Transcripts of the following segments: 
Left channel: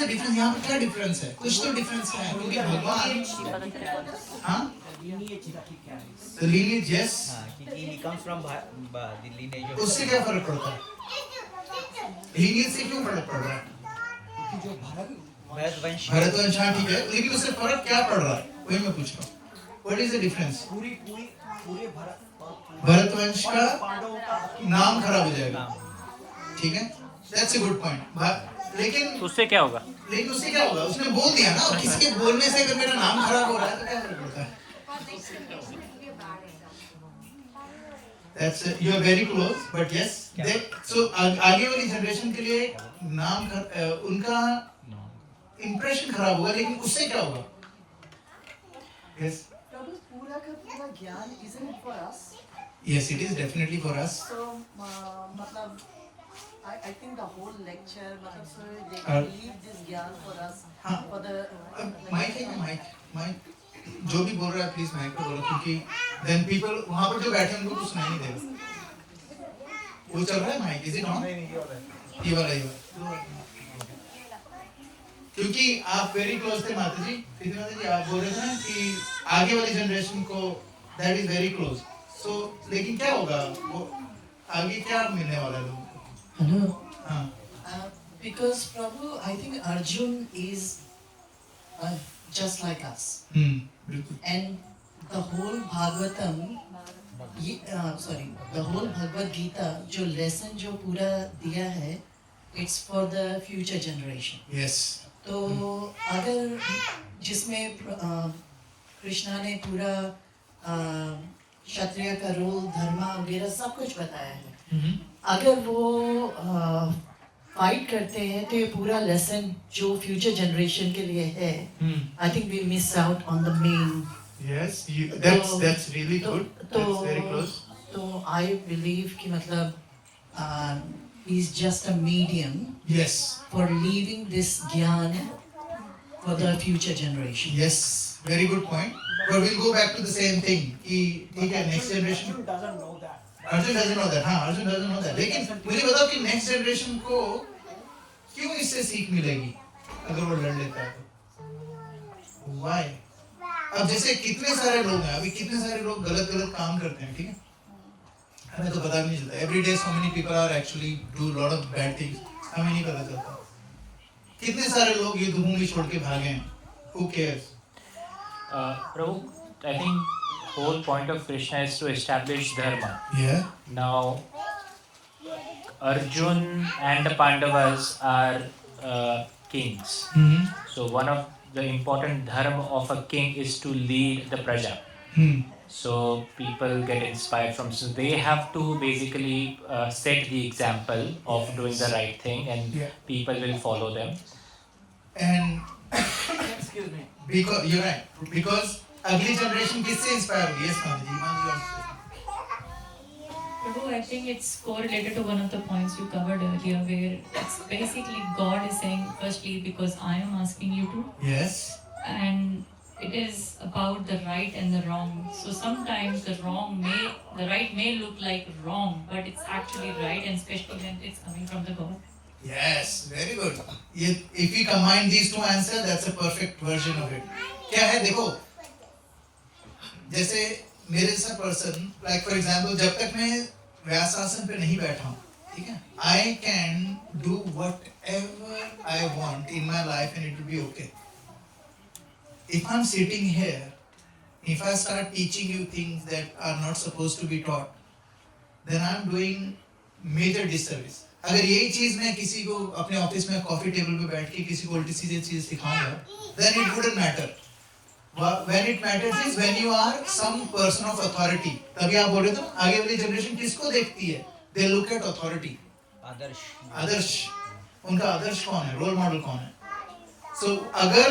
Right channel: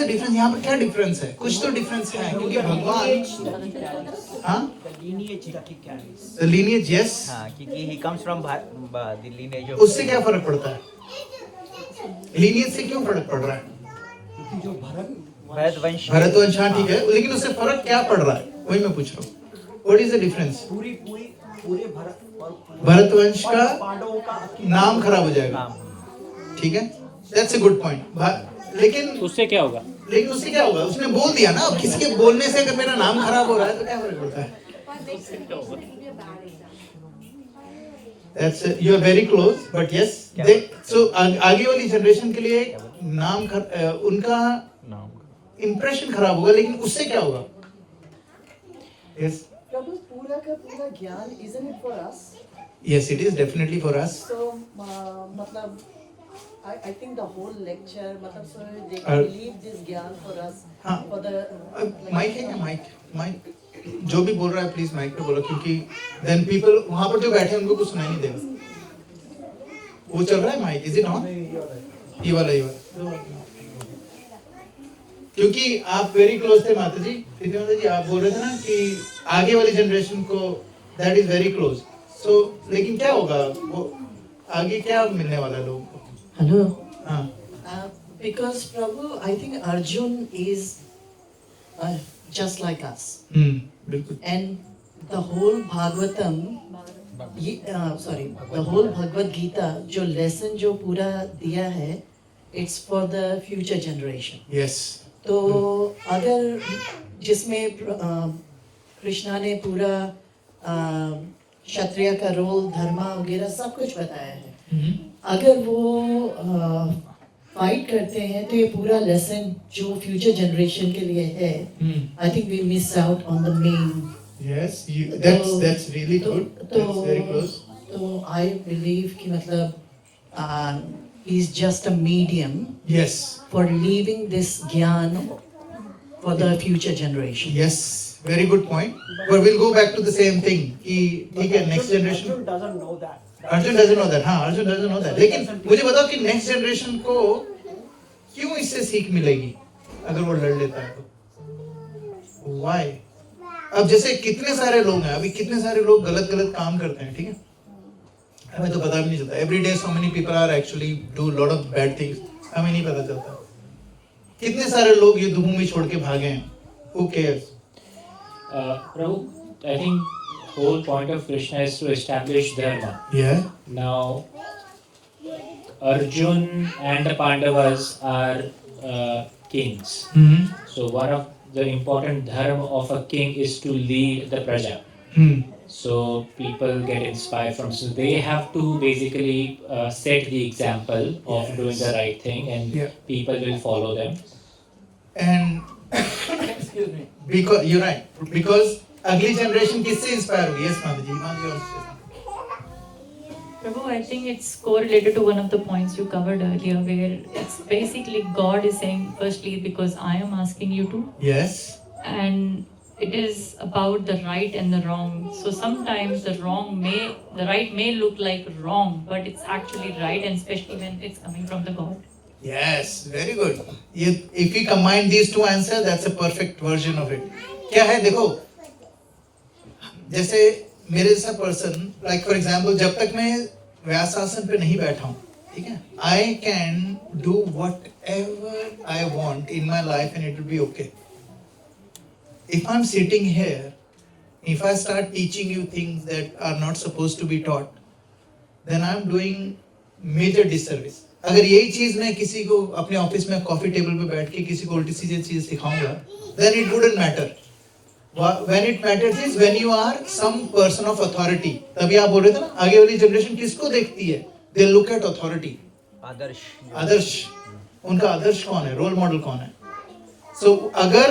The difference? यहाँ पर क्या डिफरेंस है? कुछ तो डिफरेंस है क्योंकि भगवान, हाँ, the lineage, yes, हाँ, क्योंकि he comes from the lineage of उससे क्या फर्क पड़ता है? लीनियज से क्यों फर्क पड़ रहा है? भरतवंश। भरतवंश, हाँ ठीक है, लेकिन उससे फर्क क्या पड़ रहा है वही मैं पूछ रहा हूँ। What is the difference? पूरे भरतवंश का पांडवों का नाम खराब हो जाएगा, ठीक है, दैट्स अ गुड पॉइंट। लेकिन उससे क्या होगा? उससे क्या होगा? उसने बोल दिया ना, किसी के बोलने से अगर मेरा नाम खराब हो रहा है तो क्या फर्क पड़ता है? That's you are very close, but yes, they so आगे वाली जनरेशन के लिए नाम उनका इम्प्रेशन खराब होगा, लेकिन उससे क्या होगा? Yes. प्रभु पूरा का पूरा ज्ञान isn't it for us? Yes, it is definitely for us. So मतलब I think the whole lecture मतलब so they can believe this ज्ञान for us हाँ, for the माइक है ना, माइक जो भी बोल रहा है प्लीज माइक पे बोलो, क्योंकि देन पीपल वहां पर जो बैठे हैं उनको कुछ सुनाई नहीं देगा। वो चल रहा है माइक, इज इट ऑन? ये वाला क्योंकि आप वेरी क्लोज थे माता जी, प्रीतिमाता जी, आप बोल रहे थे ना कि आगे वाली जनरेशन को दैट इज वेरी क्लोज। सो लेकिन क्या होगा, वो आगे क्या मिलने वाला है लोगों को? Hello. हाँ, Because Prabhu, I think Arjun is just like us. बिल्कुल। And the whole Bhagavatam, the whole Bhagavad Gita, जो lesson जो पूरा दिया है, it's for the future generation. Yes. तो अगर जिसमें कृष्णा ने पूरा क्षत्रिय का रोल, धर्मा वगैरह सब कुछ बताया है, अगर वो फाइट करते हैं तो ये पूरा लेसन जो फ्यूचर जनरेशन के लिए है, I think we miss out on the main. Yes, that's really good. That's very close. तो आई बिलीव कि मतलब he is just a medium Yes. for leaving this gyan for the future generation. Yes, very good point. But we'll go back to the same thing. कि ठीक है, next generation. Arjun doesn't know that. Arjun doesn't know that. हाँ, Arjun doesn't know that. लेकिन मुझे बताओ कि next generation को क्यों इससे सीख मिलेगी अगर वो लड़ लेता है तो? Why? अब जैसे कितने सारे लोग हैं, अभी कितने सारे लोग गलत काम करते हैं, ठीक है? हमें तो पता भी नहीं चलता। Every day so many people are actually do a lot of bad things. हमें नहीं पता चलता। कितने सारे लोग ये भूमि छोड़ के भागे हैं? Who cares? Prabhu, I think whole point of Krishna is to establish dharma. Yeah. Now, Arjun and the Pandavas are kings. So one of the important dharma of a king is to lead the praja. So people get inspired from. So they have to basically set the example of doing the right thing, and people will follow them. And Excuse me. because you're right, because अगली generation किससे inspire हुई? Yes, माता जी, Prabhu, I think it's correlated to one of the points you covered earlier, where it's basically God is saying, firstly, because I am asking you to, Yes. and it is about the right and the wrong. So sometimes the right may look like wrong, but it's actually right, and especially when it's coming from the God. Yes, very good. If we combine these two answers, that's a perfect version of it. क्या है देखो, जैसे मेरे जैसा person, like for example, जब तक मैं व्यासासन पे नहीं बैठा हूँ, ठीक है, I can do whatever I want in my life and it will be okay. If I'm sitting here, if I start teaching you things that are not supposed to be taught, then I'm doing major disservice. अगर यही चीज मैं किसी को अपने office में coffee table पे बैठ के किसी को उल्टी सीधी चीज सिखाऊंगा, then it wouldn't matter. When it matters is when you are some person of authority. तभी आप बोल रहे थे ना, आगे वाली जनरेशन किसको देखती है? They look at authority. आदर्श, उनका आदर्श कौन है? रोल मॉडल कौन है? So अगर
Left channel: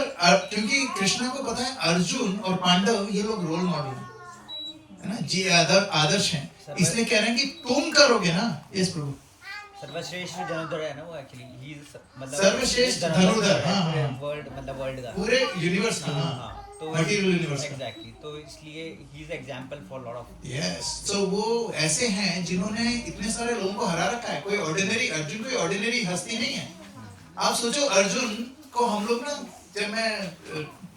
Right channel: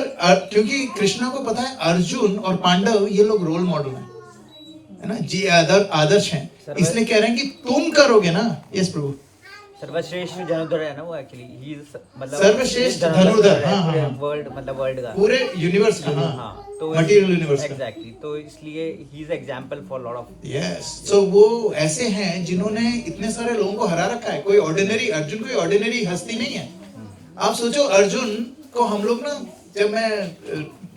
क्योंकि कृष्णा को पता है अर्जुन और पांडव ये लोग रोल मॉडल हैं, है ना जी, आदर्श हैं, इसलिए कह रहे हैं कि तुम करोगे ना। यस प्रभु। सर्वश्रेष्ठ धनुर्धर है ना वो, एक्चुअली ही मतलब सर्वश्रेष्ठ धनुर्धर, हाँ, वर्ल्ड मतलब वर्ल्ड का, पूरे यूनिवर्स का, हाँ, तो मटेरियल यूनिवर्स का, एग्जैक्टली, तो इसलिए he is example for lot of. Yes, तो वो ऐसे हैं जिन्होंने इतने सारे लोगों को हरा रखा है। कोई ऑर्डिनरी अर्जुन कोई ऑर्डिनरी हस्ती नहीं है। आप सोचो अर्जुन को हम लोग ना, जब मैं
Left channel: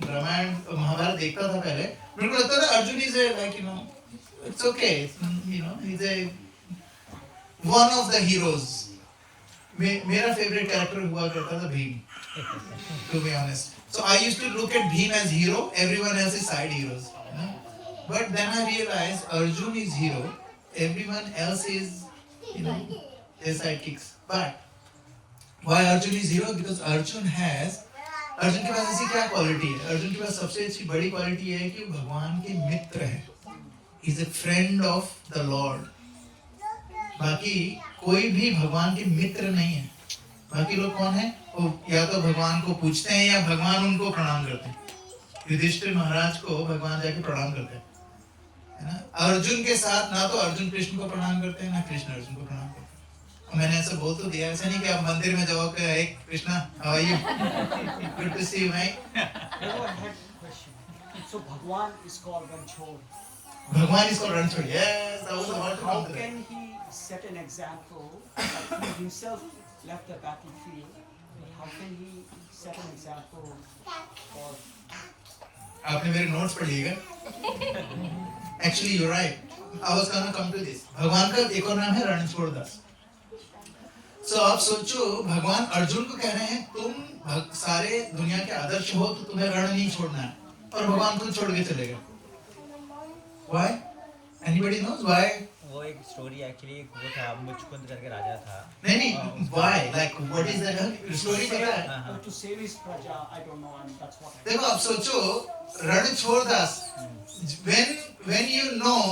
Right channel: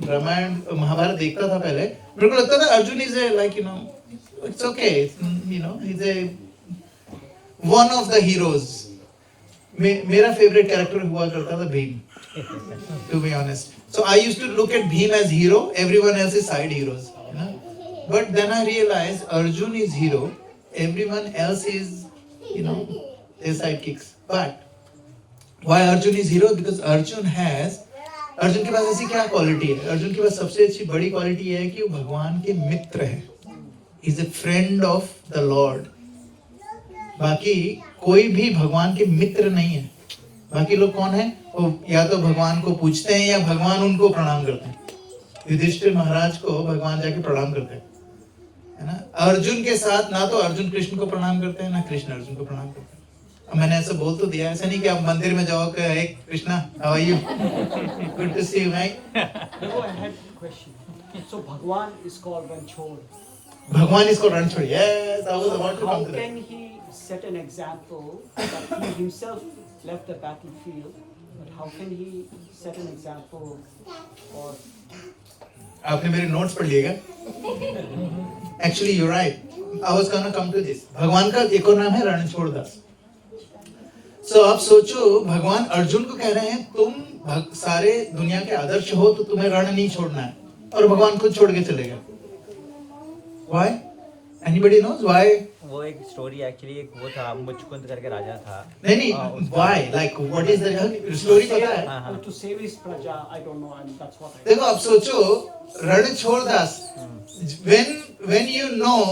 रामायण महाभारत देखता था पहले, मेरे को लगता था Arjun is like you know it's okay, you know is a one of the heroes. मेरा फेवरेट कैरेक्टर हुआ करता था Bhim, to be honest. So I used to look at Bhim as hero, everyone else is side heroes, you know. But then I realized Arjun is hero, everyone else is, you know, their sidekicks. But why Arjun is hero? Because Arjun के पास ऐसी क्या quality है? अर्जुन के पास सबसे अच्छी बड़ी quality है कि वो भगवान के मित्र है. He is a friend of the Lord. बाकी कोई भी भगवान के मित्र नहीं है. बाकी लोग कौन है? वो या तो भगवान को पूछते हैं या भगवान उनको प्रणाम करते हैं. युधिष्ठिर महाराज को भगवान जाके प्रणाम करते हैं, है ना. अर्जुन के साथ ना तो अर्जुन कृष्ण को प्रणाम करते हैं ना कृष्ण अर्जुन को प्रणाम करते हैं. मैंने ऐसा बोल तो दिया, ऐसा नहीं कि आप मंदिर में जाओ कि हे Krishna, how are you, good to see you भाई. I had a question. So Bhagwan is called Ranchhod. भगवान इसको Ranchhod. Yes, I was about to How come to that. can he set an example that he himself left the battlefield? But how can he set an example or आपने मेरे notes पढ़ लिएगा. Actually you right, I was gonna come to this. भगवान का एक और नाम है रणछोड़ दास. सो आप सोचो, भगवान अर्जुन को कह रहे हैं तुम सारे दुनिया के आदर्श हो तो तुम्हें रण नहीं छोड़ना है, और भगवान खुद छोड़ के चलेगा. व्हाई? Anybody knows why? वो एक स्टोरी एक्चुअली, एक वो था मुचकुंद करके राजा था. नहीं, why, like what is the story पता है? हाँ. to save his praja? I don't know, and that's what I. देखो आप सोचो, Ranchhod Das, when you know,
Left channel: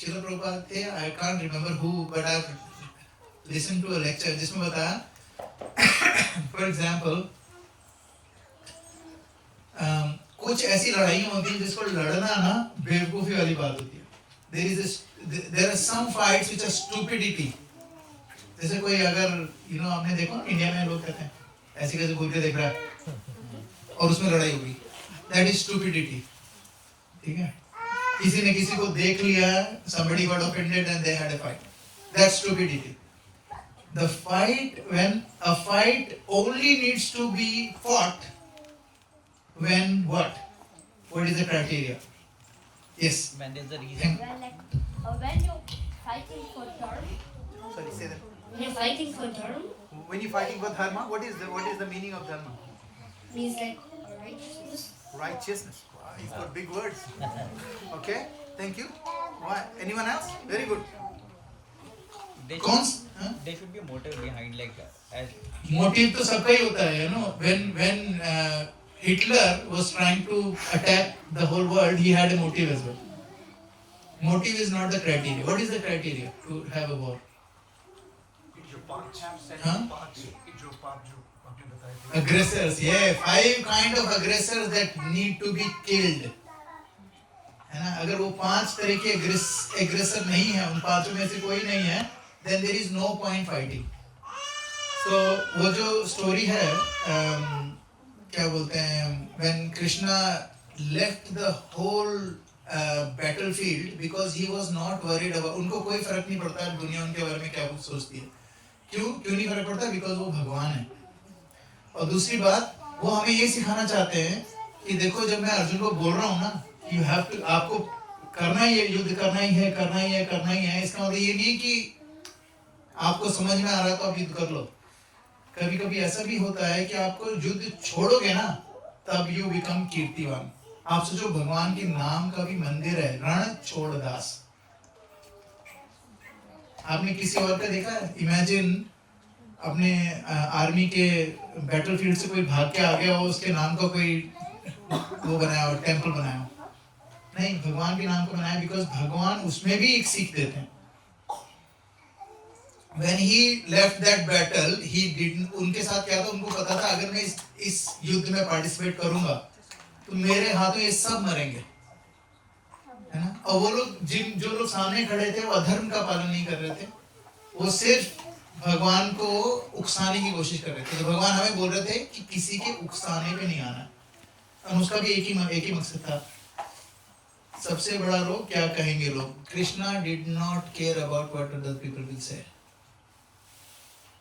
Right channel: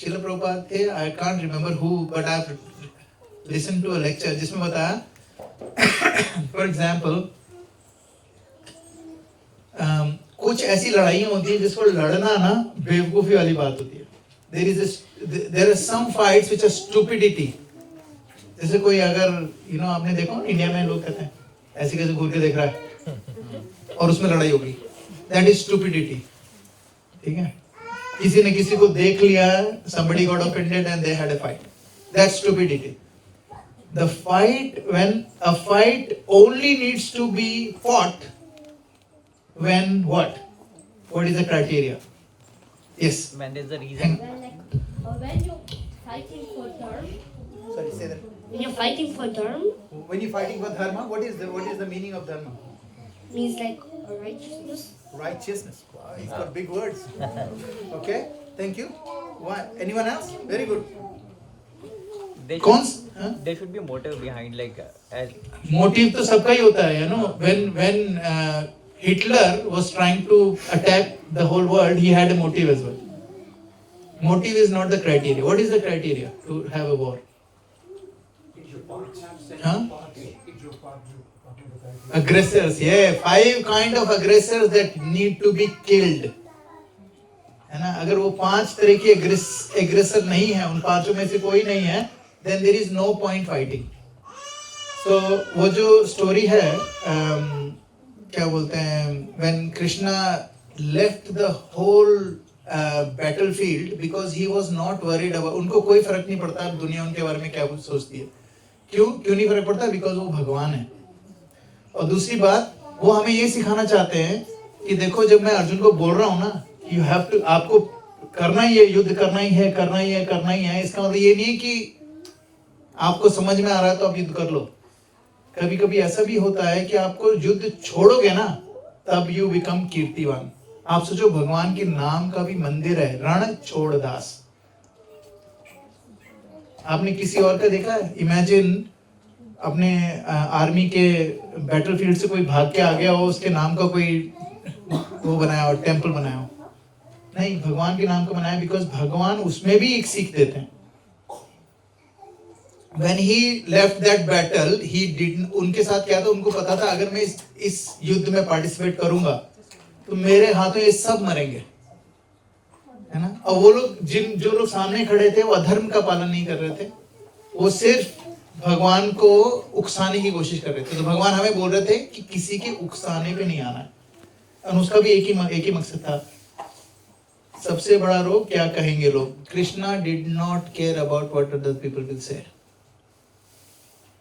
शिला प्रभुपाद थे, I can't remember who, but I've listened to a lecture जिसमें बताया, for example, कुछ ऐसी लड़ाइयाँ होती हैं जिसको लड़ना ना बेवकूफी वाली बात होती है. there are some fights which are stupidity. जैसे कोई अगर आपने देखो इंडिया में लोग कहते हैं ऐसे कैसे घूर के देख रहा है और उसमें लड़ाई होगी, that is stupidity. ठीक है, किसी ने किसी को देख लिया, somebody got offended and they had a fight, that's stupidity. The fight, when a fight only needs to be fought when what is the criteria? Yes, When there's a reason. When you're fighting for dharma, sorry, say that. when you're fighting for dharma, When you're fighting for dharma, what is the meaning of dharma? means like righteousness. Righteousness. Wow, you've got big words. Okay, thank you. Why? Anyone else? Very good. There कौन? there should be a motive behind, like as motive तो सबका ही होता है, when Hitler was trying to attack the whole world, he had a motive as well. Motive is not the criteria. What is the criteria to have a war? Huh? Aggressors, yeah, 5 kind of aggressors that need to be killed. है ना? अगर वो 5 तरह के aggressor नहीं है, उन 5 में से कोई नहीं है, then there is no point fighting. तो वो जो story है, क्या बोलते हैं, when Krishna left the whole battlefield because he was not worried about, उनको कोई फर्क नहीं पड़ता दुनिया उनके बारे में क्या कुछ सोचती है. क्यों नहीं फर्क पड़ता? Because वो भगवान है. और दूसरी बात, वो हमें ये सिखाना चाहते हैं कि देखो, जब मैं अर्जुन को बोल रहा हूँ ना, you have to, आपको करना ही है, युद्ध करना ही है, इसका मतलब ये नहीं कि आपको समझ में आ रहा है तो आप युद्ध कर लो. कभी कभी ऐसा भी होता है कि आपको युद्ध छोड़ोगे ना, तब यू बिकम कीर्तिवान. आप सोचो, भगवान के नाम का भी मंदिर है, रणछोड़ दास. आपने किसी और का देखा है? इमेजिन अपने आर्मी के बैटलफील्ड से कोई भाग के आ गया हो, उसके नाम का कोई वो बनाया हो, टेम्पल बनाया हो. नहीं, भगवान के नाम का बनाया, बिकॉज भगवान उसमें भी एक सीख देते हैं. When he left that battle, he didn't, उनके साथ क्या था, उनको पता था अगर मैं इस युद्ध में पार्टिसिपेट करूंगा तो मेरे हाथों ये सब मरेंगे, है ना. और वो लोग जो लोग सामने खड़े थे, वो अधर्म का पालन नहीं कर रहे थे, वो सिर्फ भगवान को उकसाने की कोशिश कर रहे थे. तो भगवान हमें बोल रहे थे कि किसी के उकसाने पे नहीं आना है, और उसका भी एक ही मकसद था. सबसे बड़ा रोग, क्या कहेंगे लोग. Krishna did not care about what other people will say.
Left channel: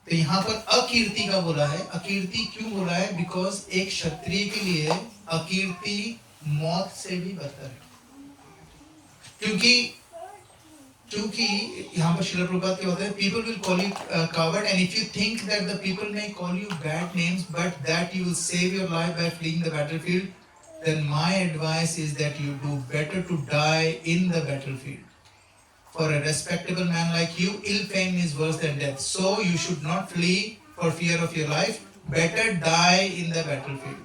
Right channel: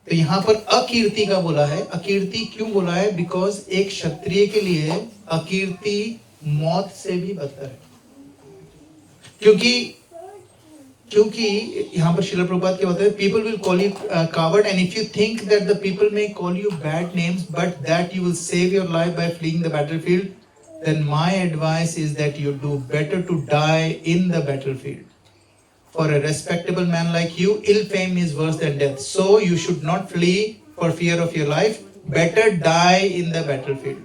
तो यहाँ पर अकीर्ति का बोला है. अकीर्ति क्यों बोला है? बिकॉज एक क्षत्रिय के लिए अकीर्ति मौत से भी बदतर है. क्योंकि यहाँ पर श्रील प्रभुपाद क्या होता है, people will call you coward and if you think that the people may call you bad names but that you will save your life by fleeing the battlefield, then my advice is that you do better to die in the battlefield. For a respectable man like you, ill fame is worse than death. So you should not flee for fear of your life. Better die in the battlefield.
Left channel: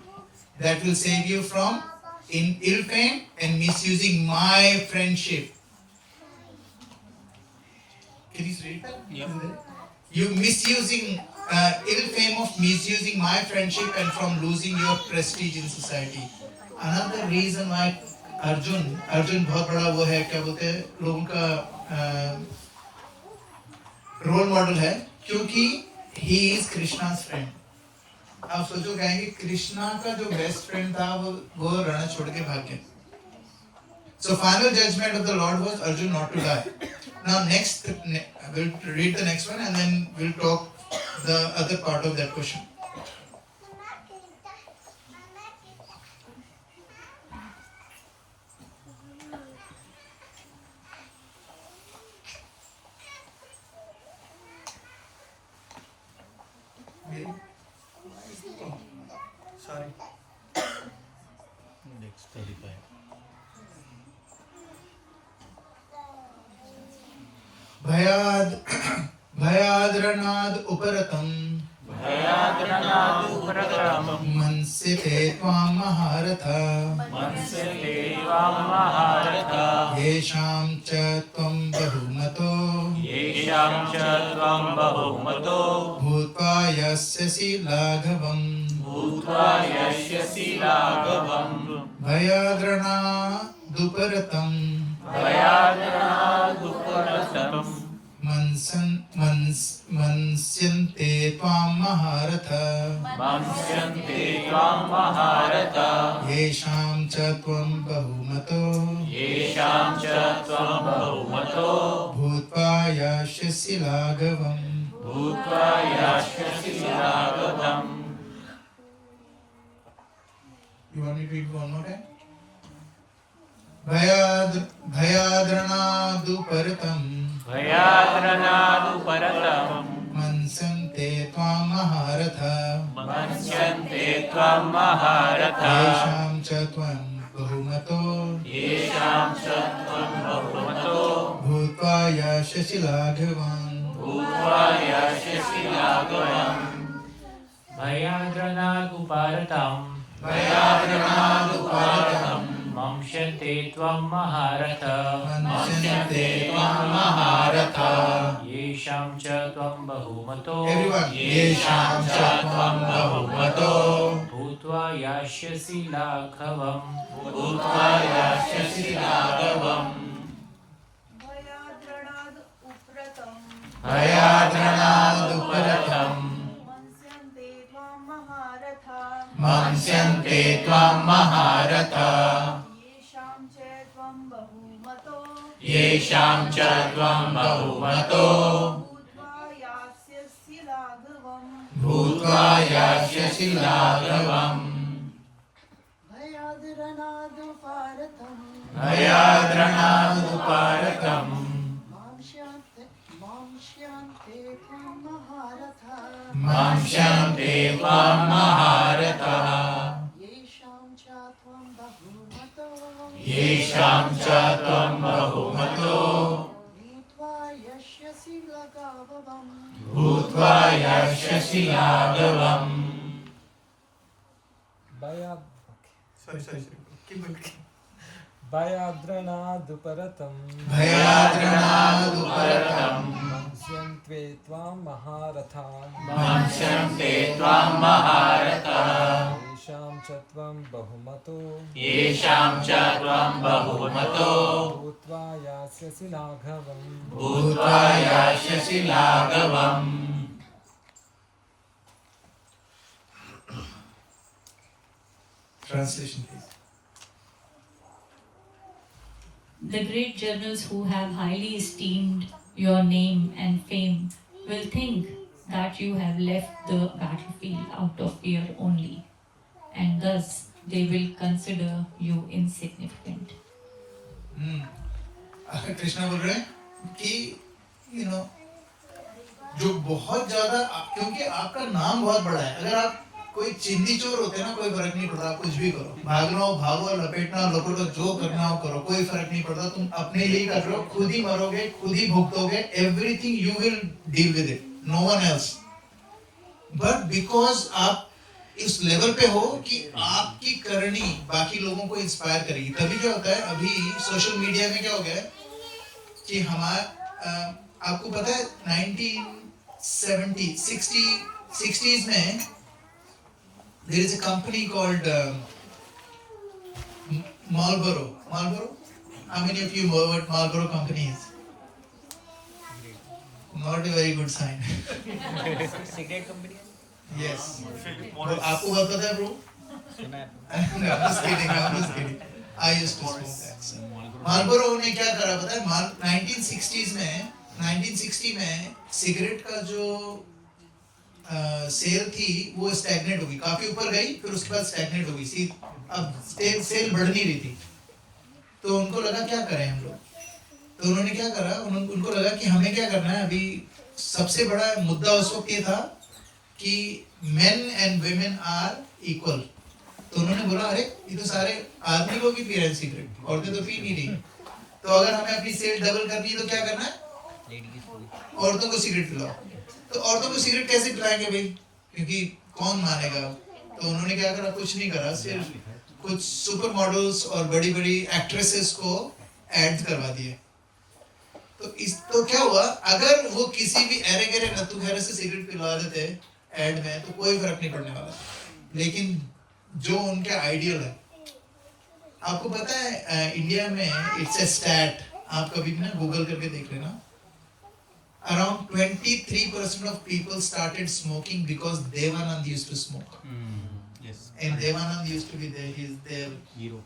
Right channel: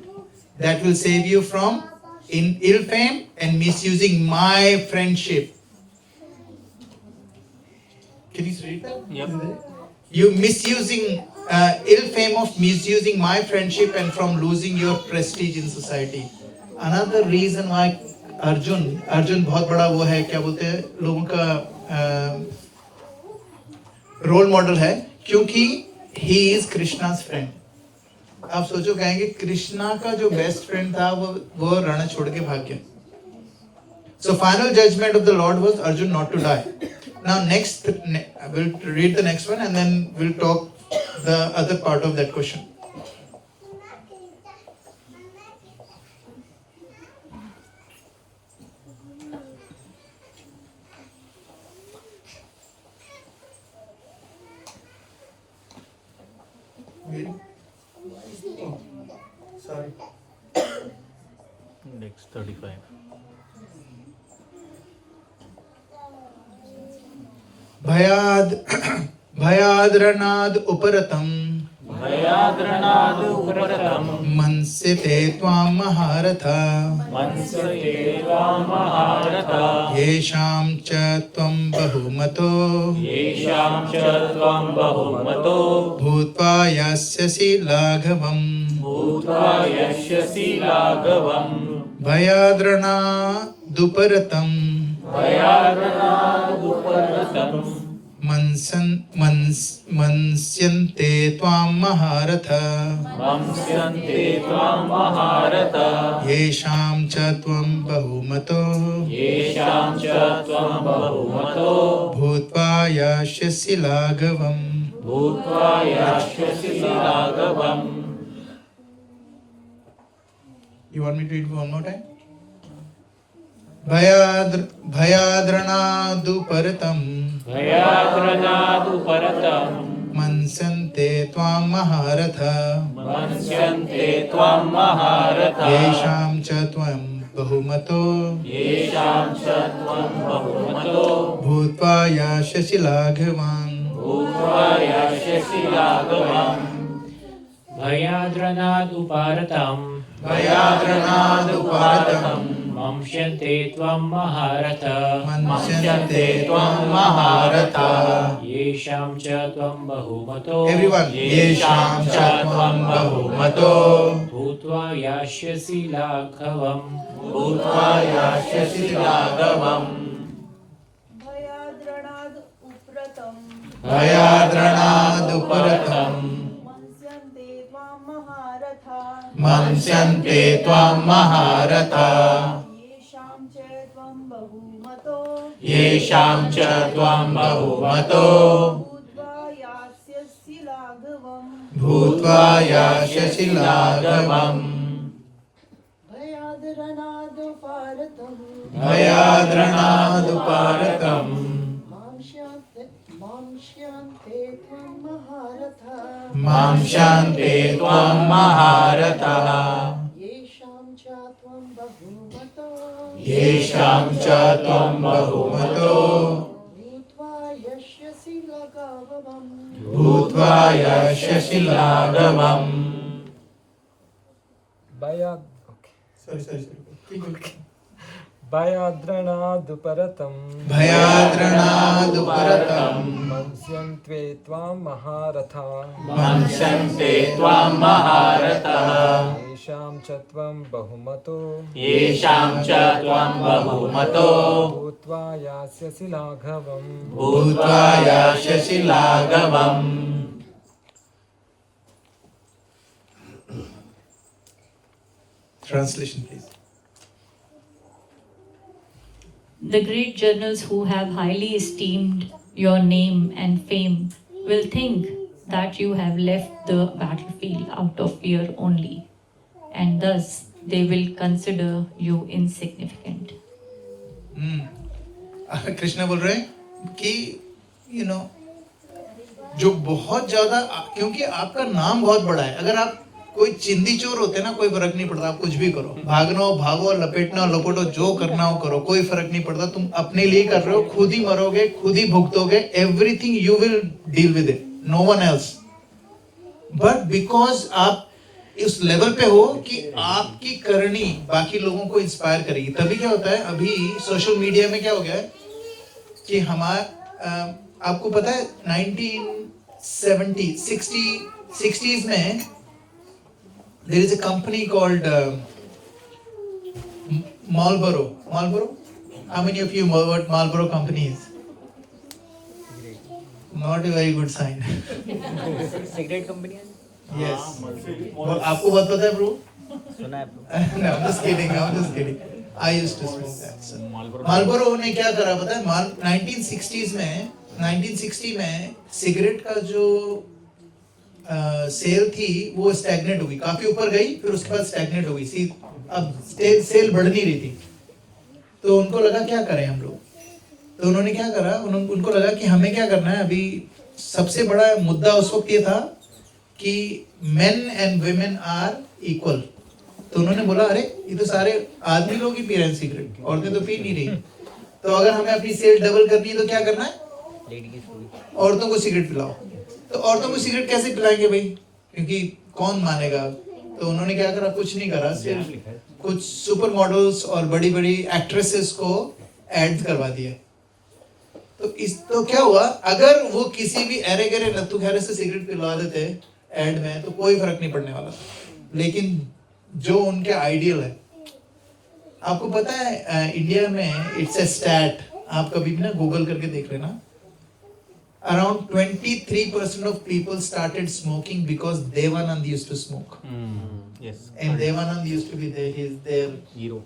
That will save you from ill fame and misusing my friendship. Can you read that? Yep. You misusing ill fame of misusing my friendship and from losing your prestige in society. Another reason why Arjun बहुत बड़ा वो है, क्या बोलते हैं, लोगों का role model है, क्योंकि he is कृष्णा's friend. आप सोचो कहेंगे कृष्णा का जो बेस्ट फ्रेंड था वो रण छोड़ के भाग गया. So final judgment of the Lord was Arjun not to die. Now next we'll read the next one and then we'll talk the other part of that question. Oh, sorry. Next 35. भयाद्रणाद् उपरतम् मंस्यते त्वां महारथा येषां च त्वं बहुमतो भूत्वा यास्यसि लाघवम् भयाद्रणादुपरतम् मंस्यन्ते त्वां महारथा येषां च त्वं बहुमतो भूत्वा यास्यसि लाघवम्. You want me to read one more time? भयाद्रणादुपरतम् मंस्यन्ते त्वां महारथा येषां च त्वं बहुमतो भूत्वा यास्यसि लाघवम्. भयाद्रणादुपरतम् मंस्यन्ते त्वं महारथा येषां च त्वं बहुमतो Everyone, येषां च त्वं बहुमतो भूत्वा यास्यसि लाघवम्. भयाद्रणादुपरतम् मंस्यन्ते त्वां महारथा येषां च त्वं बहुमतो भूत्वा यास्यसि लाघवम्. भयाद्रणादुपरतम् मंस्यन्ते त्वां महारथा येषां च त्वं बहुमतो भूत्वा यास्यसि लाघवम्. Sorry. Keep going. भयाद्रणादुपरतम् मंस्यन्ते त्वां महारथा येषां च त्वं बहुमतो भूत्वा यास्यसि लाघवम्. Translation, please. The great generals who have highly esteemed your name and fame will think that you have left the battlefield out of fear only, and thus they will consider you insignificant. Krishna बोल रहे हैं कि जो बहुत ज्यादा, क्योंकि आपका नाम बहुत बड़ा है, अगर आप कोई चिंदी चोर होते ना, कोई फर्क नहीं पड़ता, आप कुछ भी करो, भागना हो भागो, लपेटना हो लपेटो, जो करना हो करो, कोई फर्क नहीं पड़ता, तुम अपने लिए कर रहे हो, खुद ही मरोगे, खुद ही भुगतोगे, everything you will deal with it, no one else. But because आप इस लेवल पे हो कि आपकी करनी बाकी लोगों को इंस्पायर करेगी, तभी क्या होता है, अभी सोशल मीडिया में क्या हो गया है कि आपको पता है 1960s में there is a company called Marlboro. How many of you know what Marlboro company is? Not a very good sign. Cigarette company है? Yes. आपको बहुत पता है bro? सुना है? No, I'm just kidding. I used to smoke that. So. Marlboro ने क्या करा पता है? 1960 में सिगरेट का जो सेल थी वो स्टैग्नेट हो गई, काफी ऊपर गई, फिर उसके बाद स्टैग्नेट हो गई, अब सेल बढ़ नहीं रही थी। तो उनको लगा क्या करें हम लोग, तो उन्होंने क्या करा, उनको लगा कि हमें क्या करना है, अभी सबसे बड़ा मुद्दा उस वक्त ये था कि men and women are equal. तो उन्होंने बोला अरे ये तो सारे आदमी लोग ही पी रहे हैं सिगरेट, औरतें तो पी नहीं रही, तो अगर हमें अपनी सेल डबल करनी है तो क्या करना है, औरतों को सिगरेट पिलाओ। तो औरतों को सिगरेट कैसे पिलाएंगे भाई, क्योंकि कौन मानेगा। तो उन्होंने क्या करा, कुछ नहीं करा, सिर्फ कुछ सुपर मॉडल्स और बड़ी बड़ी एक्ट्रेसेस को एड करवा दिए। तो क्या हुआ, अगर वो किसी भी अरे गरे नत्थु खैरे से सिगरेट पिलवा देते एड में तो कोई फर्क नहीं पड़ने वाला, लेकिन जो उनके आइडियल है, आपको पता है इंडिया में इट्स ए स्टैट, आप कभी भी ना गूगल करके देख लेना, around 23% of people started smoking because Devanand used to smoke. Yes. And Devanand used to be their hero.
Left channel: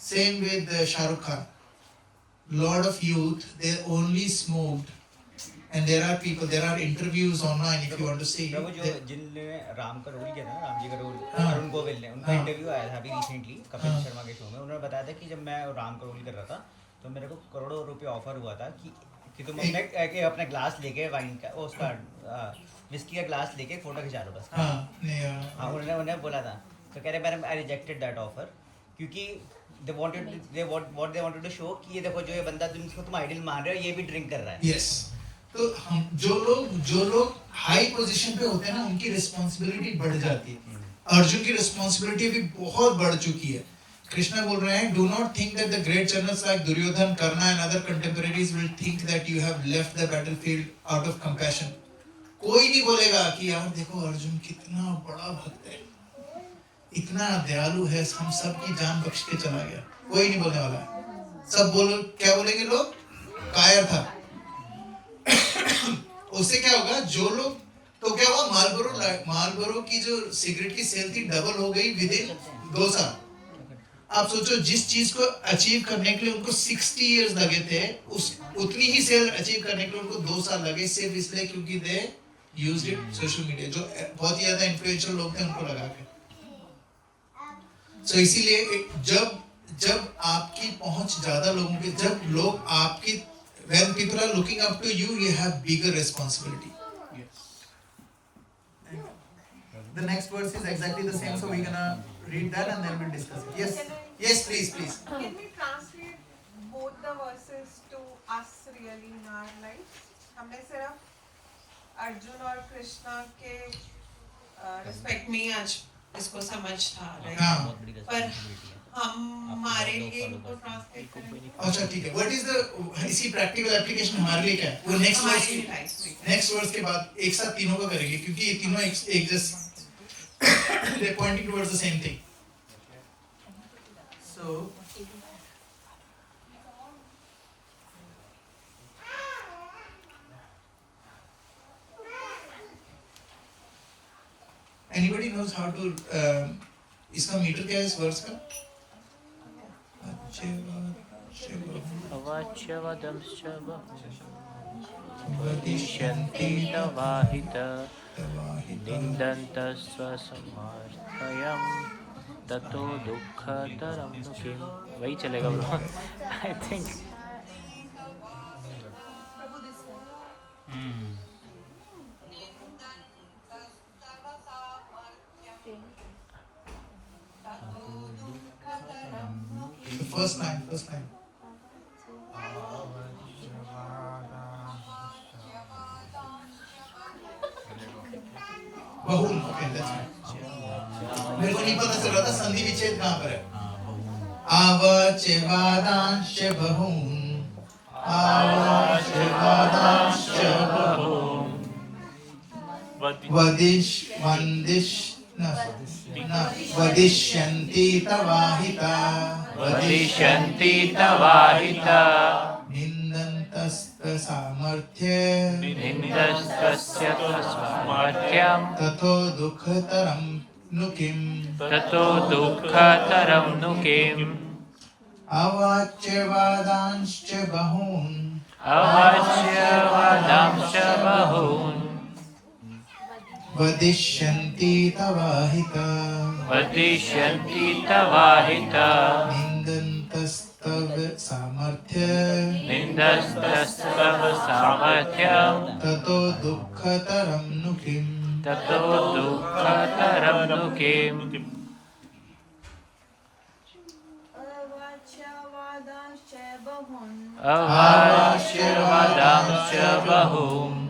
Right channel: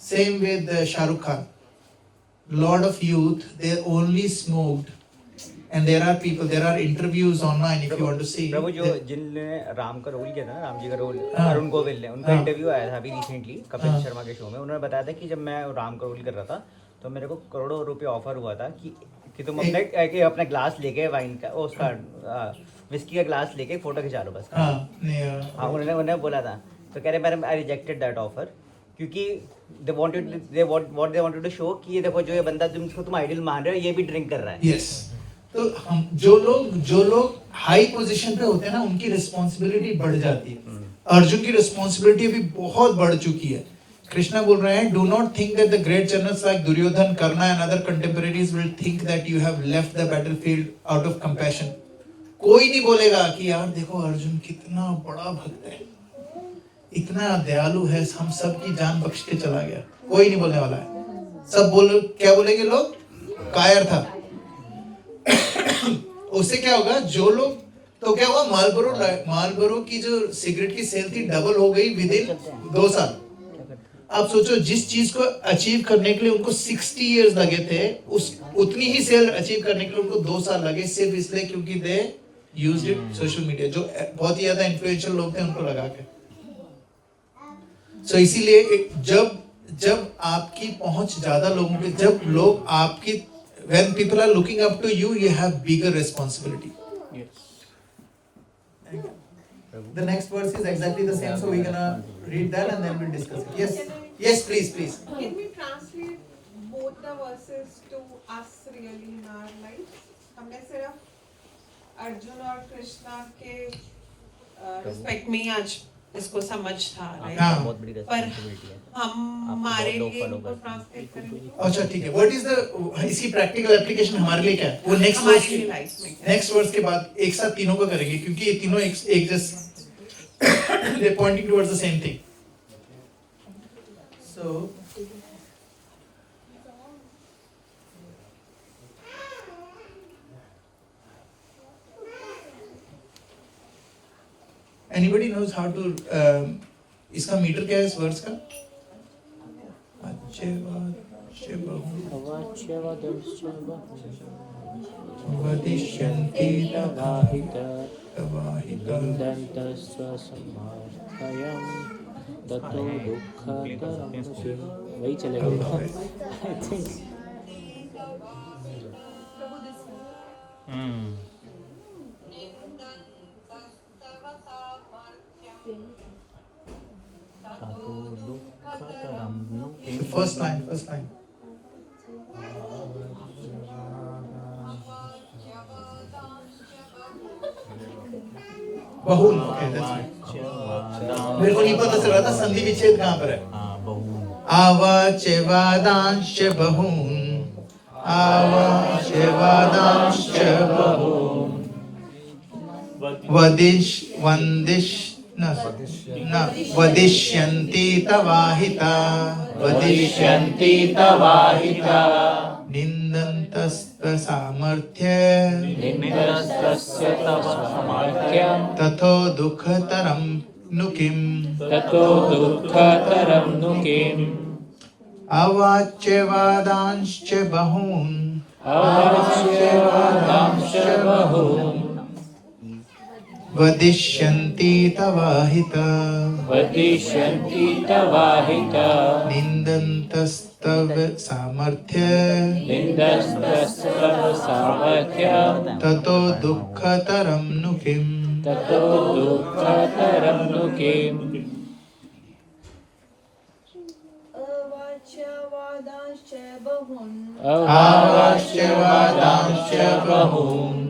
Same with Shah Rukh Khan. Lot of youth, they only smoked, and there are interviews online if you want to see. प्रभु जो जिनने राम का role किया था ना, राम जी का role, Arun Govil ने, उनका interview आया था अभी रिसेंटली कपिल शर्मा के शो में। उन्होंने बताया था कि जब मैं राम का रोल कर रहा था तो मेरे को करोड़ों रुपए ऑफर हुआ था कि तुम अपना ग्लास लेके वाइन का उसका विस्की का ग्लास लेके फोटो खिंचा लो बस। उन्होंने बोला था, तो कह रहे madam I rejected that offer, क्योंकि they wanted to show कि ये देखो जो ये बंदा तुम आइडियल मान रहे हो, ये भी ड्रिंक कर रहा है। Yes. तो हम जो लोग हाई पोजीशन पे होते हैं ना, उनकी रिस्पॉन्सिबिलिटी बढ़ जाती है। अर्जुन की रिस्पॉन्सिबिलिटी अभी बहुत बढ़ चुकी है। कृष्णा बोल रहे हैं, do not think that the great generals like Duryodhana, Karna and other contemporaries will think that you have left the battlefield out of compassion. कोई नहीं बोलेगा कि यार देखो अर्जुन कितना बड़ा भक्त है, इतना दयालु है, हम सब की जान बख्श के चला गया, कोई नहीं बोलने वाला है। सब क्या बोलेंगे लोग, कायर था। उससे क्या होगा, जो लोग, तो क्या हुआ, मार्लबोरो की जो सिगरेट की सेल थी डबल हो गई विद इन 2 साल। आप सोचो, जिस चीज को अचीव करने के लिए उनको 60 इयर्स लगे थे, उतनी ही सेल अचीव करने के लिए उनको 2 साल लगे, सिर्फ इसलिए क्योंकि they used it social media, जो बहुत ही ज्यादा इन्फ्लुएंशियल लोग थे उनको लगा के। सो इसीलिए जब आपकी पहुंच ज्यादा लोगों पे, जब लोग आपकी, when people are looking up to you, you have bigger responsibility. Yes. The next verse is exactly the same, so we're gonna read that and then we'll discuss it. Yes, please. Can we translate both the verses to us really in our lives? हमने सिर्फ अर्जुन और कृष्णा के respect में आज इसको समझ था, पर हमारे लिए इनको ट्रांसलेट करें। अच्छा ठीक है, व्हाट इज द इसी प्रैक्टिकल एप्लीकेशन हमारे लिए क्या है, वो नेक्स्ट वर्स के बाद एक साथ तीनों को करेंगे, क्योंकि ये तीनों एक just they pointing towards the same thing. So anybody knows how to इसका मीटर क्या है इस वर्स का? वदिष्यन्ति तवाहित तवाहिता निन्दन्तस्वसमर्थयं ततो दुःखतरं किं। वही चलेगा bro, I think. First line. बहुल, okay, that's right. मेरे को नहीं पता चल रहा था संधि विच्छेद कहाँ पर है। आवाच्यवादांश्च बहून्, आवाच्यवादांश्च बहून्, वदिष्यन्ति तवाहिता, वदिष्यन्ति तवाहिता निन्दन्तस्तस्य सामर्थ्यं ततो दुःखतरं नु किम्। अवाच्यवादांश्च बहून्, वदिष्यन्ति तवाहिता, निन्दन्तस्तव सामर्थ्यं ततो दुःखतरं नु किम्। अवाच्यवादांश्च बहून्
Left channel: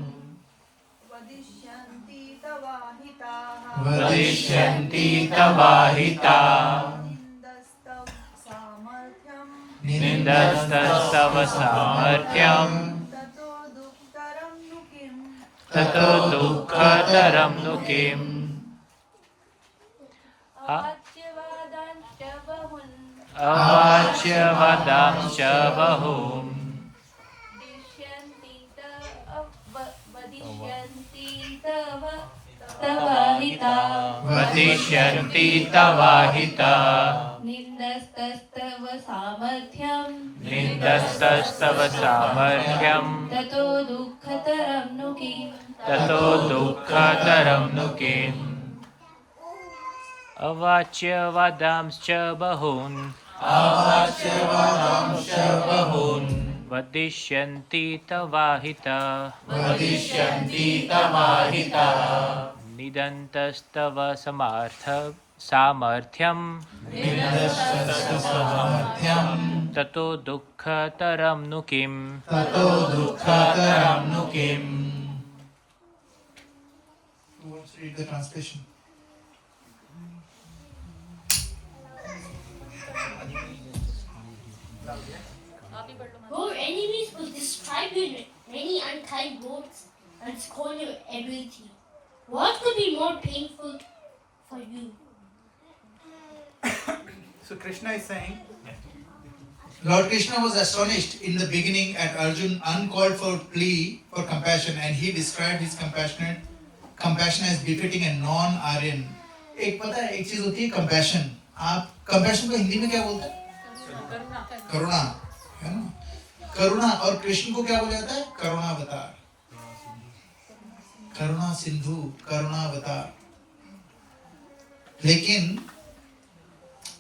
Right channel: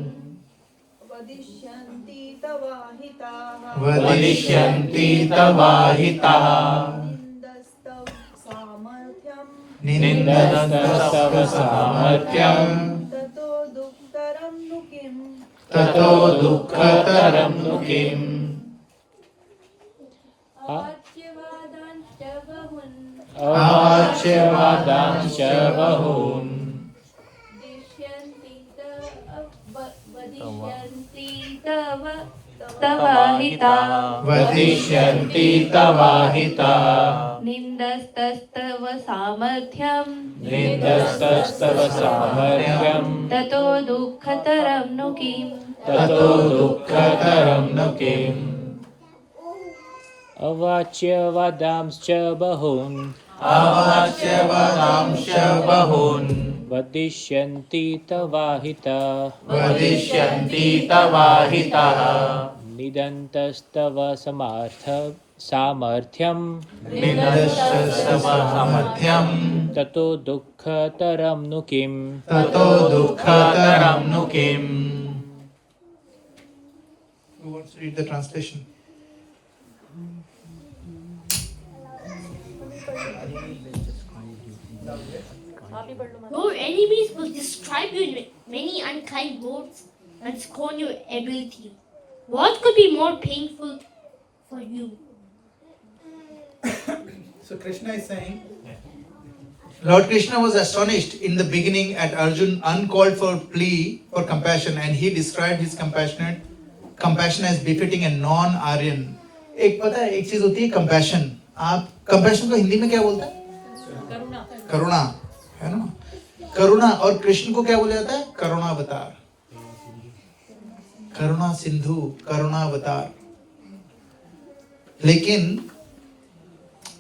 वदिष्यन्ति तवाहिता निन्दस्तव सामर्थ्यं ततो दुःखतरं नु किम्। अवाच्यवादांश्च बहून् वदिष्यन्ति तवाहिता निन्दस्तस्तव सामर्थ्यं ततो दुःखतरं नु किम्। अवाच्यवादांश्च बहून् वदिष्यन्ति तवाहिता निदन्तस्तव सामर्थ्यं ततो दुःखतरं नु किम्। Who wants to read the translation? Your enemies will describe you in many unkind words and scorn your ability. What could be more painful for you? So Krishna is saying, Lord Krishna was astonished in the beginning at Arjun uncalled for plea for compassion, and he described his compassion as befitting a non-Aryan. एक पता है एक चीज होती है compassion. आप compassion को हिंदी में क्या बोलते हैं? करुणा, है ना? करुणा, और कृष्ण को क्या बोला जाता है? करुणावतार, करुणा सिंधु, करुणावतार। लेकिन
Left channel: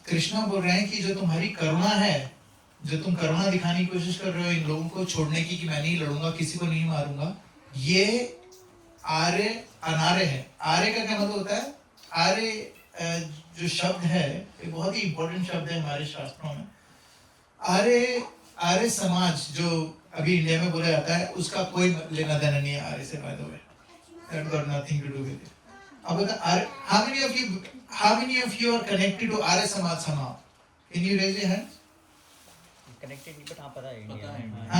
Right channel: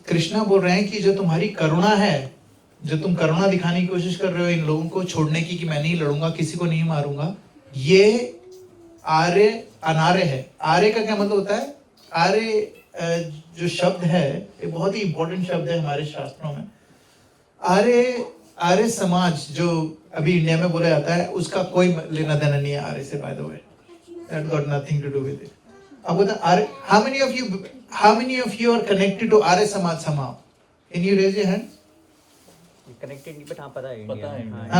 कृष्णा बोल रहे हैं कि जो तुम्हारी करुणा है, जो तुम करुणा दिखाने की कोशिश कर रहे हो इन लोगों को छोड़ने की, कि मैं नहीं लड़ूंगा, किसी को नहीं मारूंगा, ये आर्य अनार्य है। आर्य का क्या मतलब होता है? आर्य जो शब्द है ये बहुत ही इंपॉर्टेंट शब्द है हमारे शास्त्रों में। आर्य समाज जो अभी इंडिया में बोला जाता है, उसका कोई लेना देना नहीं है आर्य से, by the way, that got nothing to do with it. अब बता, how many of you are connected to Arya Samaj somehow? Can you raise your hand? Connected नहीं, बट हाँ पता है है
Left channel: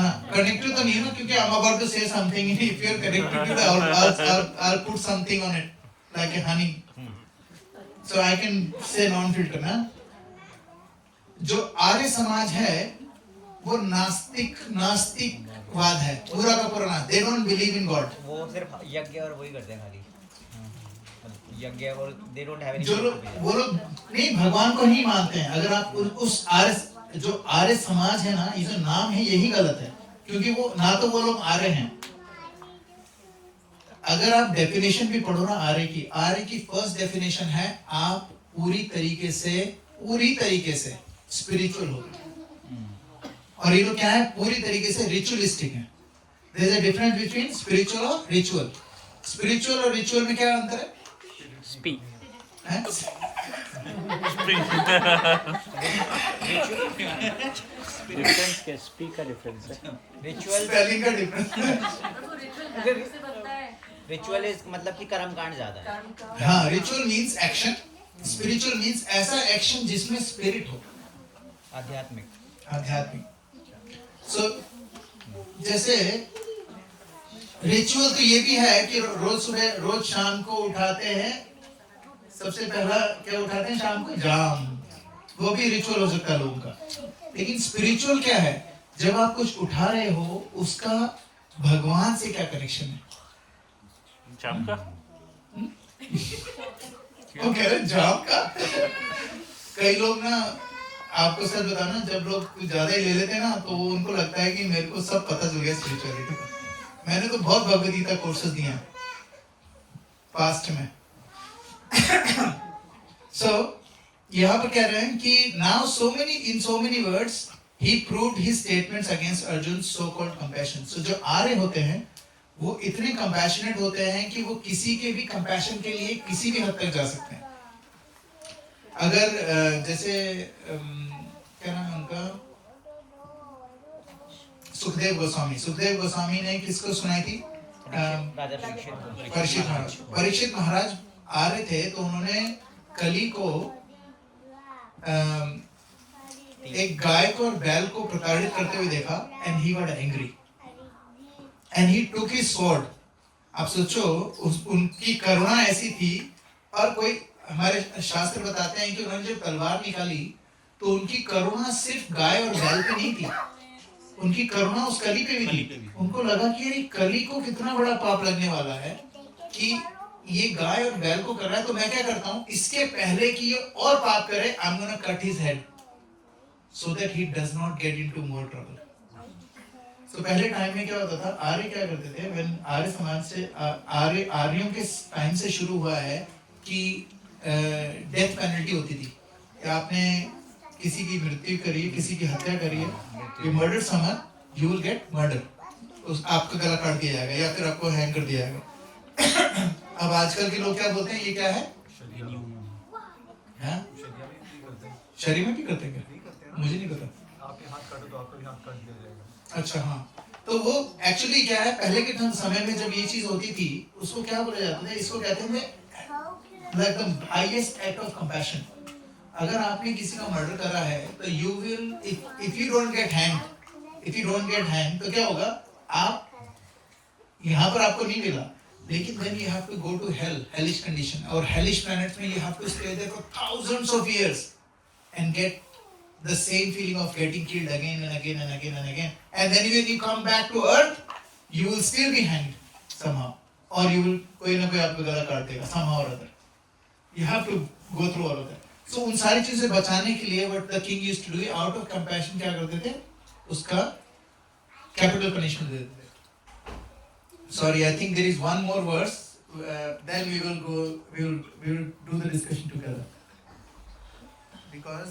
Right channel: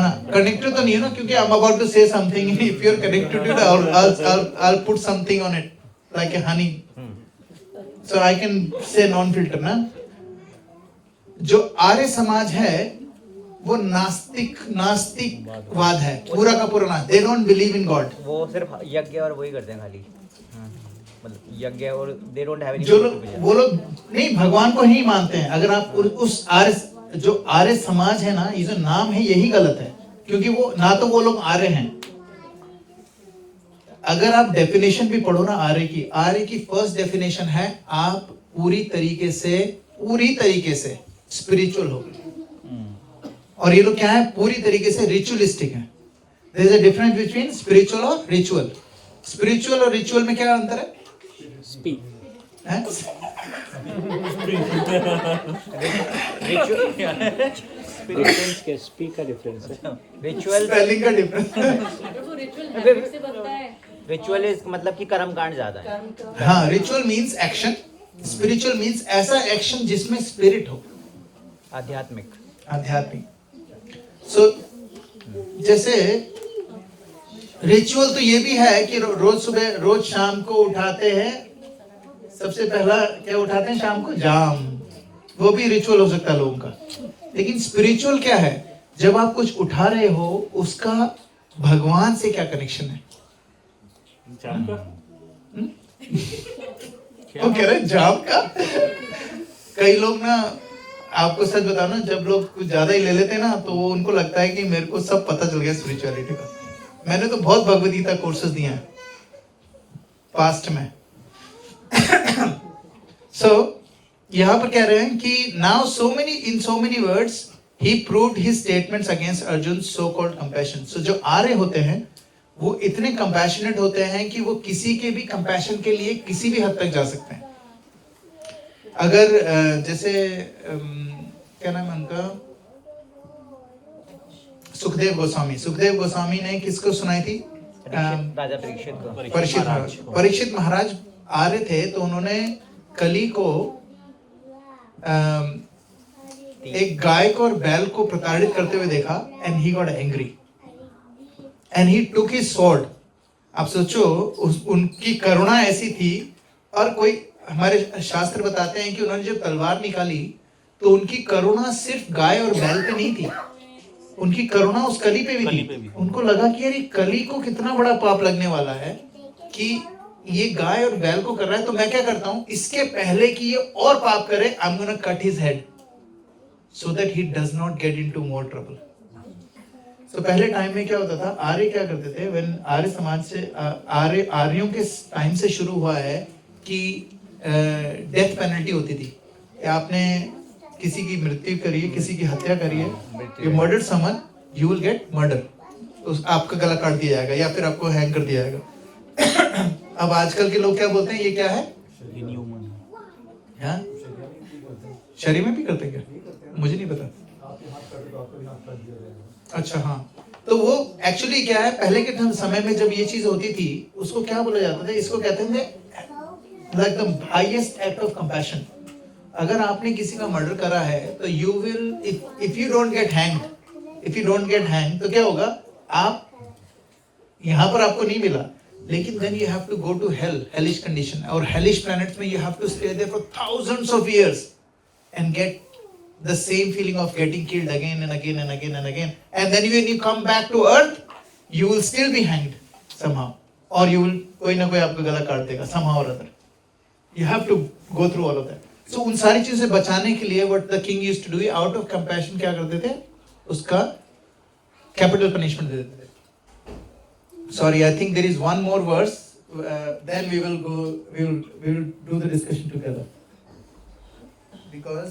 ना, कनेक्टेड तो नहीं है ना, क्योंकि I'm about to say something. If you are connected to it, I'll put something on it like a honey, so I can say non-filter ना। जो आर्य समाज है वो नास्तिकवाद है, पूरा का पूरा ना। They don't believe in God. वो सिर्फ यज्ञ और वही करते हैं खाली, मतलब यज्ञ, और they don't have any। जो लोग, वो लोग नहीं, भगवान को नहीं मानते हैं। अगर आप उस आर्य, जो आर्य समाज है ना, ये जो नाम है यही गलत है, क्योंकि वो ना तो वो लोग आर्य हैं, अगर आप डेफिनेशन भी पढ़ो ना आर्य की फर्स्ट डेफिनेशन है आप पूरी तरीके से स्पिरिचुअल हो। और ये लोग क्या है, पूरी तरीके से रिचुअलिस्टिक है। There is a difference between spiritual और रिचुअल। स्पिरिचुअल और रिचुअल में क्या अंतर है? स्पीक हैं? डिफरेंस क्या, स्पीक का डिफरेंस है। रिचुअल स्पेलिंग का डिफरेंस। रिचुअल इज मतलब कि कर्मकांड ज्यादा है। हाँ, ritual means action, spiritual means ऐसा एक्शन जिसमें स्पिरिट हो, आध्यात्मिक। सो जैसे रिचुअल तो ये भी है कि रोज सुबह रोज शाम को उठाते हैं, सबसे पहला क्या उठाते हैं शाम को? जाम। वो भी रिचुअल हो सकता है लोगों का। लेकिन स्पिरिचुअल क्या है? जब आप कुछ उठा रहे हो उसका भगवान से क्या कनेक्शन है? जाम का वो कह रहे हैं जाम का। कई लोग ना, आपको सच बताओ ना, जब लोग कुछ ज्यादा ही ले लेते हैं ना तो उनको लगता है कि मेरे को सब पता चल गया स्पिरिचुअलिटी का। मैंने तो बहुत भगवद गीता कोर्सेज दिए हैं पास्ट में। सो यहाँ पर कह रहे हैं कि now in so many words he proved his statements against Arjun so called compassion. So जो आर्य होते हैं वो इतने कंपैशनेट होते हैं कि वो किसी के भी कंपैशन के लिए किसी भी हद तक जा सकते हैं। अगर जैसे क्या नाम है उनका, सुखदेव गोस्वामी ने किसको सुनाई थी? राजा परीक्षित महाराज आर्य थे, तो उन्होंने कली को एक गाय को और बैल को प्रताड़ित करते हुए देखा and he got angry and he took his sword. आप सोचो उनकी करुणा ऐसी थी। और कोई हमारे शास्त्र बताते हैं कि उन्होंने जब तलवार निकाली तो उनकी करुणा सिर्फ गाय और बैल पे नहीं थी, उनकी करुणा उस कली पे भी थी। उनको लगा कि यार कली को कितना बड़ा पाप लगने वाला है कि ये गाय और बैल को कर रहा है, तो मैं क्या करता हूं, इसके पहले कि ये और पाप करे, I am gonna cut his head so that he does not get into more trouble. तो पहले टाइम में क्या होता था, आर्य क्या करते थे, व्हेन आर्य समाज से आर्यों के टाइम से शुरू हुआ है कि डेथ पेनल्टी होती थी। आपने किसी की मृत्यु करी है, किसी की हत्या करी है, you murdered someone, you will get murder, आपका गला काट दिया जाएगा या फिर आपको हैंग कर दिया जाएगा। अब आजकल के लोग क्या बोलते हैं, ये क्या है? शरीर में भी करते हैं क्या? मुझे नहीं पता। अच्छा हाँ, तो वो एक्चुअली क्या है, पहले के समय में जब ये चीज होती थी उसको क्या बोला जाता था, इसको कहते थे like the highest act of compassion. अगर आपने किसी का मर्डर करा है तो you will, if you don't get hang, तो क्या होगा, आप यहाँ पर आपको नहीं मिला, लेकिन then you have to go to hell, hellish condition, और hellish planets में you have to stay there for thousands of years and get the same feeling of getting killed again and again and again and again, and then when you come back to earth you will still be hanged somehow, or you will, कोई ना कोई आपका गला काट देगा somehow or other. You have to go through all of that. So उन सारी चीजों से बचाने के लिए what the king used to do, out of compassion क्या करते थे, उसका capital punishment दे देते थे। Sorry, I think there is one more verse. Then we will go. We will do the discussion together. Because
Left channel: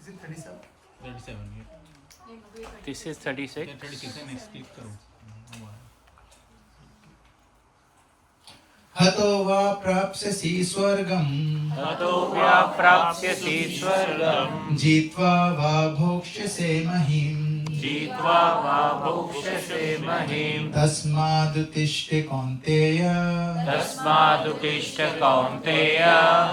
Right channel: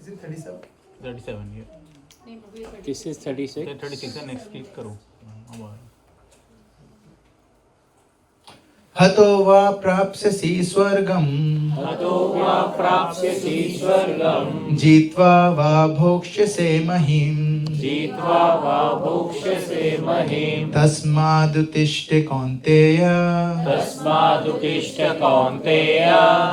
is it 37? 37, yeah. This is 36. 36 है, next click करो। हतो वा प्राप्स्यसि स्वर्गम्, हतो वा प्राप्स्यसि स्वर्गम्, जित्वा वा भोक्ष्यसे महीम्, जित्वा वा भोक्ष्यसे महीम्, तस्मादुत्तिष्ठ कौन्तेय, तस्मादुत्तिष्ठ कौन्तेय,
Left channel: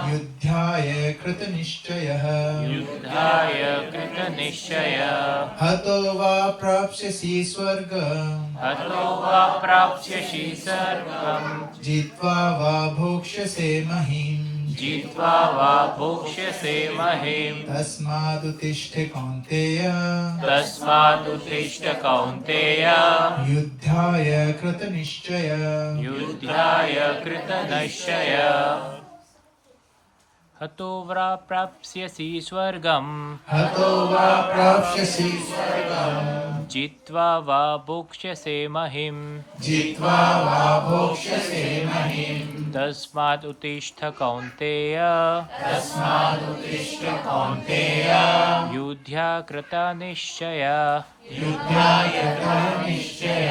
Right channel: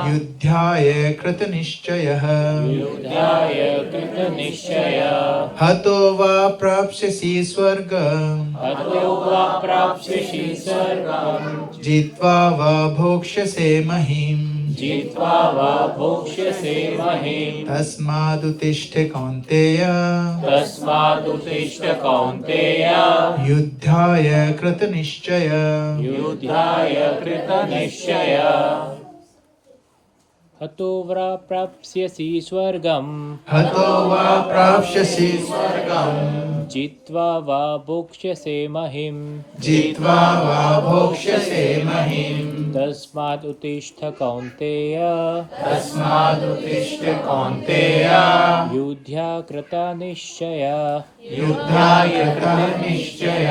युद्धाय कृतनिश्चयः, युद्धाय कृतनिश्चयः, हतो वा प्राप्स्यसि स्वर्गम्, हतो वा प्राप्स्यसि स्वर्गम्, जित्वा वा भोक्ष्यसे महीम्, जित्वा वा भोक्ष्यसे महीम्, तस्मादुत्तिष्ठ कौन्तेय, तस्मादुत्तिष्ठ कौन्तेय, युद्धाय कृतनिश्चय। युद्धाय कृतनिश्चय। हतो वा प्राप्स्यसि स्वर्गम् हतो वा प्राप्स्यसि स्वर्गम् जित्वा वा भोक्ष्यसे महिम् जित्वा वा भोक्ष्यसे महिम् तस्मात् उत्तिष्ठ कौन्तेय तस्मादुत्तिष्ठ कौन्तेय युद्ध्या कृता निश्चय युद्धाय कृतनिश्चय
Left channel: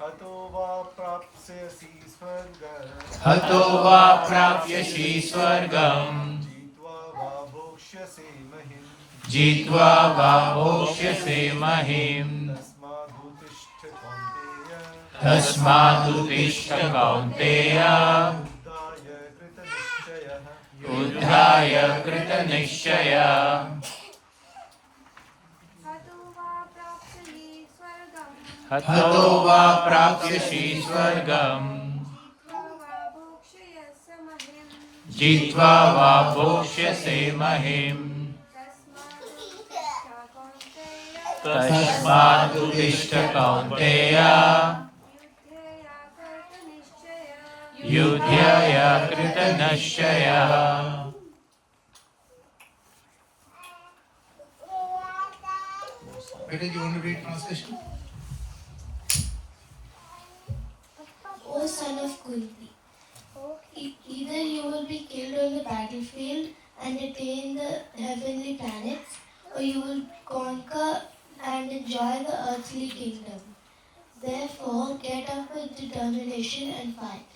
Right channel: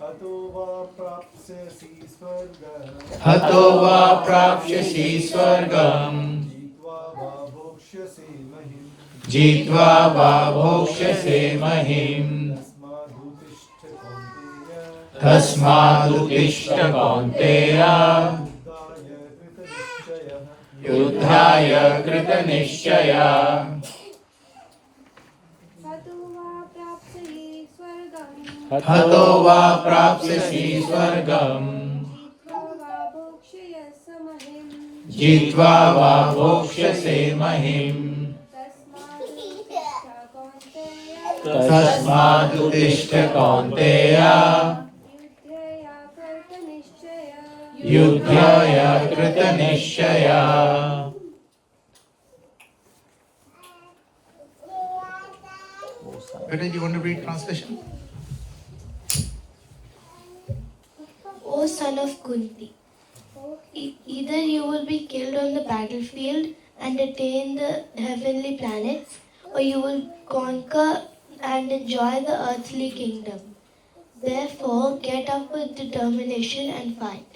हतो वा प्राप्स्यसि स्वर्गम् हतो वा प्राप्स्यसि स्वर्गम् जित्वा वा भोक्ष्यसे जित्वा वा भोक्ष्यसे महिम् महिम् तस्मादुत्तिष्ठ कौन्तेय तस्मादुत्तिष्ठ कौन्तेय युद्धाय युद्धाय कृतनिश्चयः कृतनिश्चय हतो वा प्राप्स्यसि स्वर्गम् जित्वा वा भोक्ष्यसे महिम् तस्मादुत्तिष्ठ कौन्तेय युद्धाय कृतनिश्चय Better, you want to read translation? O son of Kunti, either you will be killed on the battlefield and attain the heavenly planets, or you will conquer and enjoy the earthly kingdom. Therefore, get up with determination and fight.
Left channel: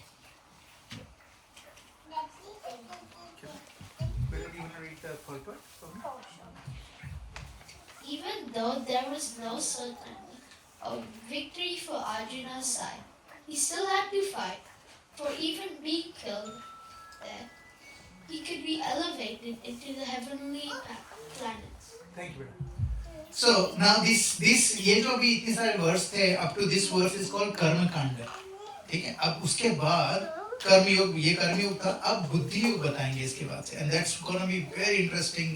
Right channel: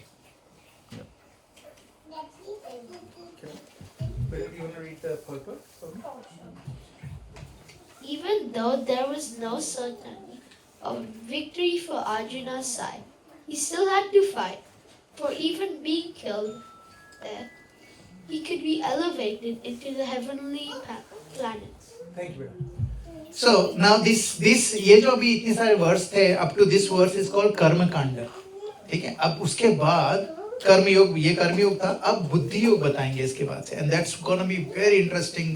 Better, you want to read the purport for me? Even though there was no certainty of victory for Arjuna's side, he still had to fight. For even being killed there, he could be elevated into the heavenly planets. Thank you, बेटा. So now this ये जो अभी इतने सारे verse थे up to this verse is called कर्म कांड. ठीक है. अब उसके बाद कर्मयोग, ये कर्मयोग था. अब बुद्धि योग बताएंगे इसके बाद से, and that's gonna be very interesting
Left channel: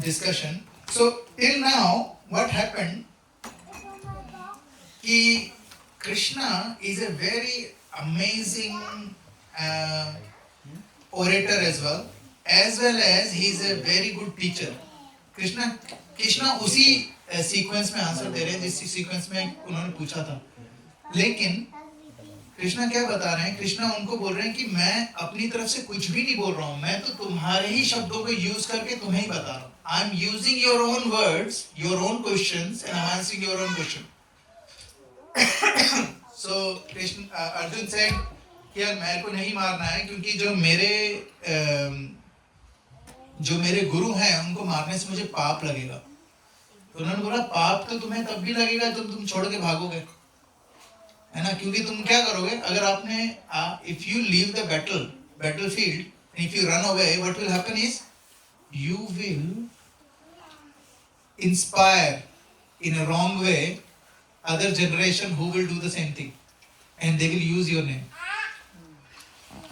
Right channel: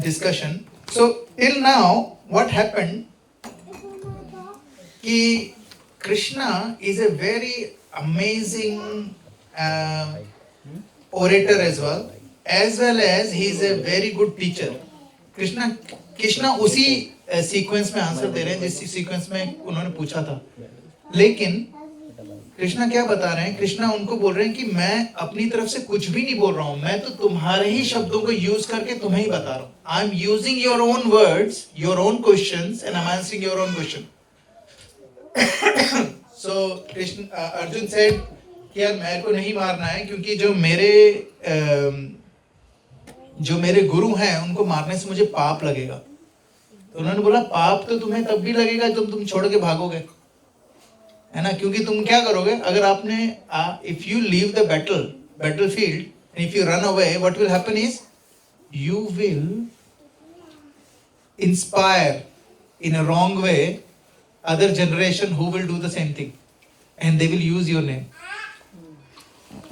discussion. So till now what happened कि Krishna is a very amazing orator as well as he is a very good teacher. Krishna उसी सीक्वेंस में आंसर दे रहे हैं जिस सीक्वेंस में उन्होंने पूछा था. लेकिन कृष्णा क्या बता रहे हैं? कृष्णा उनको बोल रहे हैं कि मैं अपनी तरफ से कुछ भी नहीं बोल रहा हूँ, मैं तो तुम्हारे ही शब्दों को यूज करके तुम्हें ही बता रहा हूँ. I am using your own words, your own questions and I am answering your own question. So Arjun said कि यार मेरे को नहीं मारना है क्योंकि जो मेरे गुरु हैं उनको मारने से मुझे पाप लगेगा. तो उन्होंने बोला पाप तो तुम्हें तब भी लगेगा जब तुम छोड़ के भागोगे, है ना? क्योंकि तुम क्या करोगे अगर आपने if you leave the battlefield and if you run away, what will happen is you will inspire in a wrong way other generation who will do the same thing and they will use your name.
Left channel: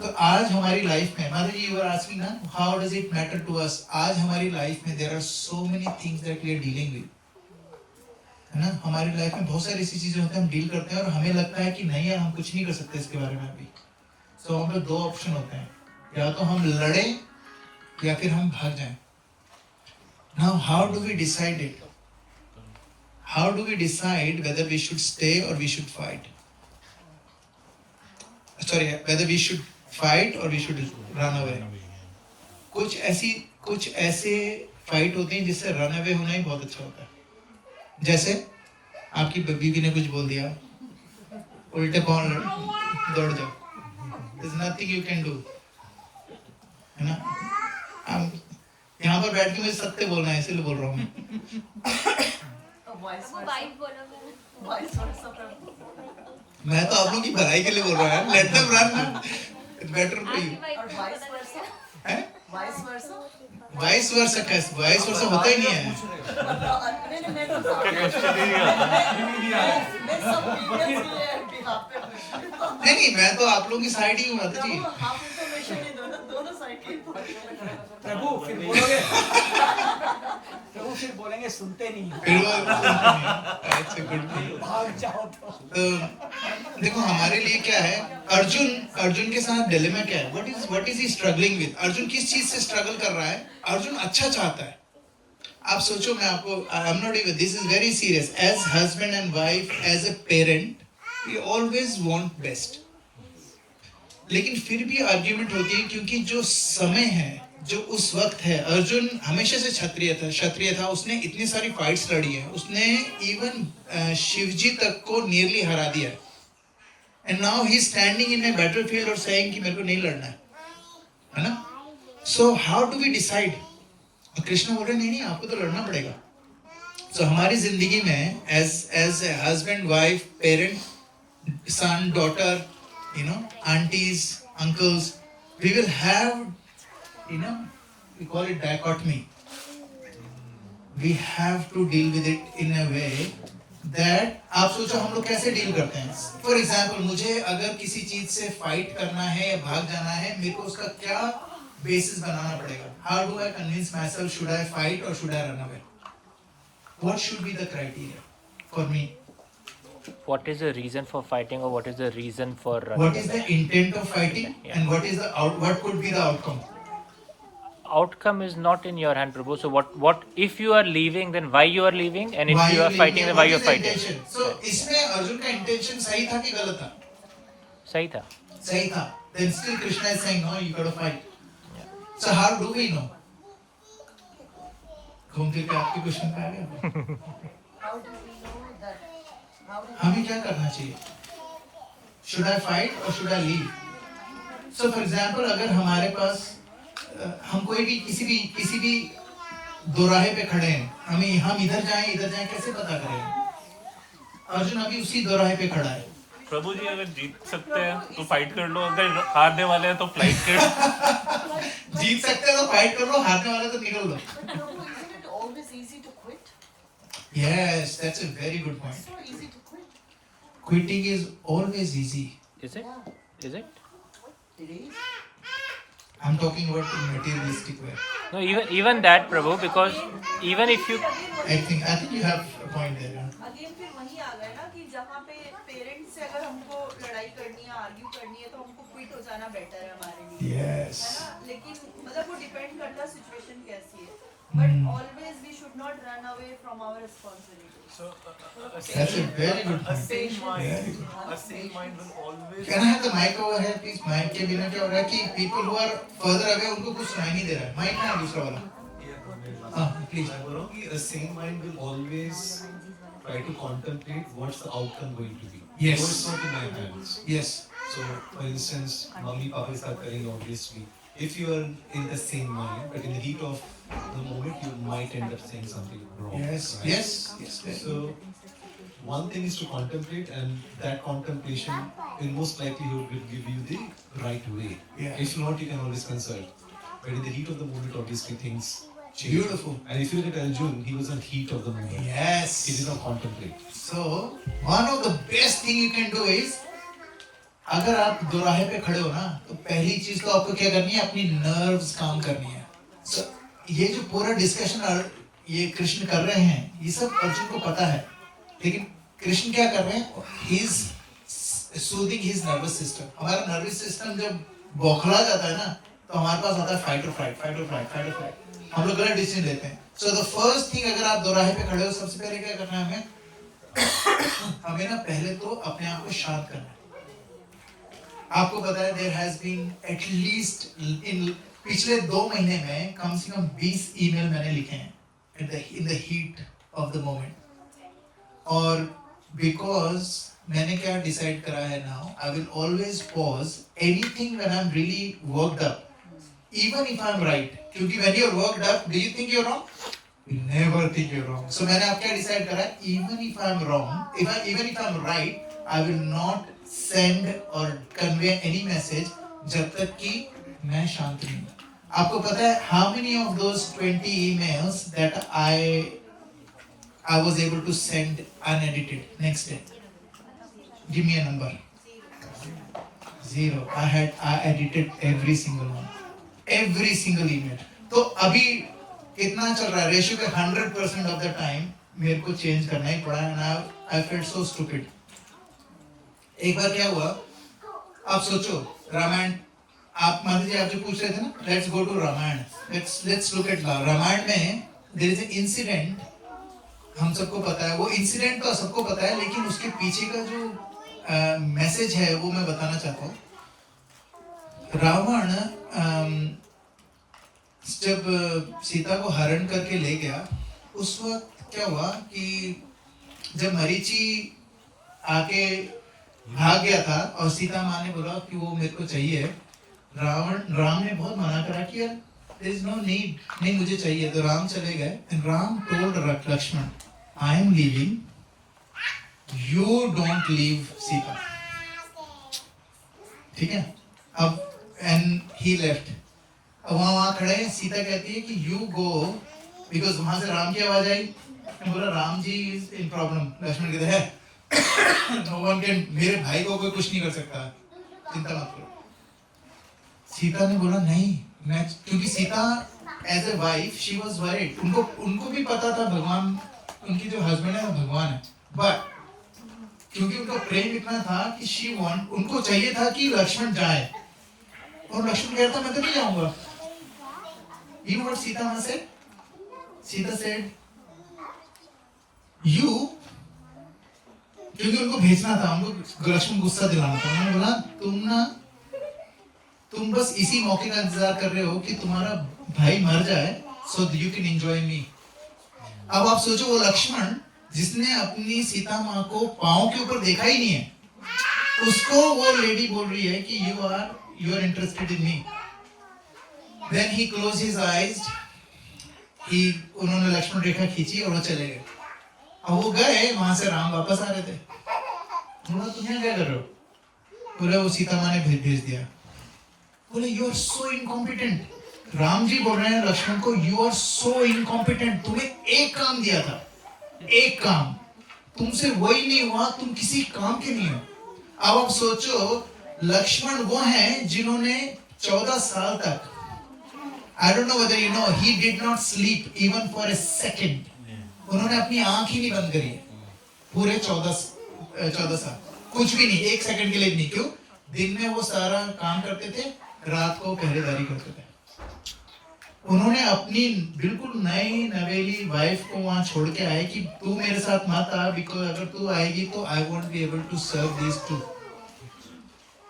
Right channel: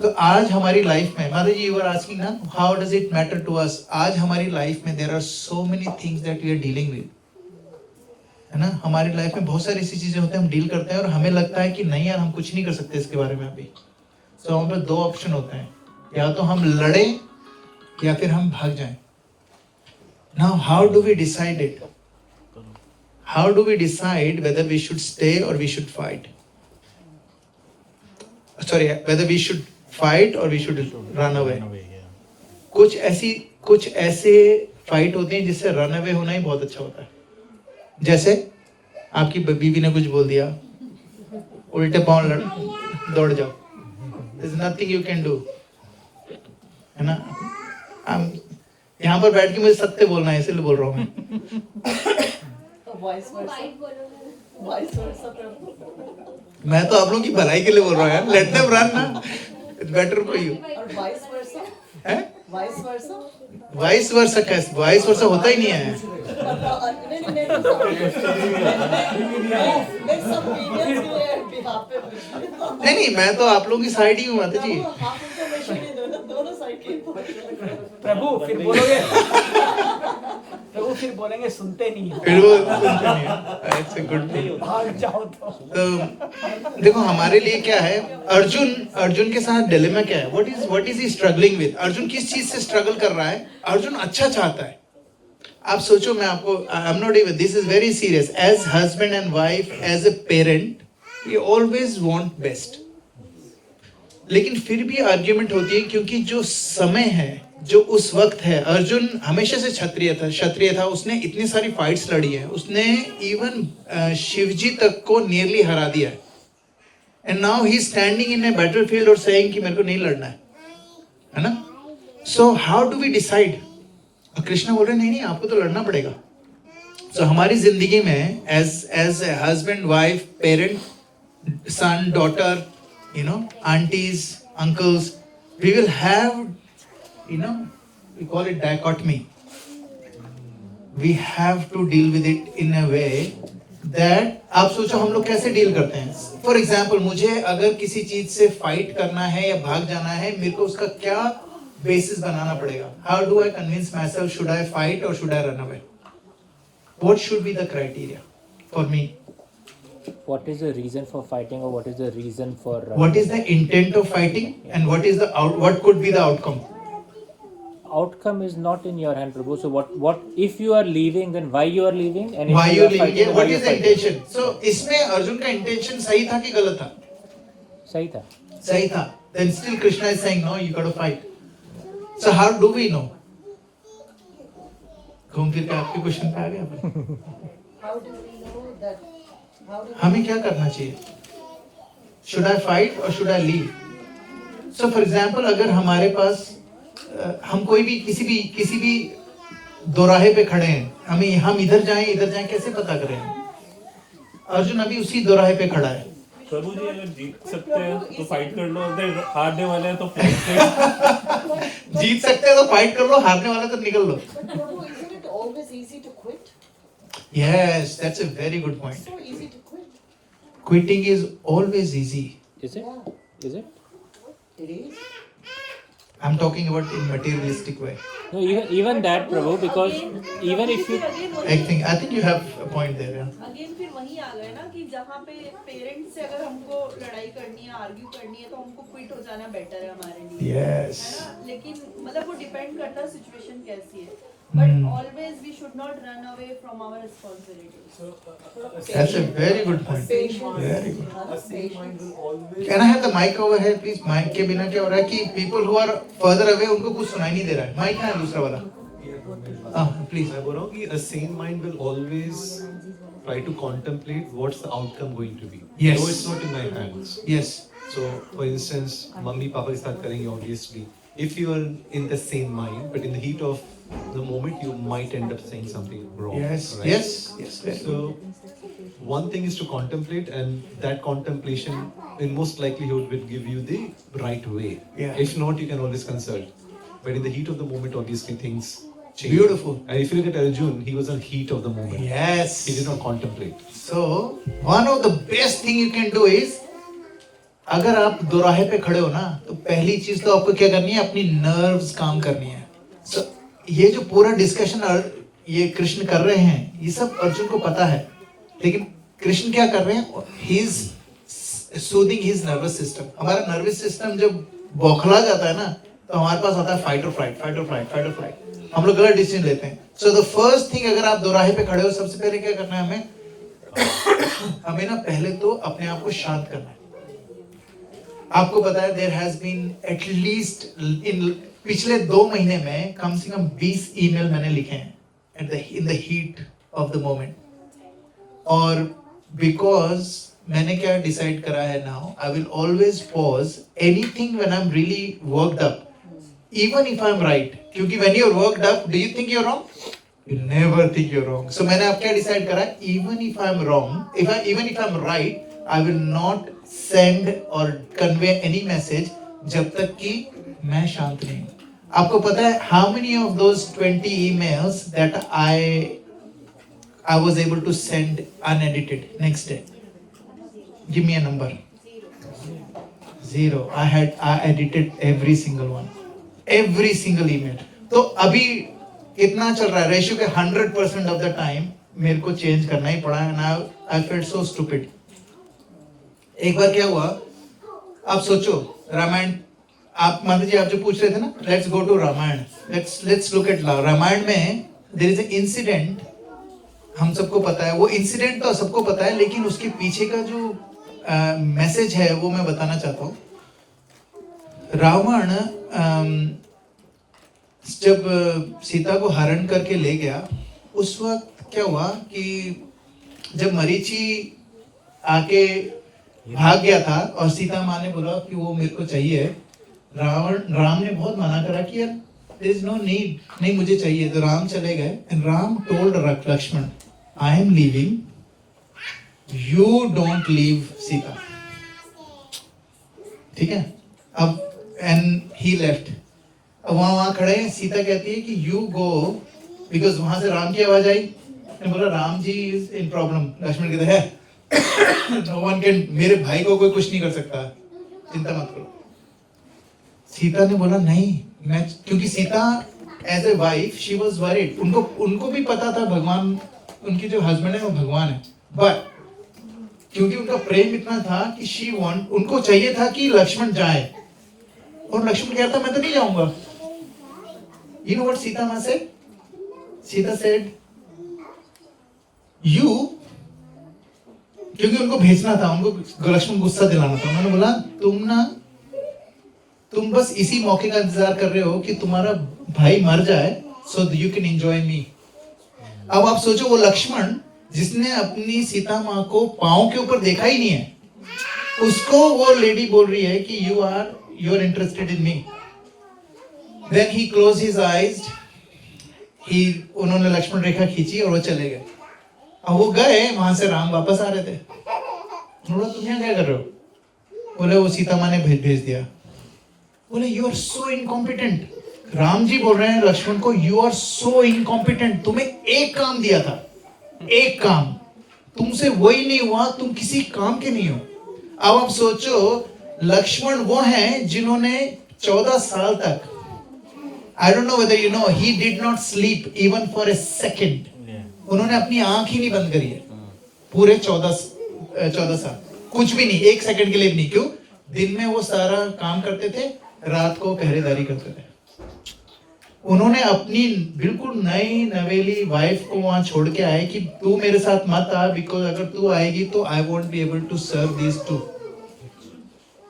तो आज हमारी life में, माता जी, you were asking ना, how does it matter to us? आज हमारी life में there are so many things that we are dealing with, है ना? हमारी लाइफ में बहुत सारी ऐसी चीजें होती हैं हम डील करते हैं और हमें लगता है कि नहीं यार हम कुछ नहीं कर सकते इसके बारे में अभी. तो हम लोग दो ऑप्शन होते हैं, या तो हम लड़े या फिर हम भाग जाएं. Now how do we decide it? How do we decide whether we should stay or we should fight? Sorry, whether we should fight or we should run away. कुछ ऐसे फाइट होते हैं जिससे रन अवे होना ही बहुत अच्छा होता है. जैसे आपकी बीवी ने कुछ बोल दिया, उल्टे पांव दौड़ जाओ. There's nothing you can do, है ना? यहाँ पर बैठ के मुझे सत्य बोलना है इसलिए बोल रहा हूँ मैं. मैं तो आप लोग की भलाई के लिए बोल रहा हूँ यार. Let them run ना. It's better for you. हैं? Vice versa कैसे? Vice versa होता ही नहीं है. नहीं, मैं तो आप लोगों की साइड ही हूँ माता जी. प्रभु फिर बोलोगे, प्रभु फिर बोलेंगे सुनते नहीं. फिर वो सुनते नहीं. That's a good thing. तो देखो हमारे लिए क्या है, अर्जुन के साथ डिलेमा क्या है? What is he struggling with? Arjun किस चीज से स्ट्रगल कर रहा है? अर्जुन अच्छा चाहता है. आप सोचो, मैं आपको, I'm not even, this is very serious. As husband and wife, as a parent, we always want best. लेकिन फिर भी आर्ग्यूमेंट होती है, क्योंकि जो समय है, जो उस वक्त है, अर्जुन हमेशा से क्षत्रिय था. उसने इतनी सारी फाइट्स लड़ी है, उसने इवन शिवजी तक को नियरली हरा दिया है. And now he is standing in a battlefield और सेइंग कि मेरे को नहीं लड़ना है ना. So how do we decide? और कृष्ण बोल रहे नहीं, आपको तो लड़ना पड़ेगा. सो हमारी जिंदगी में as a husband, wife, parent, son, daughter, aunties, uncles, we will have, we call it dichotomy. We have to deal with it in a way that, आप सोचो हम लोग कैसे डील करते हैं. फॉर एग्जाम्पल, मुझे अगर किसी चीज से फाइट करना है या भाग जाना है, मेरे को उसका क्या बेसिस बनाना पड़ेगा? How do I convince myself? Should I fight और should I run away? What should be the criteria for me? What is the reason for fighting, or what is the reason for What is the intent of fighting, and what what could be the outcome? outcome is not in your hand, Prabhu. So what if you are leaving, then why you are leaving, and if Why you are leaving? fighting, then why What you is are the fighting? intention? So इसमें अर्जुन का intention सही था कि गलत था? सही था. सही था. Then still Krishna is saying no, you got to fight. So how do we know? घूम फिर के आपके क्वेश्चन पे आ गए. How do we know that? How do we हमें क्या करना चाहिए? Should I fight or should I leave? So for example, अगर हमारे पास हम कोई भी किसी भी दोराहे पे खड़े हैं, हम इधर जाएं कैसे पता करें? अर्जुन अभी उसी दोराहे पे खड़ा है. प्रभु जी, अगर जीत सकते हैं तो फाइट कर लो, अगर हारने वाले हैं तो फ्लाइट कर. जीत सकते हो तो फाइट कर लो, हारने वाले तो निकल लो. But Prabhu, isn't it always easy to quit? Yes, that's a very good point. So easy to quit. Quitting is always easy. Is it? Yeah, Is it? it is. I'm talking about in materialistic way. No, even that, Prabhu, because even if you I think you have a point there. Yeah. Again फिर वही आ गए ना कि जहाँ पे parents से अगर हमको लड़ाई करनी है, आर्ग्यू करनी है, तो हमको क्विट हो जाना बेटर है हमारे लिए. Yes. है ना? लेकिन मतलब वो डिपेंड करता है सिचुएशन कैसी है. But always we should not run away from our responsibilities. That's a very good point. Very good. A sane mind will always. Can I have the mic over here, please? Mic के बिना क्या हो रहा है कि people who are further away उनको कुछ सुनाई नहीं दे रहा है. Mic है दूसरा वाला. Please. मैं बोल रहा हूँ कि a sane mind will always try to contemplate what's the outcome going to be. Yes. So it's not in my hands. Yes. So, for instance, mummy papa के साथ करेंगे obviously. If you are in the same mind, but in the heat of the moment, you might end up saying something wrong. Yes. Right? Yes. So, one thing is to contemplate, and that contemplation, in most likelihood, will give you the right way. Yeah. If not, you can always consult. But in the heat of the moment, obviously things change. Beautiful. And if you look at Arjun, he was in heat of the moment. Yes. He did not contemplate. So one of the best thing you can do is, अगर आप दोराहे पे खड़े हो ना, तो पहली चीज तो आपको क्या करनी है? अपनी नर्व्स काम करनी है. So ये जो पूरा डिस्कशन ये कृष्ण कर रहे हैं, ये सब अर्जुन को पता है, लेकिन कृष्ण क्या कर रहे हैं? He is soothing his nervous system. हमारा नर्वस सिस्टम जब बौखला जाता है ना, तो हमारे पास आता है फाइट और फ्लाइट, फाइट और फ्लाइट, फाइट और फ्लाइट. हम लोग गलत डिसीजन लेते हैं. सो द फर्स्ट थिंग, अगर आप दोराहे पे खड़े हो, सबसे पहले क्या करना है? हमें ना पहले तो अपने आप को शांत करना है. आपको पता है there has been at least in पिछले 2 महीने में कम से कम 20 ईमेल मैंने लिखे हैं in the heat of the moment. और बिकॉज मैंने क्या डिसाइड करा है now, I will always pause anything when I am really worked up, even if I am right. क्योंकि when you are worked up, do you think you are wrong? You never think you're wrong. So मैंने अब क्या decide करा है? Even if I'm wrong, even if I'm right, I will not send or convey any message जब तक कि मैं शांत नहीं हूँ. आपको पता है how many of those 20 emails that I was able to send unedited next day? Give me a number. 0. I edited every single one. Every single email. तो अभी कितना चल रहा है? रेशियो पे 100% ऑफ द टाइम मेरे को चेंज करना ही पड़ा and I felt so stupid. एक बार क्या हुआ, आप सोचो रामायण, आप मान लीजिए आप जो पूछ रहे थे ना, let's go to Ramayan, let's look at Ramayan में देयर इज एन इंसिडेंट, हम सबको पता है वो इंसिडेंट, तो सबको पता है, लेकिन उसके पीछे का जो मैसेज है वो मैं बताना चाहता हूँ। रावण जब सीता को हरण करके ले गया, उस वक्त क्या हुआ कि जब मरीचि आके भाग गया था और सीता माँ ने बोला कि वो मेरे को चाहिए, राम ने बहुत मना करा कि यार there is no need, नहीं मुझे चाहिए, तो राम चले गए and Ram told Lakshman I am leaving, you don't leave Sita, ठीक है। अब and he left, अब वहाँ खड़े हैं, सीता कहती है कि you go, because वहां से राम की आवाज आई, ने बोला Ram ji is in problem, Lakshman कहते हैं no one can, मेरे भाई को कोई कुछ नहीं कर सकता, चिंता मत करो। सीता ने बोला नहीं, मैं, क्योंकि Sita as a wife she was worried, उनको भी पता था भगवान, उनकी जो हस्बैंड है वो भगवान है, बट क्योंकि उनका प्रेम इतना था कि शी वांट, उनको चाहिए था कि लक्ष्मण जाए, और लक्ष्मण कहता मैं तो नहीं जाऊंगा। यू नो व्हाट सीता मां सेड? सीता सेड यू, क्योंकि उनको भेजना था, उनको लक्ष्मण गुस्सा दिलाना था, उन्होंने बोला तुम बस इसी मौके का इंतजार कर रहे हो कि तुम्हारा भाई मर जाए सो यू कैन एंजॉय मी। अब आप सोचो वो लक्ष्मण जिसने अपनी सीता माँ को पांव के ऊपर देखा ही नहीं है, उसको वो लेडी बोल रही है कि you are interested in me. Then he close his eyes, उन्होंने लक्ष्मण रेखा खींची और वो चले गए। अब वो गए, वहां से राम वापस आ रहे थे, बोला तुम यहाँ क्या कर रहे हो? बोले वो सीता माँ ने भेज दिया। बोले you are so incompetent, Ram ji बोल रहे हैं लक्ष्मण को यू आर सो इनकॉम्पिटेंट, तुम्हें एक काम दिया था, एक काम, तुमसे वही नहीं हुआ, तुम किसी काम के नहीं हो। अब आप सोचो लक्ष्मण वो हैं जिन्होंने 14 साल तक, I don't know whether you know, he did not sleep even for a second, उन्होंने अपनी आंख ही नहीं बंद करी है पूरे 14 साल, कुछ भी नहीं, एक सेकंड के लिए भी नहीं। क्यों? दिन में वो सारा काम करते थे, रात को पहरेदारी करते थे। उन्होंने अपनी बिल्कुल नई नवेली वाइफ को वहां छोड़ के आए कि तू मेरे साथ मत आ, बिकॉज अगर तू आएगी तो I won't be able to serve these two.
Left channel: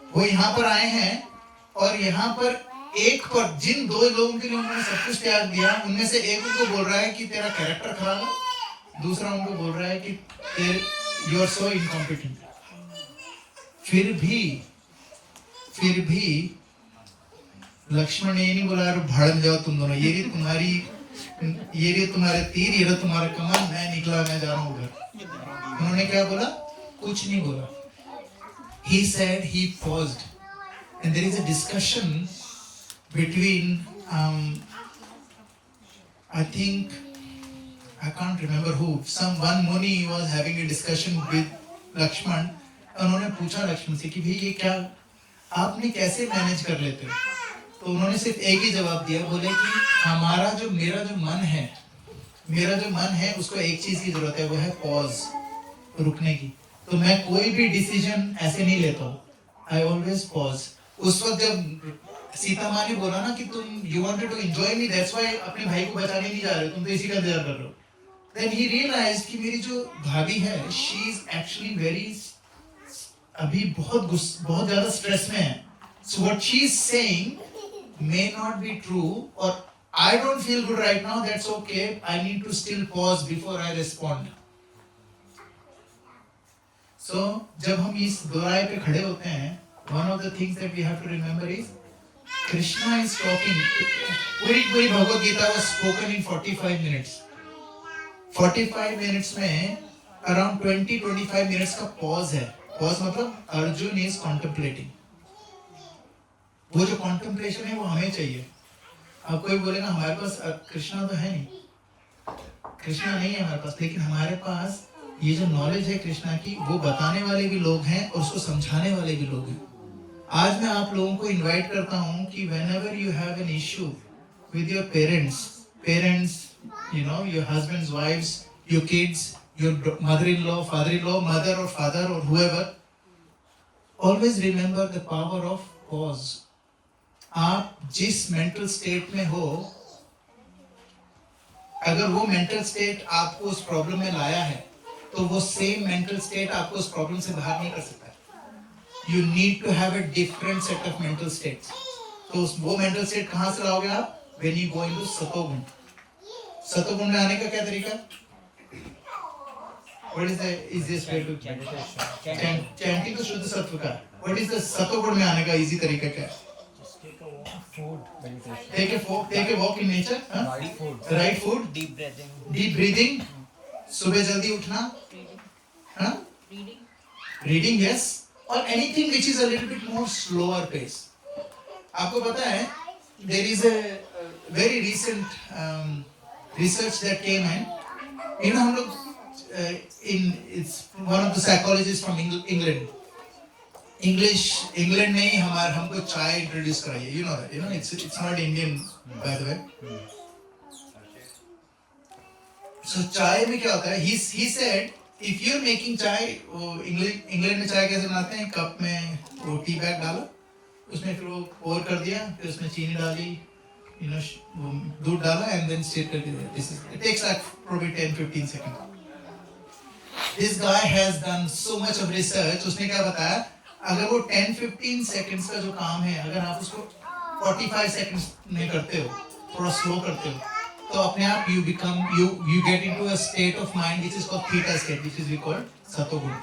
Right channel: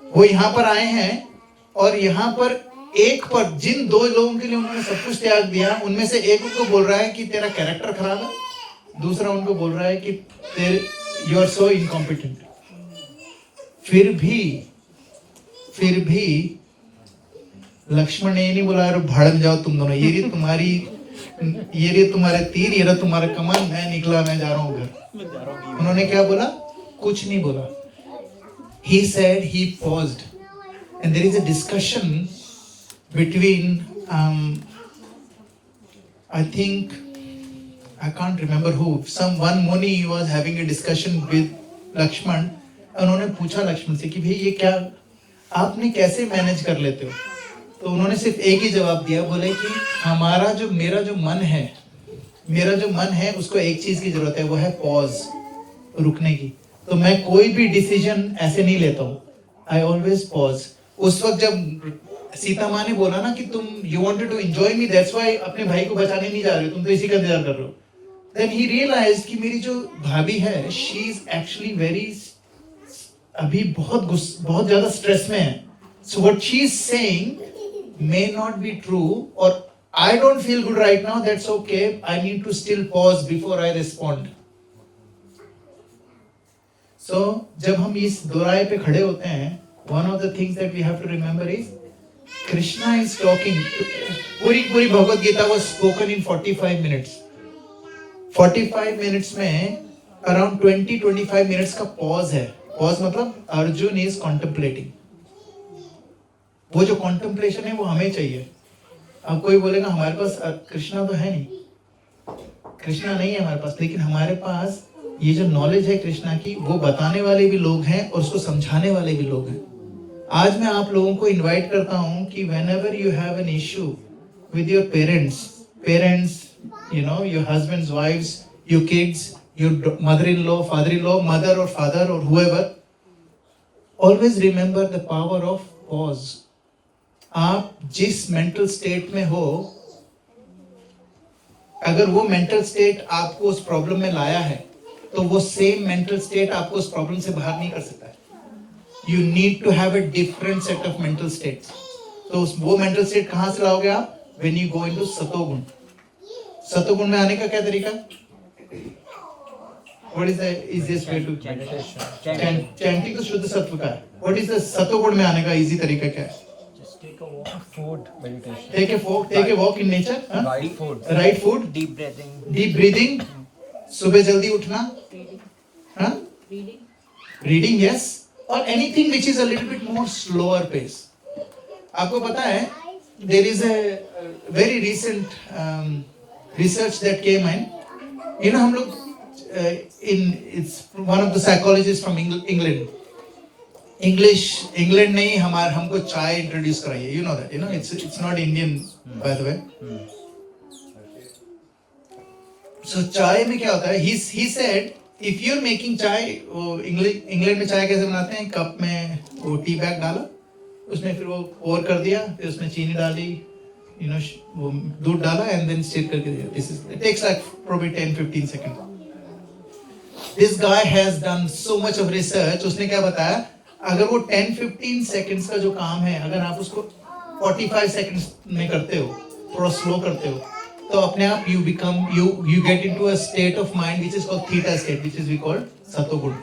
वो यहाँ पर आए हैं और यहाँ पर एक पर जिन 2 लोगों के लिए उन्होंने सब कुछ त्याग दिया, उनमें से एक उनको बोल रहा है कि तेरा कैरेक्टर खराब है, दूसरा उनको बोल रहा है कि यू आर सो इनकॉम्पिटेंट। फिर भी लक्ष्मण ने ये नहीं बोला भड़क जाओ तुम दोनों, ये रही तुम्हारे तीर, ये रहा तुम्हारा कमान, मैं निकला, मैं जा रहा हूँ घर। उन्होंने क्या बोला? कुछ नहीं बोला। He said, he paused, and there is a discussion between I think I can't remember who, one Muni was having a discussion with Lakshman। उन्होंने पूछा लक्ष्मण से कि भाई ये क्या आपने कैसे मैनेज कर लेते हो? तो उन्होंने सिर्फ एक ही जवाब दिया, बोले कि मेरा जो मन है उसको एक चीज की जरूरत है, वो है पॉज, रुकने की। तो मैं कोई भी डिसीजन ऐसे नहीं लेता हूँ, आई ऑलवेज पॉज। उस वक्त जब सीता माँ ने बोला ना कि तुम you wanted to enjoy me, that's why अपने भाई को बचाने नहीं जा रहे, तुम तो इसी का इंतजार कर रहे हो। देन ही रियलाइज्ड कि मेरी जो भाभी है, शी इज एक्चुअली अभी बहुत ज्यादा स्ट्रेस में है। So what she is saying may not be true, or I don't feel good right now, that's okay, I need to still pause before I respond. So जब हम इस दोराहे पे खड़े होते हैं, one of the things that we have to remember is Krishna is talking, पूरी Bhagavad Gita was spoken in 45 minutes। 45 minutes में around 20-25 minutes का pause है। pause मतलब अर्जुन is contemplating। वो जो कॉन्टेम्पलेशन है वो हमें चाहिए। अब कोई बोलेगा हमारे पास कृष्णा तो है नहीं, कृष्णा नहीं है हमारे पास, लेकिन हमारे पास ये जो नॉलेज है कृष्णा की, वो बताने वाले भी लोग हैं और उसको समझाने वाले भी लोग हैं। आज मैं आप लोगों को इनवाइट करता हूँ कि whenever you have an issue with your parents, you know, your husbands, wives, your kids, your mother-in-law, father-in-law, mother or father or whoever, always remember the power of pause. आप जिस mental state में हो, अगर वो mental state आपको उस problem में लाया है, तो वो same mental state आपको उस problem से बाहर नहीं कर सकता है. You need to have a different set of mental states. तो वो mental state कहाँ से लाओगे आप? When you go into सतोगुण. सतोगुण में आने का क्या तरीका? What is the easiest way to chanting तो शुद्ध सत्व का है. What is the सतोगुण में आने का easy तरीका क्या है? Take a walk in nature. Right food. Deep breathing. Deep breathing. सुबह जल्दी उठना. हाँ? Reading, yes. Or anything which is a little bit more slower pace. आपको पता है? There is a very recent research that came in. You know हम लोग it's one of the psychologists from England. England ने हमको चाय introduce कराई है. You know that, you know, it's not Indian by the way. So चाय में क्या होता है? He said if you're making चाय, वो इंग्लैंड में चाय कैसे बनाते हैं? कप में वो टी बैग डाला, उसमें फिर वो पोर कर दिया, फिर उसमें चीनी डाली, you know, वो दूध डाला and then stir करके दिया. It takes like probably 10-15 seconds. This guy has done so much of research. उसने क्या बताया? अगर वो 10-15 seconds का जो काम है, अगर आप उसको 45 seconds में करते हो, थोड़ा slow करते हो, तो अपने आप you get into a state of mind which is called theta state, which is we call satoguna.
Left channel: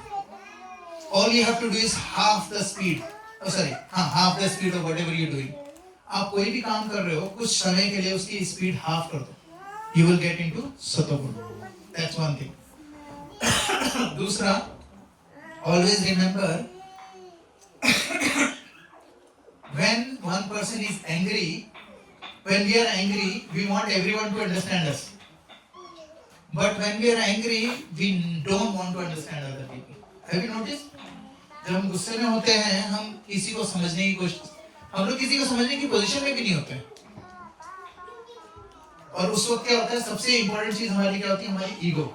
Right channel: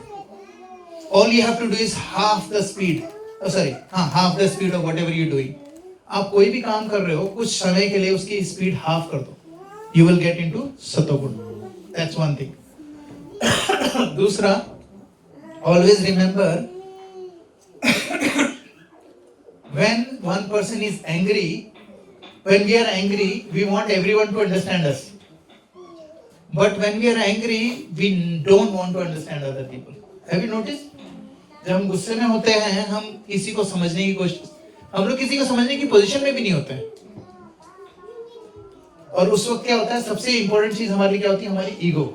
All you have to do is half the speed of whatever you're doing. आप कोई भी काम कर रहे हो, कुछ समय के लिए उसकी speed half कर दो, you will get into satoguna. That's one thing. दूसरा, always remember when one person is angry, when we are angry, we want everyone to understand us. But when we are angry, we don't want to understand other people. Have you noticed? जब हम गुस्से में होते हैं, हम किसी को समझने की कोशिश, हम लोग किसी को समझने की पोजीशन में भी नहीं होते हैं. और उस वक्त क्या होता है? सबसे इंपॉर्टेंट चीज हमारी क्या होती है? हमारी ईगो.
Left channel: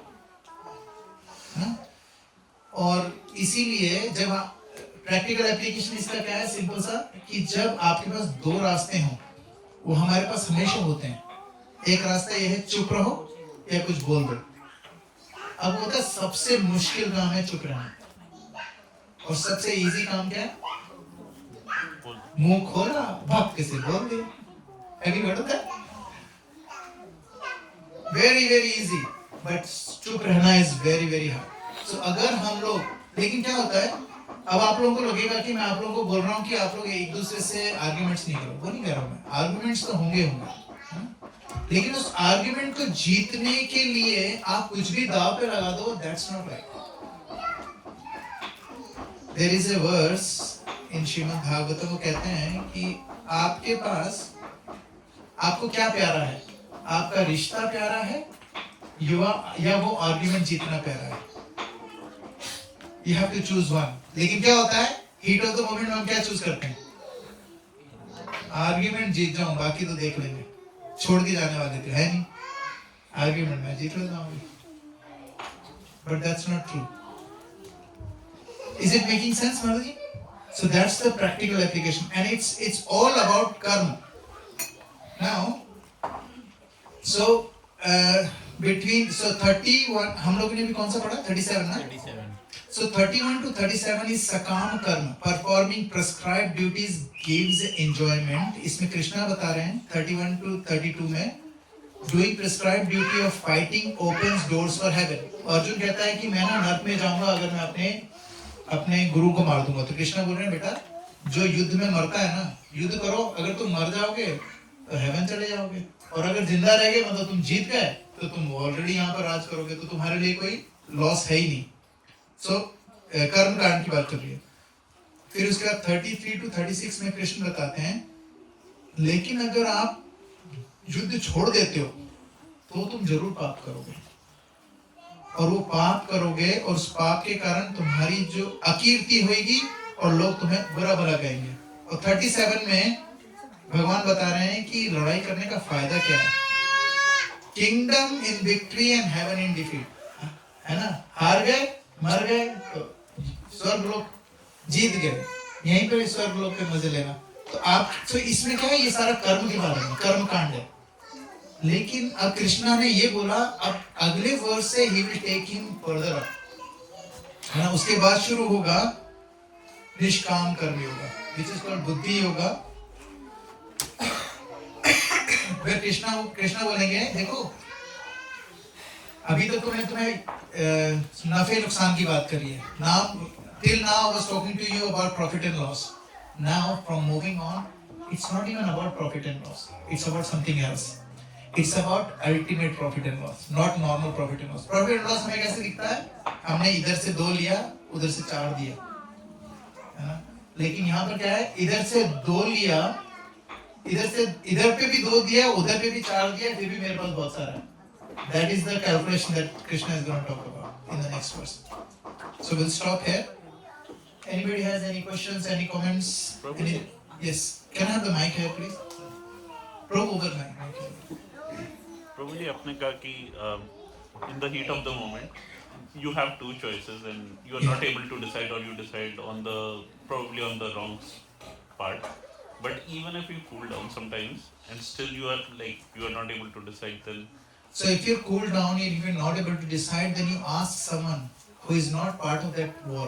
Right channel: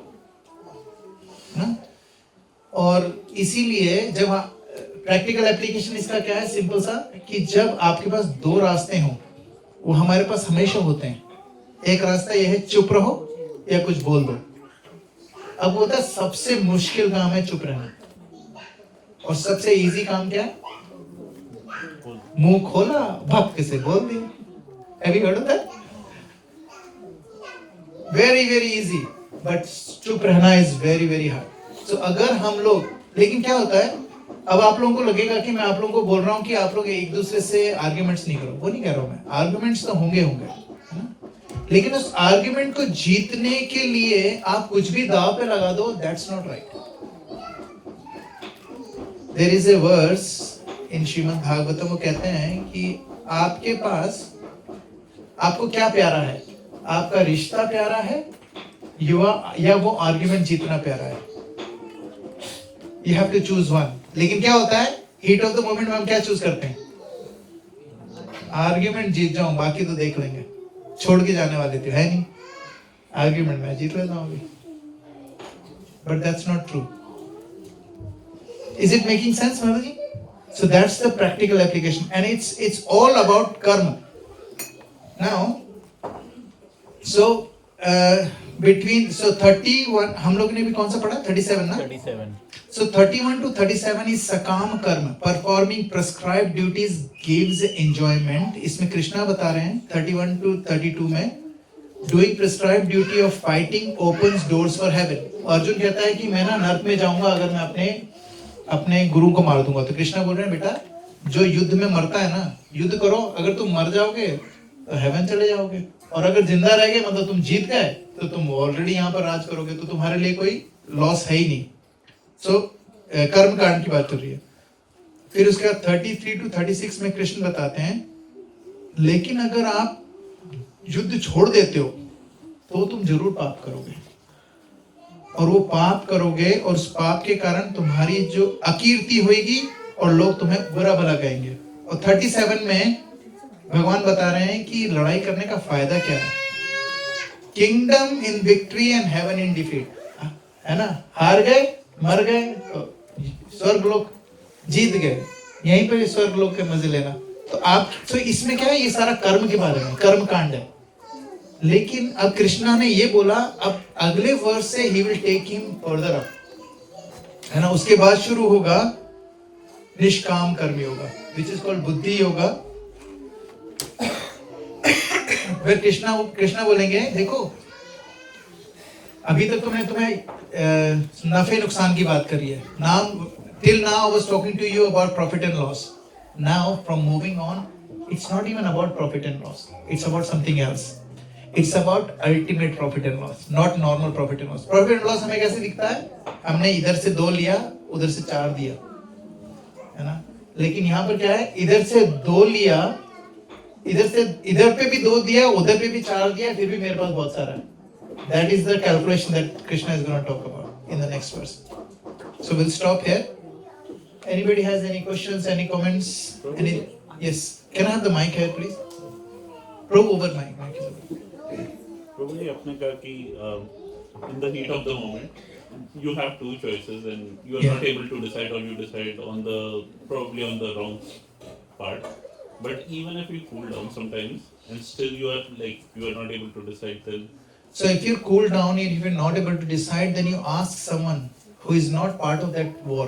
और इसीलिए जब प्रैक्टिकल एप्लीकेशन इसका क्या है? सिंपल सा, कि जब आपके पास दो रास्ते हों, वो हमारे पास हमेशा होते हैं. एक रास्ता ये है चुप रहो या कुछ बोल दो. अब होता है सबसे मुश्किल काम है चुप रहना, और सबसे इजी काम क्या है? मुंह खोला, भक्ति से बोल दिया. Have you heard of that? Very very easy, but चुप रहना is very very hard. So अगर हम लोग, लेकिन क्या होता है? अब आप लोगों को लगेगा कि मैं आप लोगों को बोल रहा हूँ कि आप लोग एक दूसरे से आर्ग्यूमेंट्स नहीं करो. वो नहीं कर रहा हूँ मैं. आर्ग्यूमेंट्स तो होंगे, लेकिन उस आर्ग्यूमेंट को जीतने के लिए आप कुछ भी दाव पे लगा दो. That's not right. There is a verse in Shrimad Bhagavatam, वो कहते हैं कि आपके पास, आपको क्या प्यारा है? आपका रिश्ता प्यारा है या वो आर्ग्यूमेंट जीतना प्यारा है? You have to choose one. लेकिन क्या होता है? हीट ऑफ द मोमेंट में हम क्या चूज करते हैं? आर्ग्यूमेंट जीत जाऊं, बाकी तो देख लेंगे. छोड़ के जाने वाले थे, है नहीं? आर्ग्यूमेंट में जीत लेता हूं. But that's not true. Is it making sense, Maraji? So that's the practical application, and it's all about karma. Now, so between 31, हम लोग ने भी कौन सा पढ़ा? 37 ना? 37. So 31 to 37 is sakam karma. Performing prescribed duties gives enjoyment. इसमें कृष्णा बता रहे हैं 31 to 32 में, doing prescribed duty of fighting opens doors for heaven. Arjun कहता है कि मैं ना नरक में जाऊंगा अगर मैं अपने गुरु को मार दूंगा. तो कृष्णा बोल रहे हैं बेटा, जो युद्ध में मरता है ना, युद्ध करो. अगर तुम मर जाओगे तो हेवन चले जाओगे, और अगर जिंदा रह गए मतलब तुम जीत गए, तो तुम ऑलरेडी यहाँ पर राज करोगे, तो तुम्हारे लिए कोई लॉस है ही नहीं. सो कर्म कांड की बात कर रही है. फिर उसके बाद 33 to 36 में कृष्ण बताते हैं, लेकिन अगर आप युद्ध छोड़ देते हो तो तुम जरूर पाप करोगे, और वो पाप करोगे और उस पाप के कारण तुम्हारी जो अकीर्ति होगी और लोग तुम्हें बुरा भला कहेंगे. और 37 में भगवान बता रहे हैं कि लड़ाई करने का फायदा क्या है. Kingdom in victory and heaven in defeat. है ना, हार गए, मर गए, तो स्वर्ग लोक जीत गए, यहीं पे स्वर्ग लोक के मजे लेना। तो आप, तो इसमें क्या है, ये सारा कर्म के बारे में, कर्म कांड है। लेकिन अब कृष्णा ने ये बोला, अब अगले वर्ष से he will take him further up, है ना। उसके बाद शुरू होगा निष्काम कर्म योगा, विच इज कॉल्ड बुद्धि योगा। फिर कृष्णा बोलेंगे, देखो अभी तक तो मैं तुम्हें नफे नुकसान की बात करी है। Now till now I was talking to you about profit and loss. Now from moving on, it's not even about profit and loss. It's about something else. It's about ultimate profit and loss, not normal profit and loss. Profit and loss हमें कैसे दिखता है? हमने इधर से 2 लिया, उधर से 4 दिया, है ना। लेकिन यहाँ पर क्या है, इधर से 2 लिया, इधर पे भी 2 दिया, उधर पे भी 4 दिया, फिर भी मेरे पास बहुत सारा है। That is the calculation that Krishna is going to talk about in the next verse. So we'll stop here. Anybody has any questions, any comments? Any? Yes. Can I have the mic here, please? Probe over mic. Probably आपने कहा कि in the heat of the moment you have 2 choices and you are not able to decide, or you decide on the probably on the wrong part. But even if you cool down sometimes and still you are not able to decide, then so if you cool down and if you're not able to decide, then you ask someone who is not part of that war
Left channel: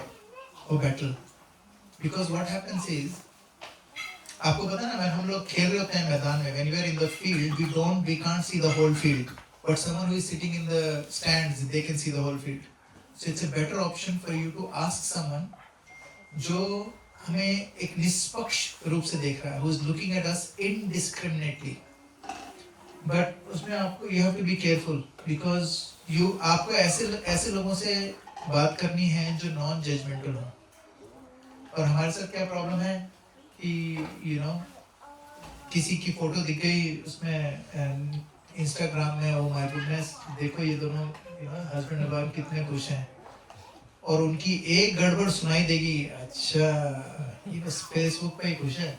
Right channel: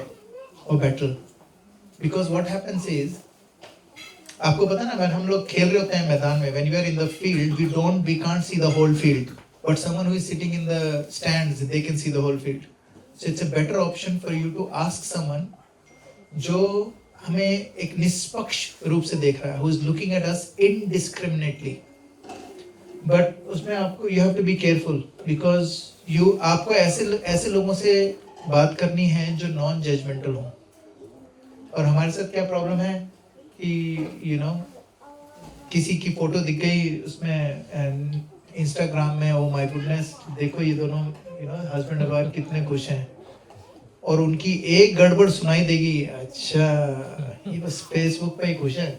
or battle. Because what happens is, आपको पता है ना, when हम लोग खेल रहे होते हैं मैदान में, when we are in the field, we can't see the whole field. But someone who is sitting in the stands, they can see the whole field. So it's a better option for you to ask someone जो हमें एक निष्पक्ष रूप से देख रहा है, who is looking at us indiscriminately. But उसमें आपको you have to be careful because आपको ऐसे लोगों से बात करनी है जो नॉन जजमेंटल हो। और हमारे साथ क्या प्रॉब्लम है कि किसी की फोटो दिख गई उसमें इंस्टाग्राम में, ओ माय गुडनेस, देखो ये दोनों हस्बैंड और वाइफ कितने खुश हैं, और उनकी एक गड़बड़ सुनाई देगी, अच्छा ये बस फेसबुक पे ही खुश है,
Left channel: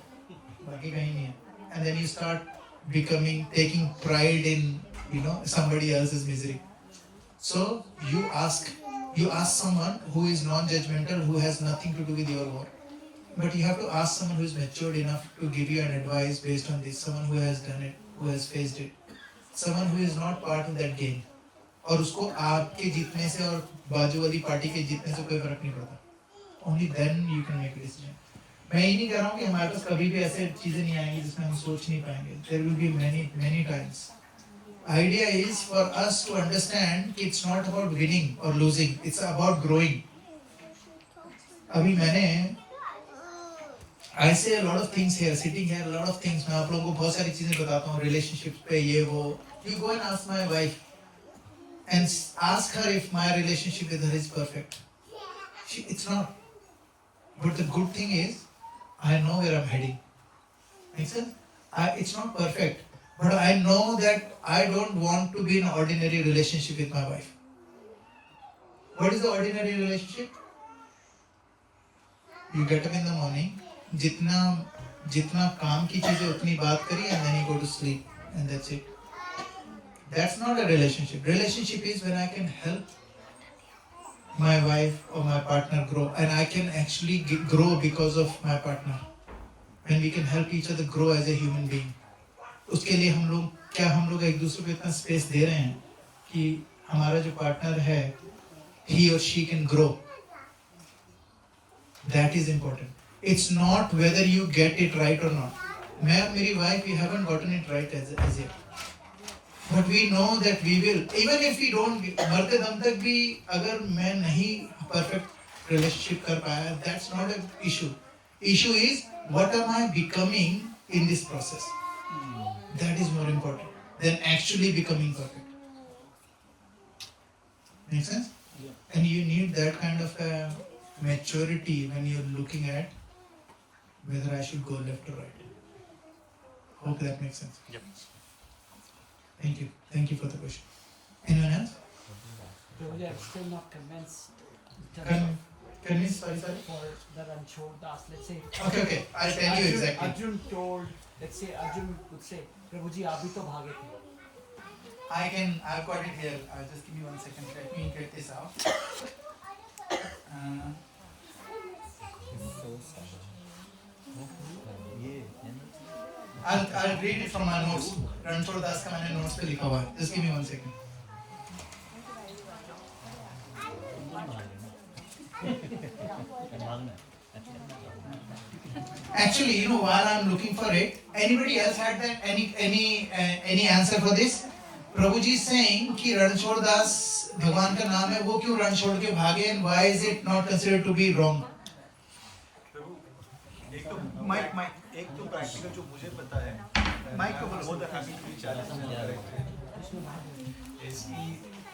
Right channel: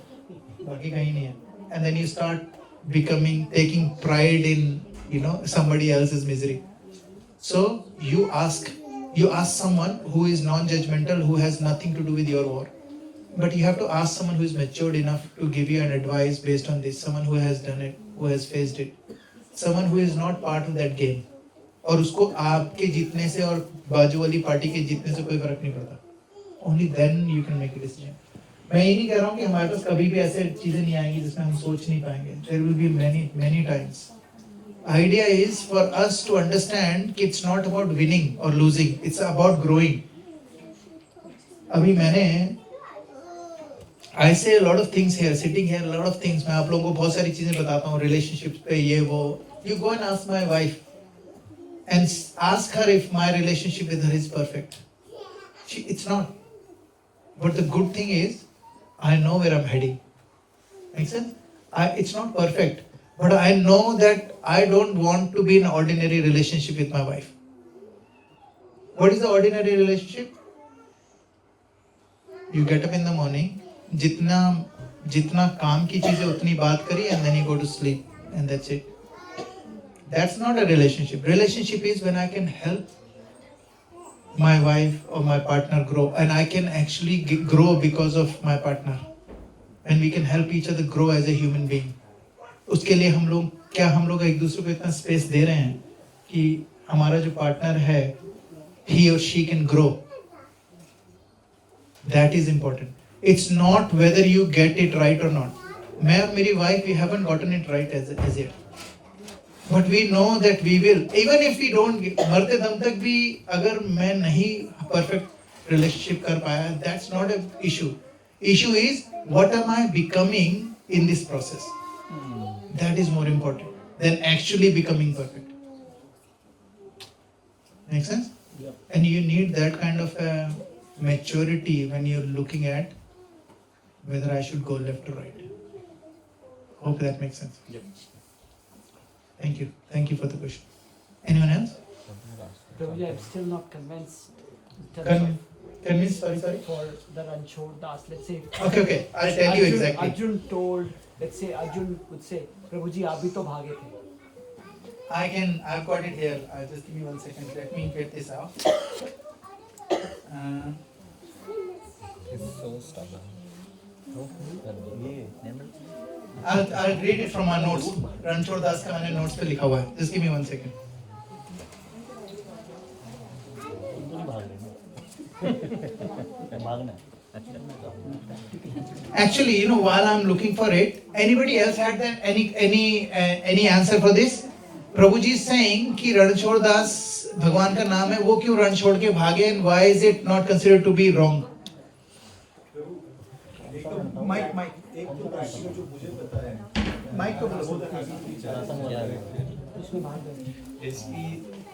बाकी कहीं नहीं है। And then you start taking pride in somebody else's misery. So you ask someone who is non-judgmental, who has nothing to do with your war. But you have to ask someone who is matured enough to give you an advice based on this, someone who has done it, who has faced it, someone who is not part of that game. और उसको आपके जीतने से और बाजू वाली party के जीतने से कोई फर्क नहीं पड़ता. Only then you can make a decision. मैं ये नहीं कह रहा हूँ कि हमारे पास कभी भी ऐसे चीजें नहीं आएंगी जिसमें हम सोच नहीं पाएंगे. There will be many times. Idea is for us to understand कि it's not about winning or losing. It's about growing. अभी मैंने I say a lot of things here, sitting here, a lot of things. मैं आप लोगों को बहुत सारी चीजें बताता हूँ relationships पे, ये वो. You go and ask my wife and ask her if my relationship with her is perfect. It's not. But the good thing is, I know where I'm heading. Makes sense? It's not perfect, but I know that I don't want to be in an ordinary relationship with my wife. What is the ordinary relationship? You get up in the morning, जितना काम की चीजें उतनी बात करी, and then you go to sleep, and that's it. That's not a relationship. Relationship is when I can help my wife or my partner grow, and I can actually grow because of my partner, and we can help each other grow as a human being. उसके लिए हम लोग एक दूसरे को इतना space दे रहे हैं कि हमारा जो पार्टनर है, he or she can grow. That is important. It's not whether you get it right or not. मैं और मेरी wife, we haven't gotten it right as yet. But we know that we will. Even if we don't, मरते दम तक भी अगर मैं नहीं perfect relationship कर पाया, that's not an issue. Issue is what am I becoming in this process? That is more important than actually becoming perfect. Make sense? Yeah. And you need that kind of maturity when you're looking at whether I should go left or right. Hope that makes sense. Yep. Thank you. Thank you for the question. Anyone else? Prabhuji, I'm still not convinced. Convinced? Sorry. For the Ranchod Das, let's say. Okay. I'll tell you exactly. Arjun told, let's say Arjun would say, Prabhuji, आप भी तो भागे थे. I've got it here. Just give me 1 second. Let me get this out. I'll read it from my notes. Ranchhod Das का मैंने notes पे लिखा हुआ है. Just give me 1 second. Actually, you know, while I'm looking for it, anybody else had that any answer for this? Prabhu ji saying कि रणछोड़ दास भगवान का नाम है, वो क्यों रण छोड़ के भागे, and why is it not considered to be wrong? Mic एक तो प्रैक्टिकल जो मुझे पता है, माइक को बोलो. इसकी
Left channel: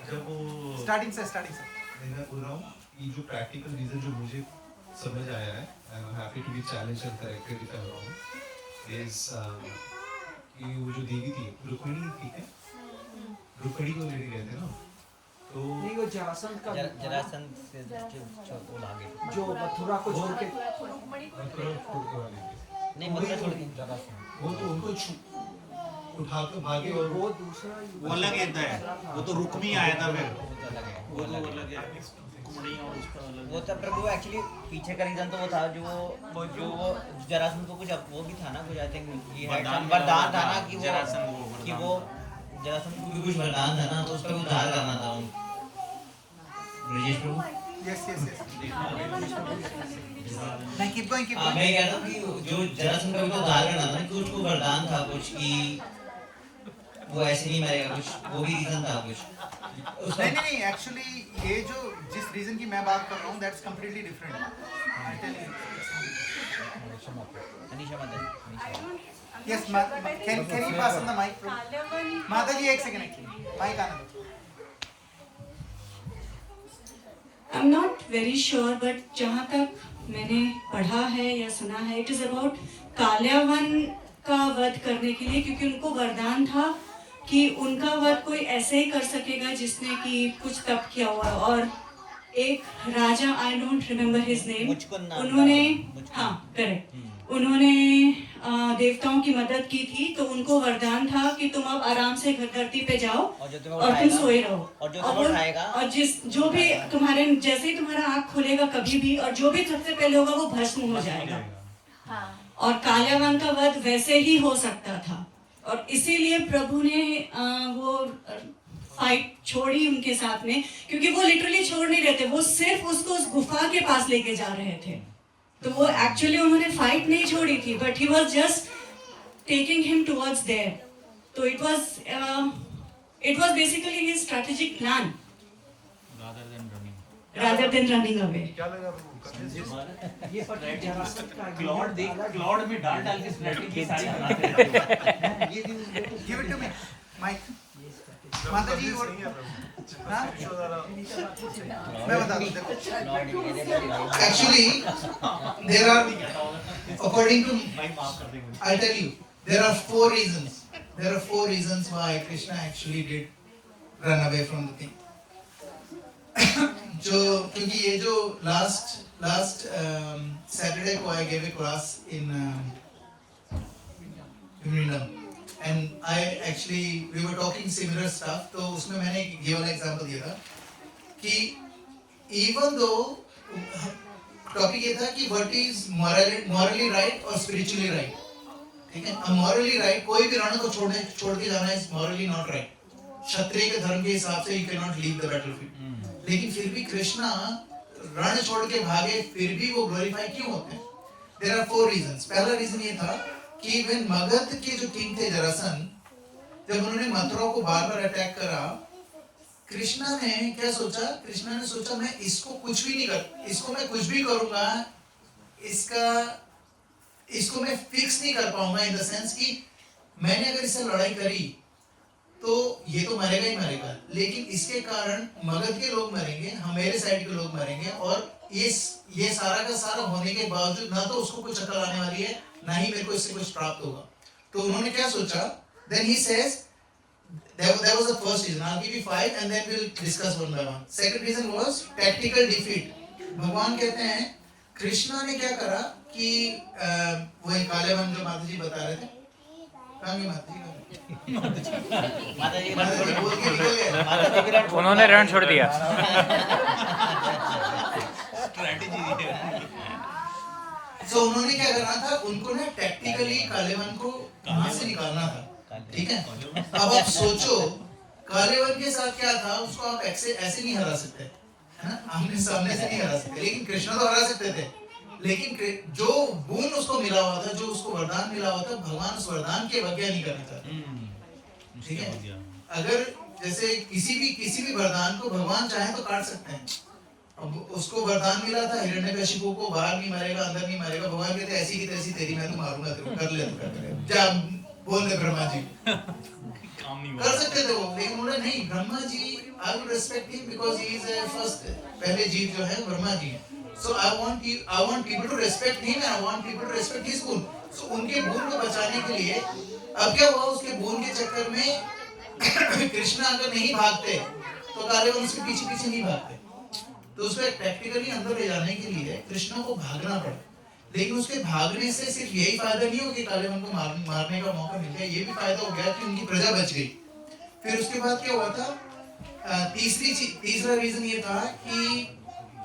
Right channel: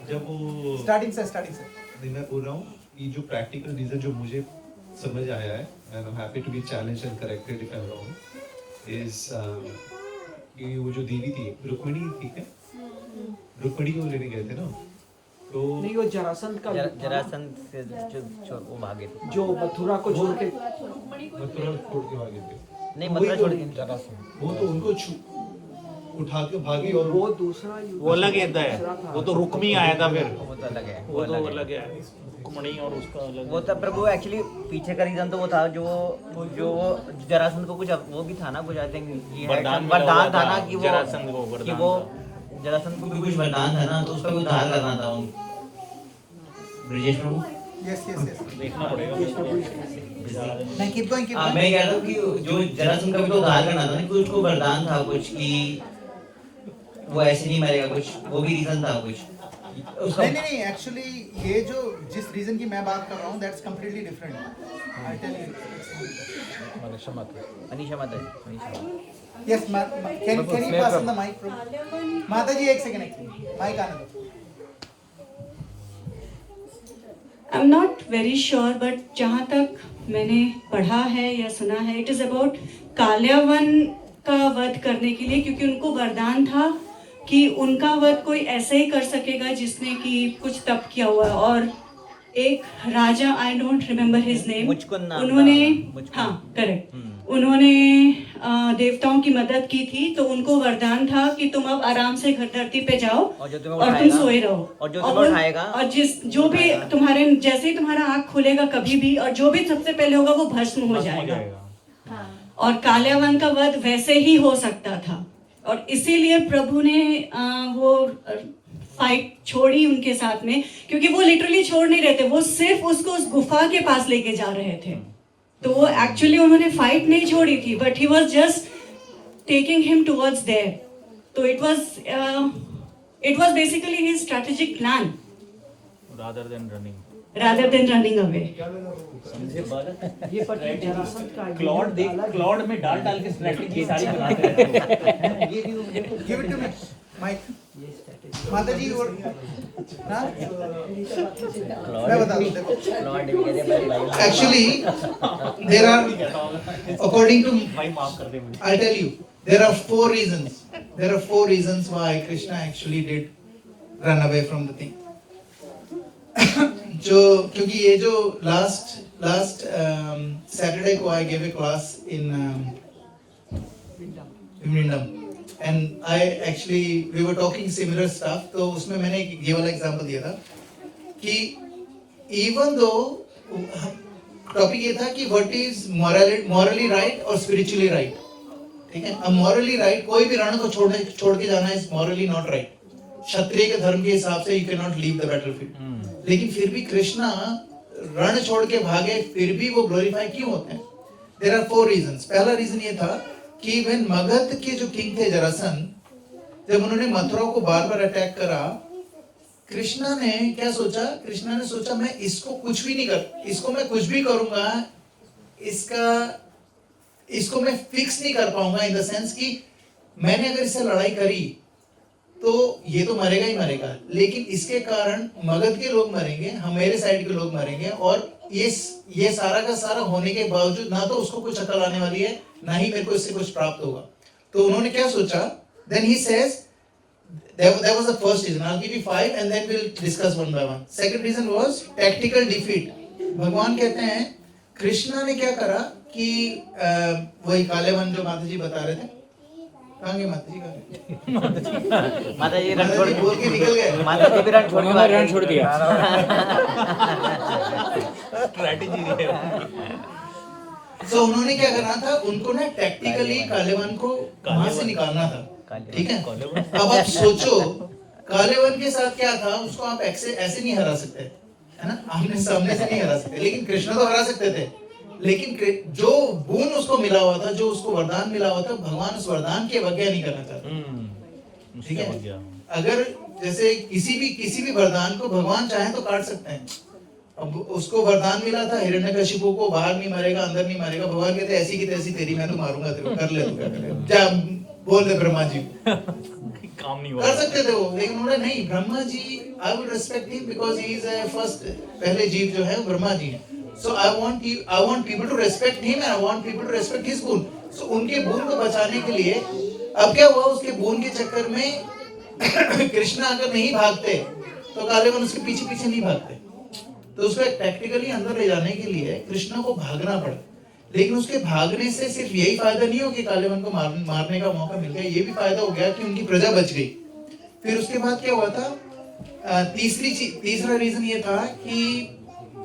जब वो स्टार्टिंग से मैं बोल रहा हूँ ये जो प्रैक्टिकल रीजन जो मुझे समझ आया है, and I'm happy to be challenged and corrected if I'm wrong, is कि वो जो देवी थी रुक्मिणी, ठीक है, रुक्मिणी को लेने गए थे ना, तो नहीं वो जरासंध का जरासंध से जो वो भागे थे, जो मथुरा को छोड़ के भागे थे, नहीं मथुरा छोड़ के जरासंध, वो तो उनको उठा के भागे, और वो दूसरा वो अलग है, वो तो रुक्मी आया था फिर, वो तो अलग है, वो तो अलग है, रुक्मिणी और उसका अलग। वो तब प्रभु एक्चुअली पीछे का रीजन तो वो था जो जरासंध को कुछ वो भी था ना, कुछ आई थिंक वरदान था ना कि वो जरासंध को भी कुछ वरदान था ना, तो उसका भी उद्धार करना था उनको। ब्रिजेश प्रभु, यस देखना पड़ेगा। मैं keep going. मैं कह रहा हूँ कि जो जरासंध का भी तो उद्धार करना था ना, कि उसको वरदान था कुछ कि वो ऐसे नहीं मरेगा, कुछ वो भी रीजन था कुछ। नहीं एक्चुअली ये जो जिस रीजन की मैं बात कर रहा हूँ, that's completely different. I tell you. Anisha माता जी, yes, can you pass on the mic? माता जी, एक सेकंड, एक्चुअली माइक आने दो. I'm not very sure, but जहाँ तक मैंने पढ़ा है या सुना है, it is about काल्यावन का वध करने के लिए, क्योंकि उनको वरदान था कि उनका वध कोई ऐसे ही कर सकेगा जिसने कि कुछ तप किया हुआ है. और एक राजा, I don't remember his name, उन्होंने, हाँ करेक्ट, उन्होंने देवताओं की मदद की थी, तो उनको वरदान था कि तुम अब आराम से घर धरती पे जाओ और तुम सोए रहो, और जो भी तुम्हारे, जैसे ही तुम्हारा आँख खुलेगा कभी भी, और जो भी सबसे पहले होगा वो भस्म हो जाएगा. और काल्यावन का वध वैसे ही हो सकता था, और इसीलिए प्रभु ने वो फाइट छोड़ी उनके साथ में, क्योंकि वो लिटरली छोड़ नहीं रहे थे, वो सिर्फ उसको उस गुफा के पास लेके जा रहे थे. तो वो एक्चुअली उन्होंने फाइट नहीं छोड़ी थी, but he was just taking him towards there. तो it was basically his strategic plan rather than running away. ये पर जरासंध का क्लाउड में डाल के स्ट्रैटेजी की सारी बनाते give it to me, mic. माता जी, और हाँ, मैं बता दूं, देखो. Actually, there are, according to, I'll tell you, there are 4 reasons. There are 4 reasons why Krishna actually did run away from the thing. क्योंकि ये जो last Saturday को I gave a class in Vindham, and we were talking similar stuff. तो उसमें मैंने ये वाला example दिया था कि even though टॉपिक ये था कि what is morally right और spiritually right, ठीक है. morally right, कोई भी रण को छोड़ के जाना is morally not right. क्षत्रिय के धर्म के हिसाब से you cannot leave the battlefield. लेकिन फिर भी कृष्णा रण छोड़ के भागे, फिर भी वो ग्लोरीफाई क्यों होते हैं? There are 4 reasons. पहला रीजन ये था कि when मगध के जो किंग थे जरासंध, जब उन्होंने मथुरा को बार-बार अटैक करा, कृष्णा ने क्या सोचा? कृष्णा ने सोचा मैं इसको कुछ भी नहीं कर, इसको मैं कुछ भी करूंगा, इसको मैं फिक्स नहीं कर पाऊंगा, इन द सेंस कि मैंने अगर इससे लड़ाई करी तो ये तो मरेगा ही मरेगा, लेकिन इसके कारण मगध के लोग मरेंगे, हम मेरे साइड के लोग मरेंगे, और ये सारा का सारा होने के बावजूद ना तो उसको कुछ अकल आने वाली है, ना ही मेरे को इससे कुछ प्राप्त होगा. तो उन्होंने क्या सोचा? Then he says, that was the first reason. I'll give you 5 and then we'll discuss one by one. Second reason was tactical defeat. भगवान कहते हैं, कृष्णा ने क्या करा कि वही कालेवन जो माता जी बता रहे थे, कहाँ गए माता जी? माता जी माता जी बोल के निकल गए। माता जी भी रण छोड़ उन्होंने रण छोड़ दिया। So उन्होंने क्या करना था, उनको ना टैक्टिकली कालेवन को वहां से निकालना था, ठीक है? अब आप सोचो कालेवन के साथ क्या था, उसको आप ऐसे नहीं हरा सकते, है ना? आमने सामने से नहीं हरा सकते, लेकिन कृष्ण तो हरा सकते थे। लेकिन जो बोन उसको मिला हुआ था, जो उसको वरदान मिला हुआ था, भगवान उस वरदान की अवज्ञा नहीं करना चाहते, ठीक है? अगर जैसे किसी भी वरदान को भगवान चाहे तो काट सकते हैं। अब उसको वरदान मिला था हिरण्यकशिपु को, बाहर नहीं मारेगा, अंदर नहीं मारेगा। भगवान कहते ऐसी की तैसी तेरी, मैं तो मारूंगा तेरे, कर ले, तू क्या करे, जा बोल दे ब्रह्मा जी। काम नहीं कर सकते थे वो, लेकिन उन्होंने नहीं। Brahma ji, I would respect him because he is first, पहले जीव जो है ब्रह्मा जी हैं। So I want people to respect him, I want people to respect his bone. So उनके बोन को बचाने के लिए अब क्या हुआ, उसके बोन के चक्कर में कृष्ण अगर नहीं भागते तो कालेवन उसके पीछे पीछे नहीं भागते, तो उसको टैक्टिकली अंदर ले जाने के लिए कृष्ण को भागना पड़ा। लेकिन उसके भागने से सिर्फ यही फायदा नहीं हो कि कालेवन को मारने का मौका मिल गया, ये भी फायदा हो गया कि उनकी प्रजा बच गई। फिर उसके बाद क्या हुआ था, तीसरा रीजन ये था कि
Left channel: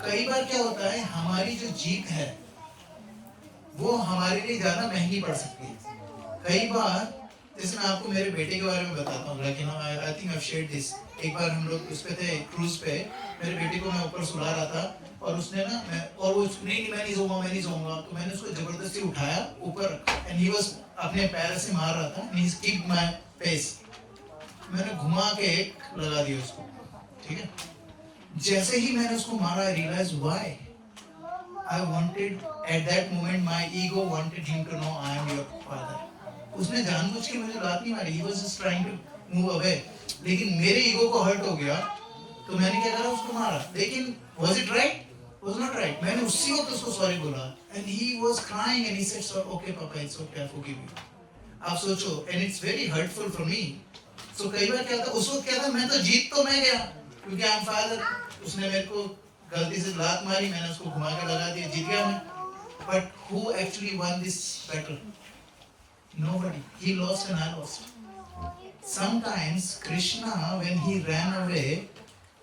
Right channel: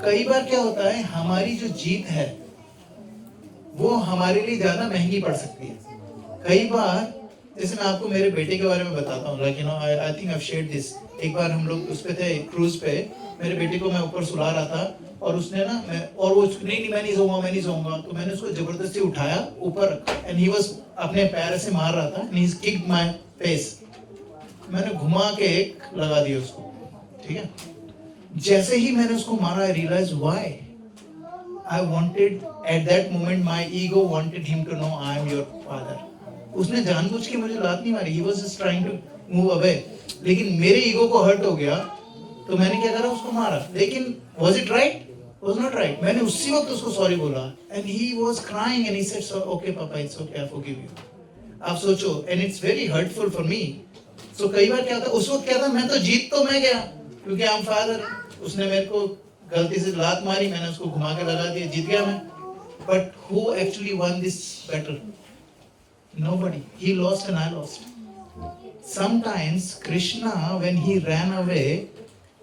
कई बार क्या होता है, हमारी जो जीत है वो हमारे लिए ज्यादा महंगी पड़ सकती है। कई बार जैसे मैं आपको मेरे बेटे के बारे में बताता हूँ, like you no, I think I have shared this. एक बार हम लोग उस पे थे, क्रूज पे, मेरे बेटे को मैं ऊपर सुला रहा था और उसने ना और वो नहीं मैं नहीं सोऊंगा, तो मैंने उसको जबरदस्ती उठाया ऊपर, एंड ही वाज अपने पैर से मार रहा था, ही किक्ड माय फेस। मैंने घुमा के एक लगा दिया उसको, ठीक है? जैसे ही मैंने उसको मारा, I realise why I wanted at that moment, my ego wanted him to know I am your father. उसने जानबूझ के मुझे लात नहीं मारी, he was just trying to move away, लेकिन मेरे ईगो को हर्ट हो गया तो मैंने क्या करा, उसको मारा। लेकिन was it right? Was not right। मैंने उसी वक्त उसको सॉरी बोला, and he was crying and he said, so okay papa, it's okay, I forgive you। आप सोचो, and it's very hurtful for me। so कई बार क्या था, उस वक्त क्या था, मैं तो जीत तो मैं गया क्योंकि आई एम फादर, उसने मेरे को गलती से लात मारी, मैंने उसको घुमा के लगा दिया, जीत गया मैं। but who actually won this battle? Nobody। he lost and I lost। sometimes Krishna, when he ran away,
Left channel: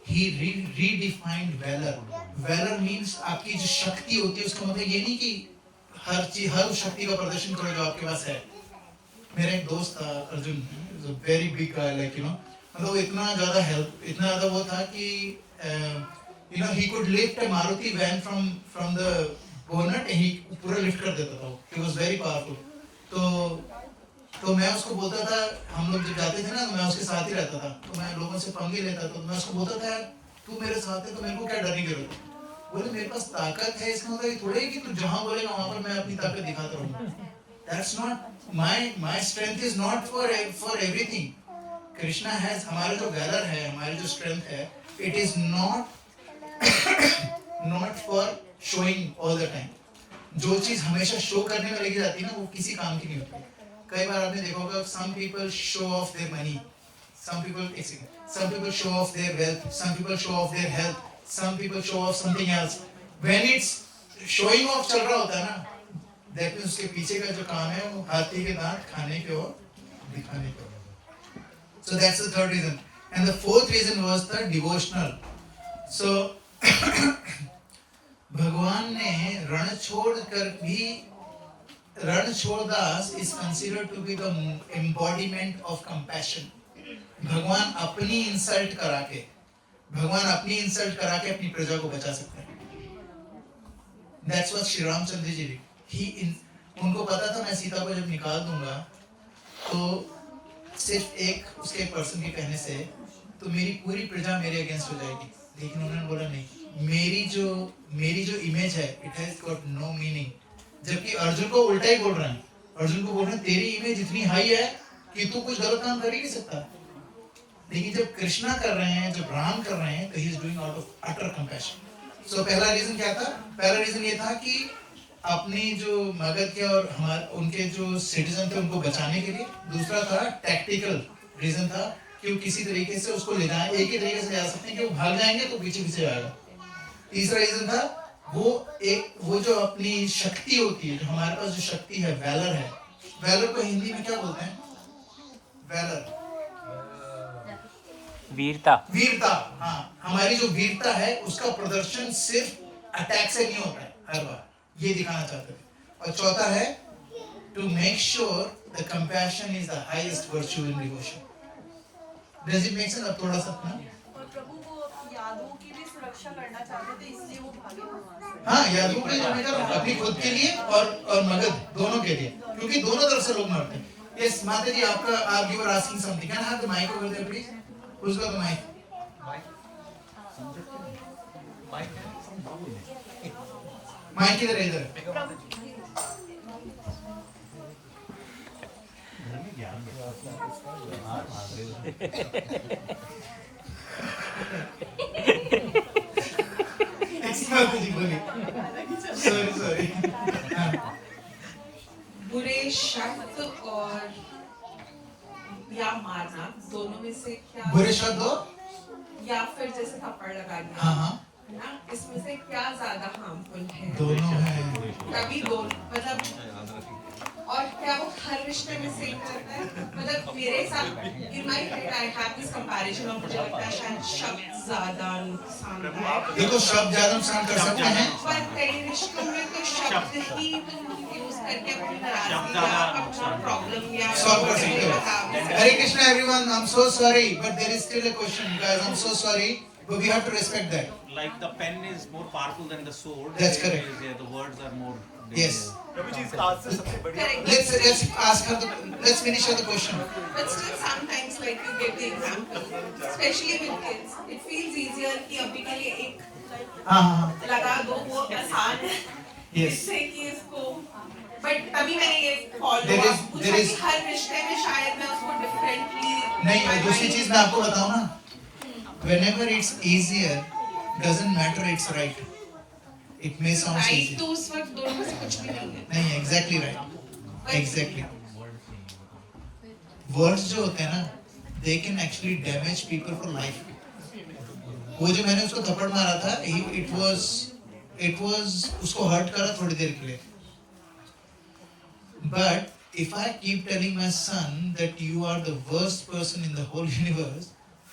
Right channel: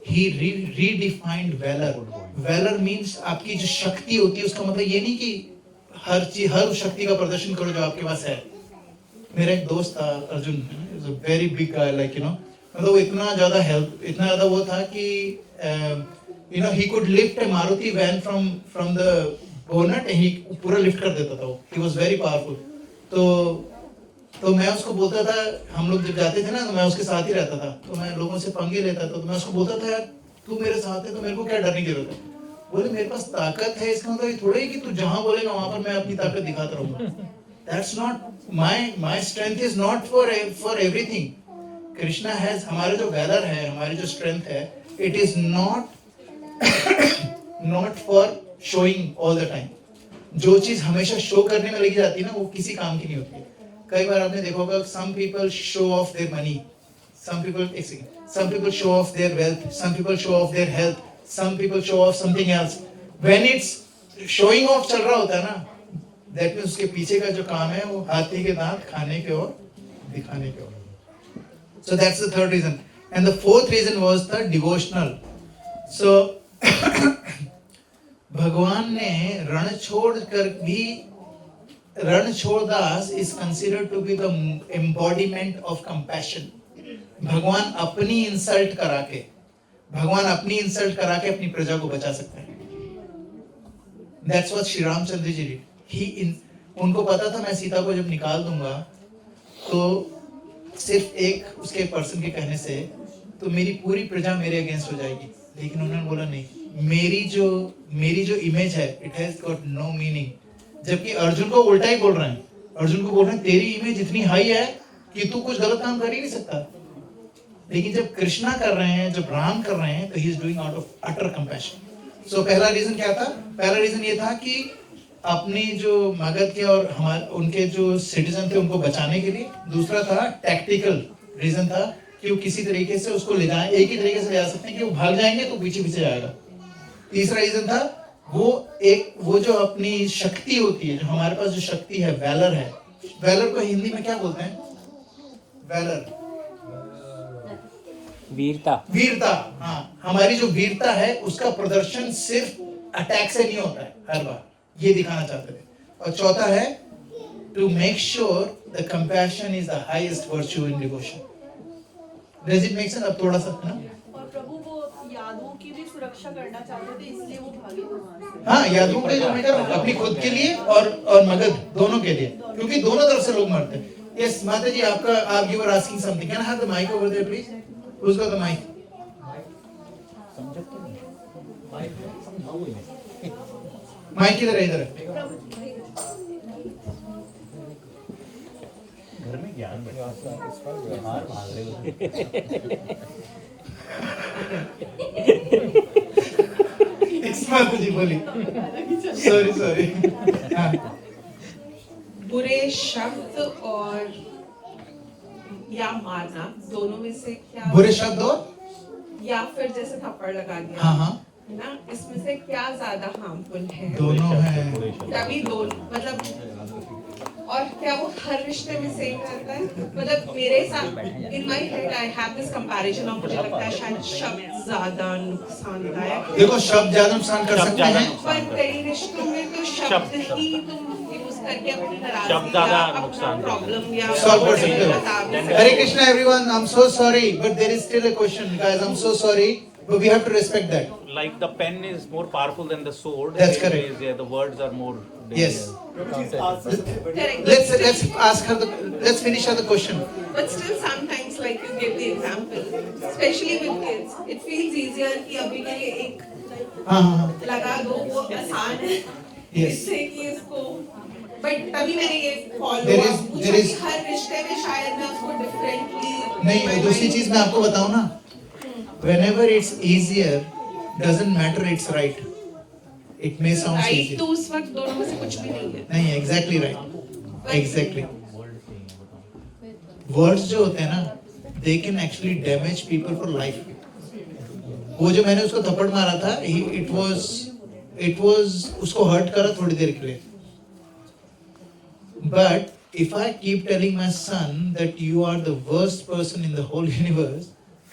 he redefined valor। valor means आपकी जो शक्ति होती है, उसका मतलब ये नहीं कि हर शक्ति का प्रदर्शन करो जो आपके पास है। मेरा एक दोस्त था Arjun, is a very big guy, like you know, मतलब इतना ज्यादा वो था कि you know, he could lift a Maruti van from the bonnet, he पूरा लिफ्ट कर देता था वो। He was very powerful. तो मैं उसको बोलता था, हम लोग जब जाते थे ना, तो मैं उसके साथ ही रहता था, तो मैं लोगों से पंगे लेता था, तो मैं उसको बोलता था, यार तू मेरे साथ है तो मेरे को क्या डरने की जरूरत है। बोले मेरे पास ताकत है, इसका मतलब ये थोड़ा ही कि तू जहां बोलेगा वहां पर मैं अपनी ताकत दिखाता रहूंगा। That's not my strength is not for everything. Krishna has, हमारा जो वैलर है, हमारी जो स्ट्रेंथ है, it is not for showing all the time. जो चीज हमेशा शो करने में लगी जाती है ना, वो किसी काम की नहीं होती। कई बार आपने देखा होगा, some people show off their money, some people show off their wealth, some people show off their health, some people show off something else। when it's showing off चल रहा होता है ना, that means उसके पीछे का जो काम है वो हाथी के दांत खाने के और दिखाने के और। so that's the third reason, and the fourth reason was the devotional। so भगवान ने Ranchhoddas is considered to be the embodiment of compassion। भगवान अपनी इंसल्ट करा के अपनी प्रजा को बचा सकता है। That's what Shri Ramchandra ji did। उनको पता था मैं सीता को जब निकाल दूंगा तो सिर्फ उसके पर्सन के कहने से तो मेरी पूरी प्रजा मेरे अगेंस्ट हो जाएगी, लेकिन उन्होंने बोला नहीं, मेरी जो इमेज है, it has got no meaning. जबकि अर्जुन को उल्टा ही बोल रहे हैं, अर्जुन को बोल रहे हैं तेरी इमेज इतनी हाई है कि तू कुछ गलत काम कर ही नहीं सकता। लेकिन जब कृष्णा कर रहे हैं, जब राम कर रहे हैं, तो he is doing out of utter compassion. So पहला रीजन क्या था? पहला रीजन ये था कि अपनी जो मगध के और उनके जो सिटीजन थे उनको बचाने के लिए। दूसरा था टैक्टिकल रीजन था कि वो किसी तरीके से उसको ले जाए, एक ही तरीके से ले जा सकते हैं कि वो भाग जाएंगे तो पीछे पीछे जाएगा। तीसरा रीजन था वो जो अपनी शक्ति होती है, जो हमारे पास जो शक्ति है, वैलर है। वैलर को हिंदी में क्या बोलते हैं? valor, वीरता वीरता. हाँ, हमारी जो वीरता है उसका प्रदर्शन सिर्फ अटैक से नहीं होता है हर बार, ये दिखाना चाहते थे. और चौथा है to make sure the compassion is the highest virtue in devotion. Does it make sense? अब थोड़ा सा ना. और प्रभु वो यादों की भी सुरक्षा करना चाहते थे, इसलिए वो भागे वहाँ से. हाँ, यादों के जो बेटा अपनी खुद के लिए और मगध दोनों के लिए, क्योंकि दोनों तरफ से लोग मरते हैं. Yes, माता जी आपका आप you were asking something. Can I have the mic over there, please? Who's got the mic? Mic किधर है? इधर माता जी बोली. सॉरी. बुरे शब्द और या मारना दोनों में से क्या, बुरे शब्द और या फिर जैसे थप्पड़ लगा दिया, हाँ है ना, इसमें से क्या ज्यादा हार्मफुल है? दोनों है. तभी दोनों मतलब, और क्या वो हर रिश्ते में सेम करता है? मतलब मेरे साथ in my head I have this comparison of, मुझे लगता है शायद शब्द ज्यादा नुकसानदायक. देखो शब्द ज्यादा नुकसान कर सकते हैं, पर कई रिश्तों में तो शब्द ही तुम यूज करके अपनी शब्द ज्यादा नाराजगी, प्रॉब्लम या सॉल्व कर सकते हो. Hare Krishna everyone, I am so sorry but there is still a question guys. I am so sorry but we have to respect that. Like the pen is more powerful than the sword. That's correct. Yeah, the words are more Yes. correct. Let's ask her let's finish her the question. But still sometimes like you give the example, especially with kids, it feels easier कि अभी के लिए एक हाँ. लगा दो, वो आसान है. Yes. इससे कि इसको, but तभी मैंने ये follow There up is- पूछा there is- कि हर रिश्ते में शायद मैं उसको differently. नहीं, दूसरी चीज मैं आपको बताऊं ना. Whenever it's easier, doesn't matter it's right. It may sound Right easy. तो उस वक्त दोनों में से कुछ भी नहीं है. नहीं, exactly right. Exactly. Words जो होते हैं ना, they can actually damage people for life. वो जो मैंने उसको थप्पड़ मारा था, it was उसको hurt करा थोड़ी देर के लिए. But if I keep telling my son that you are the worst person in the whole universe,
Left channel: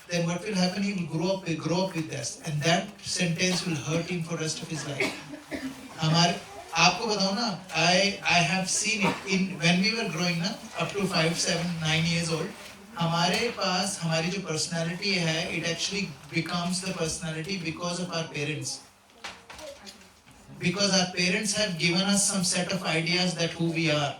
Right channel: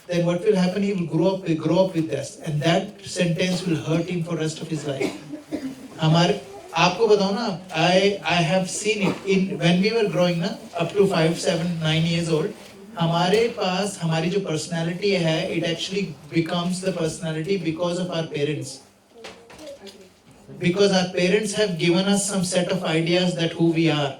then what will happen? He will grow up with this, and that sentence will hurt him for rest of his life. हमारे आपको बताऊं ना, I have seen it in when we were growing up, up to 5, 7, 9 years old. हमारे पास हमारी जो personality है, it actually becomes the personality because of our parents. Because our parents have given us some set of ideas that who we are.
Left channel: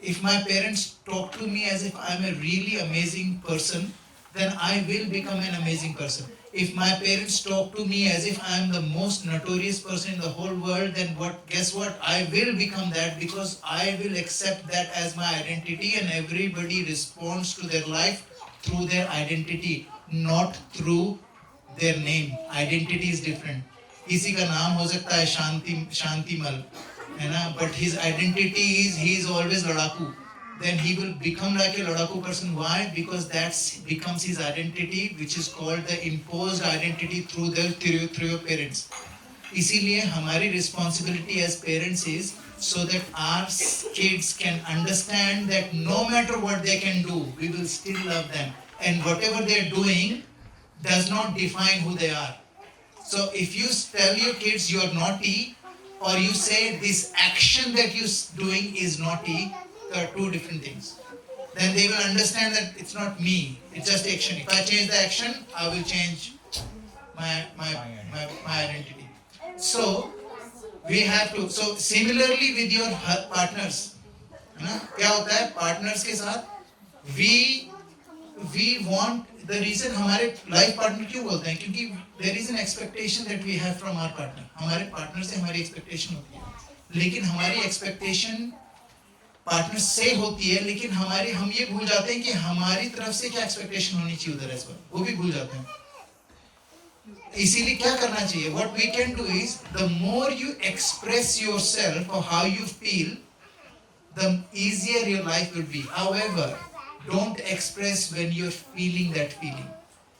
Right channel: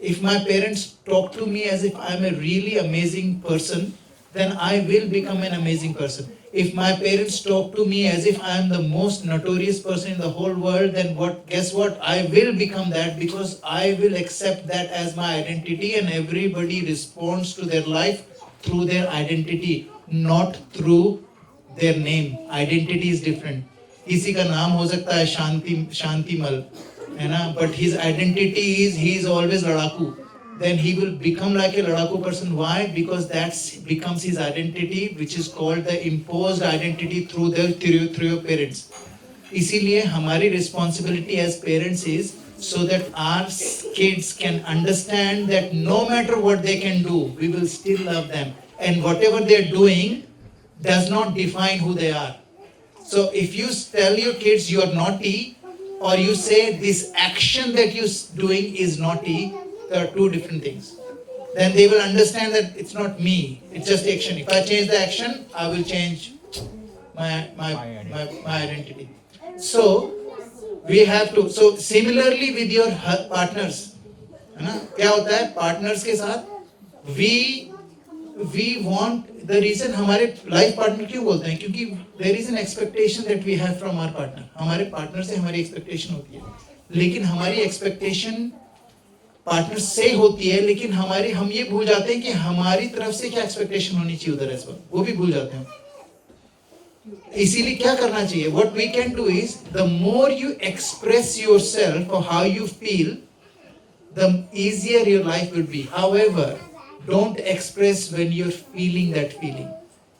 If my parents talk to me as if I'm a really amazing person, then I will become an amazing person. If my parents talk to me as if I am the most notorious person in the whole world, then guess what? I will become that, because I will accept that as my identity, and everybody responds to their life through their identity, not through their name. Identity is different. किसी का नाम हो सकता है शांतिमल, है ना, but his identity is he is always लड़ाकू. Then he will become like a ladaku person. Why? Because that becomes his identity, which is called the imposed identity through your parents. इसीलिए हमारी responsibility as parents is so that our kids can understand that no matter what they can do, we will still love them, and whatever they are doing does not define who they are. So if you tell your kids you are naughty, or you say this action that you doing is naughty, there are two different things. Then they will understand that it's not me, it's just action. If I change the action, I will change my identity. So we have to. So similarly with your partners, है ना, क्या होता है partners के साथ we want the reason हमारे life partner क्यों बोलते हैं, क्योंकि there is an expectation that we have from our partner. हमारे partner से हमारी expectation होती है, लेकिन हमारी expectation पार्टनर से होती है, लेकिन हम ये भूल जाते हैं कि हमारी तरफ से क्या एक्सपेक्टेशन होनी चाहिए उधर, इस वक्त वो भी भूल जाते हैं. इसीलिए क्या करना चाहिए? What we can do is, the more you express yourself or how you feel, the easier your life will be. However, don't express when you're feeling that feeling.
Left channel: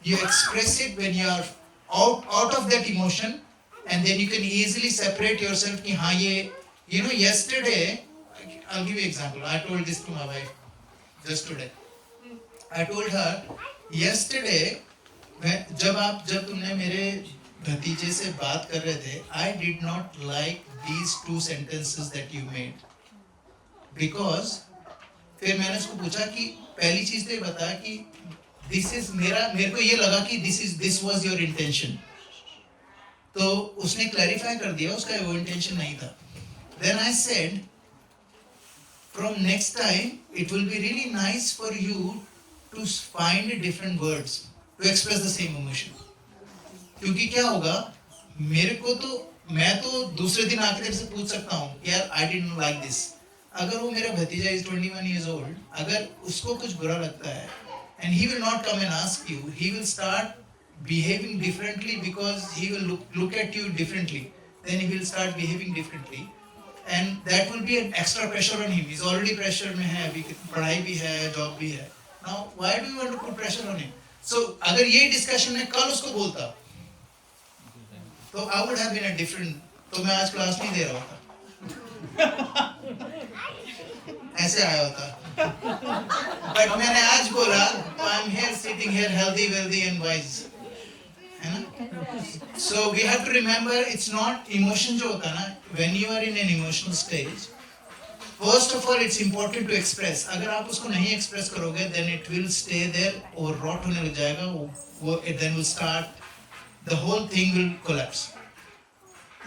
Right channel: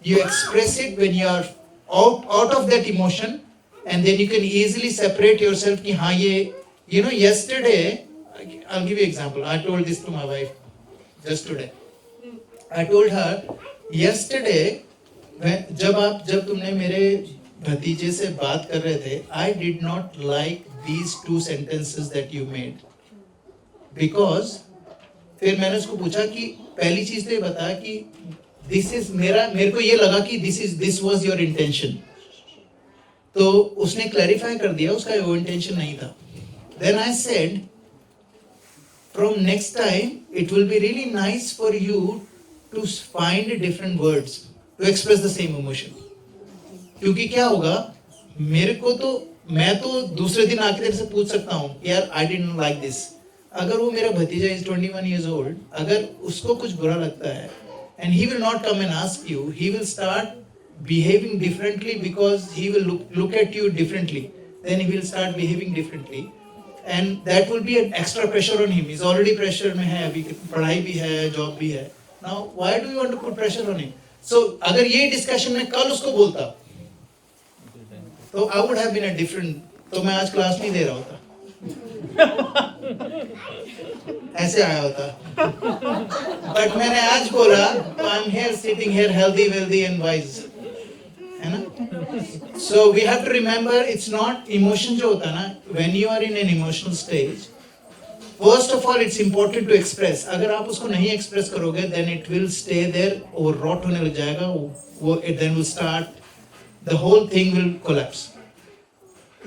You express it when you are out of that emotion, and then you can easily separate yourself कि हाँ ये, you know, yesterday I'll give you an example. I told this to my wife just today. I told her yesterday जब तुमने मेरे भतीजे से बात कर रहे थे, I did not like these 2 sentences that you made because फिर मैंने उसको पूछा कि पहली चीज तो ये बता कि मेरे को ये लगा कि this was your intention. तो उसने क्लैरिफाई कर दिया उसका वो इंटेंशन नहीं था. Then I said, from next time it will be really nice for you to find different words to express the same emotion. क्योंकि क्या होगा, मेरे को तो मैं तो दूसरे दिन आके तेरे से पूछ सकता हूँ यार I didn't like this. अगर वो मेरा भतीजा is 21 years old, अगर उसको कुछ बुरा लगता है and he will not come and ask you, he will start behaving differently because he will look at you differently. Then he will start behaving differently. And that will be an extra pressure on him. He's already pressure में है, अभी पढ़ाई भी है, job भी है. Now, why do you want to put pressure on him? So, अगर ये discussion में कल उसको बोलता, तो I would have been a different. तो मैं आज क्लास नहीं दे रहा होता. ऐसे आया होता. But मैंने आज बोला, तो I'm here sitting here healthy, wealthy and wise. है ना? So we have to remember it's not emotion जो होता है ना, when you are in an emotional stage, first of all it's important to express. अगर आप उसको नहीं express करोगे, then it will stay there और rot होने लग जाएगा, it then will start, the whole thing will collapse.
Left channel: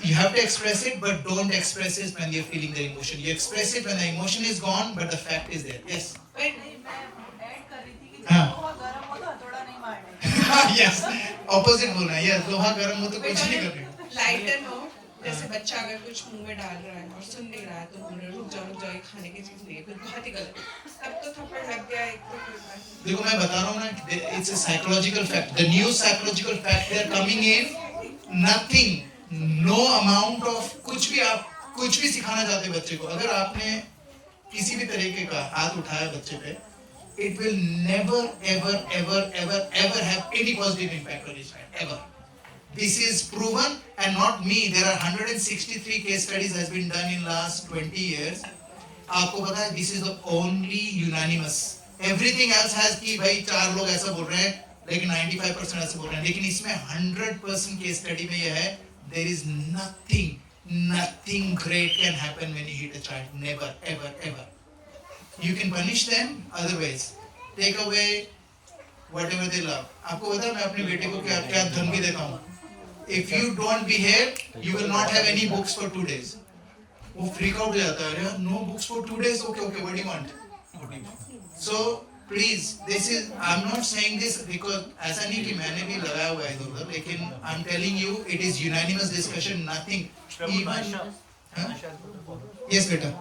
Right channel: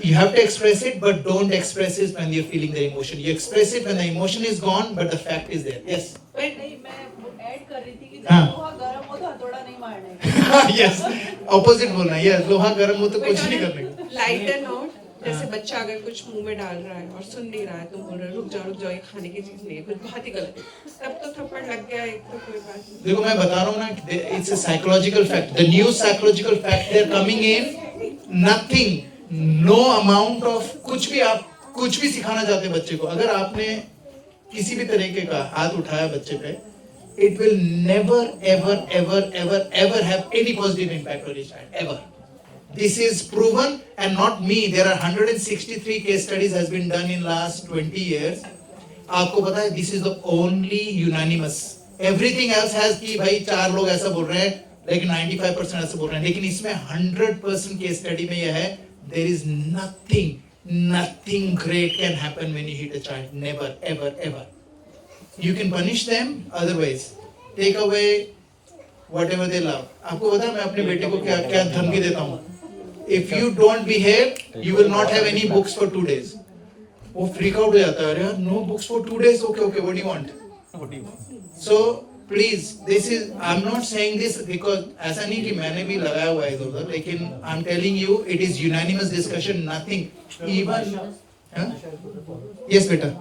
You have to express it, but don't express it when you're feeling the emotion. You express it when the emotion is gone, but the fact is there. Yes? Yes, opposite बोलना है. Yes, लोहा गर्म हो तो कुछ नहीं करने का. लाइटर नोट, जैसे बच्चा अगर कुछ मुंह में डाल रहा है और सुन नहीं रहा है तो बोल रहा है रुक जाओ ये खाने की चीज नहीं है, कुछ बहुत ही गलत. तब तो थप्पड़ लग गया एक तो कोई बात नहीं. देखो मैं बता रहा हूँ ना, it's a psychological fact. The new psychological fact they are coming in. Nothing, no amount of कुछ भी आप कुछ भी सिखाना चाहते बच्चे को, अगर आपने किसी भी तरीके का हाथ उठाया बच्चे पे, it will never ever have any positive impact on his child ever. This is proven and not me. There are 163 case studies has been done in last 20 years. आपको पता है this is the only unanimous. Everything else has कि भाई 4 लोग ऐसा बोल रहे हैं, लेकिन 95% ऐसा बोल रहे हैं, लेकिन इसमें 100% case study में यह है, there is nothing great can happen when you hit a child. Never ever. You can punish them otherwise. Take away whatever they love. आपको पता है मैं अपने बेटे को क्या धमकी देता हूँ. If you don't behave, you will not have any books for 2 days. वो freak out हो जाता है, अरे no books for 2 days. Okay, what do you want? So please, this is, I'm not saying this because ऐसा नहीं कि मैंने भी लगाया हुआ है इधर, लेकिन I'm telling you it is unanimous discussion. Nothing. Even. Yes, बेटा.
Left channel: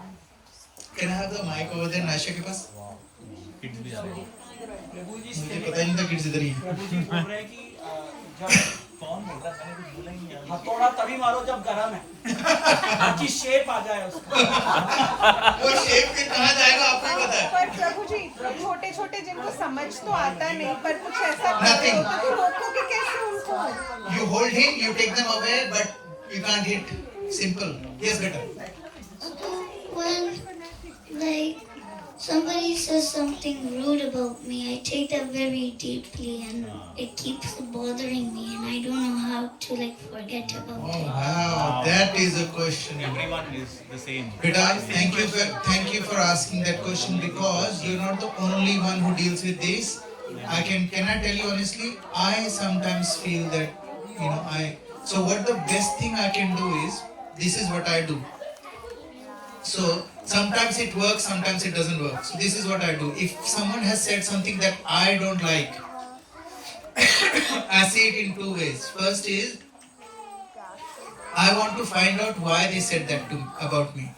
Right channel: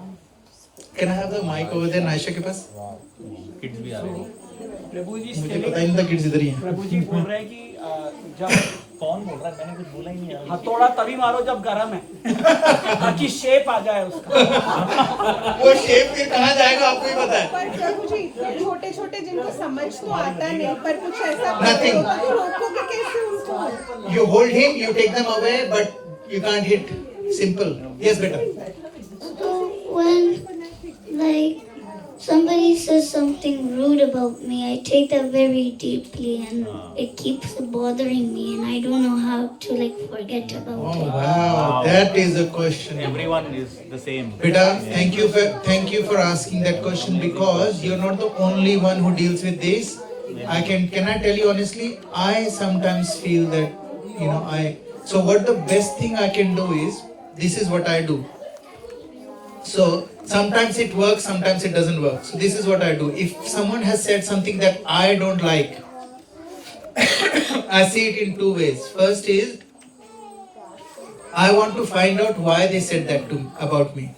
Can I have the mic over there, Naisha के पास? किड्स भी आ रहे हैं. प्रभु जी मुझे पता ही नहीं था किड्स इधर ही हैं. प्रभु जी बोल रहे हैं कि जब कौन बोल रहा है, मैंने कुछ बोला ही नहीं यार. हथौड़ा तभी मारो जब गरम है, ताकि शेप आ जाए उसका. वो शेप फिर कहाँ जाएगा आपको ही पता है. पर प्रभु जी छोटे जिनको समझ तो आता नहीं, पर कुछ ऐसा Nothing. रोकोगे कैसे उनको? You hold him, you take them away, but you can't hit. Simple. Yes, बेटा. So when like somebody says something rude about me, I take that very deeply and it keeps bothering me and I don't know how to like forget about Oh it. wow, that is a question. Everyone is the same. Beta, thank you for asking that question because you're not the only one who deals with this. Can I tell you honestly, I sometimes feel that, so what the best thing I can do is, this is what I do. So sometimes it works, sometimes it doesn't work. So this is what I do. If someone has said something that I don't like, I see it in 2 ways. First is, I want to find out why they said that about me.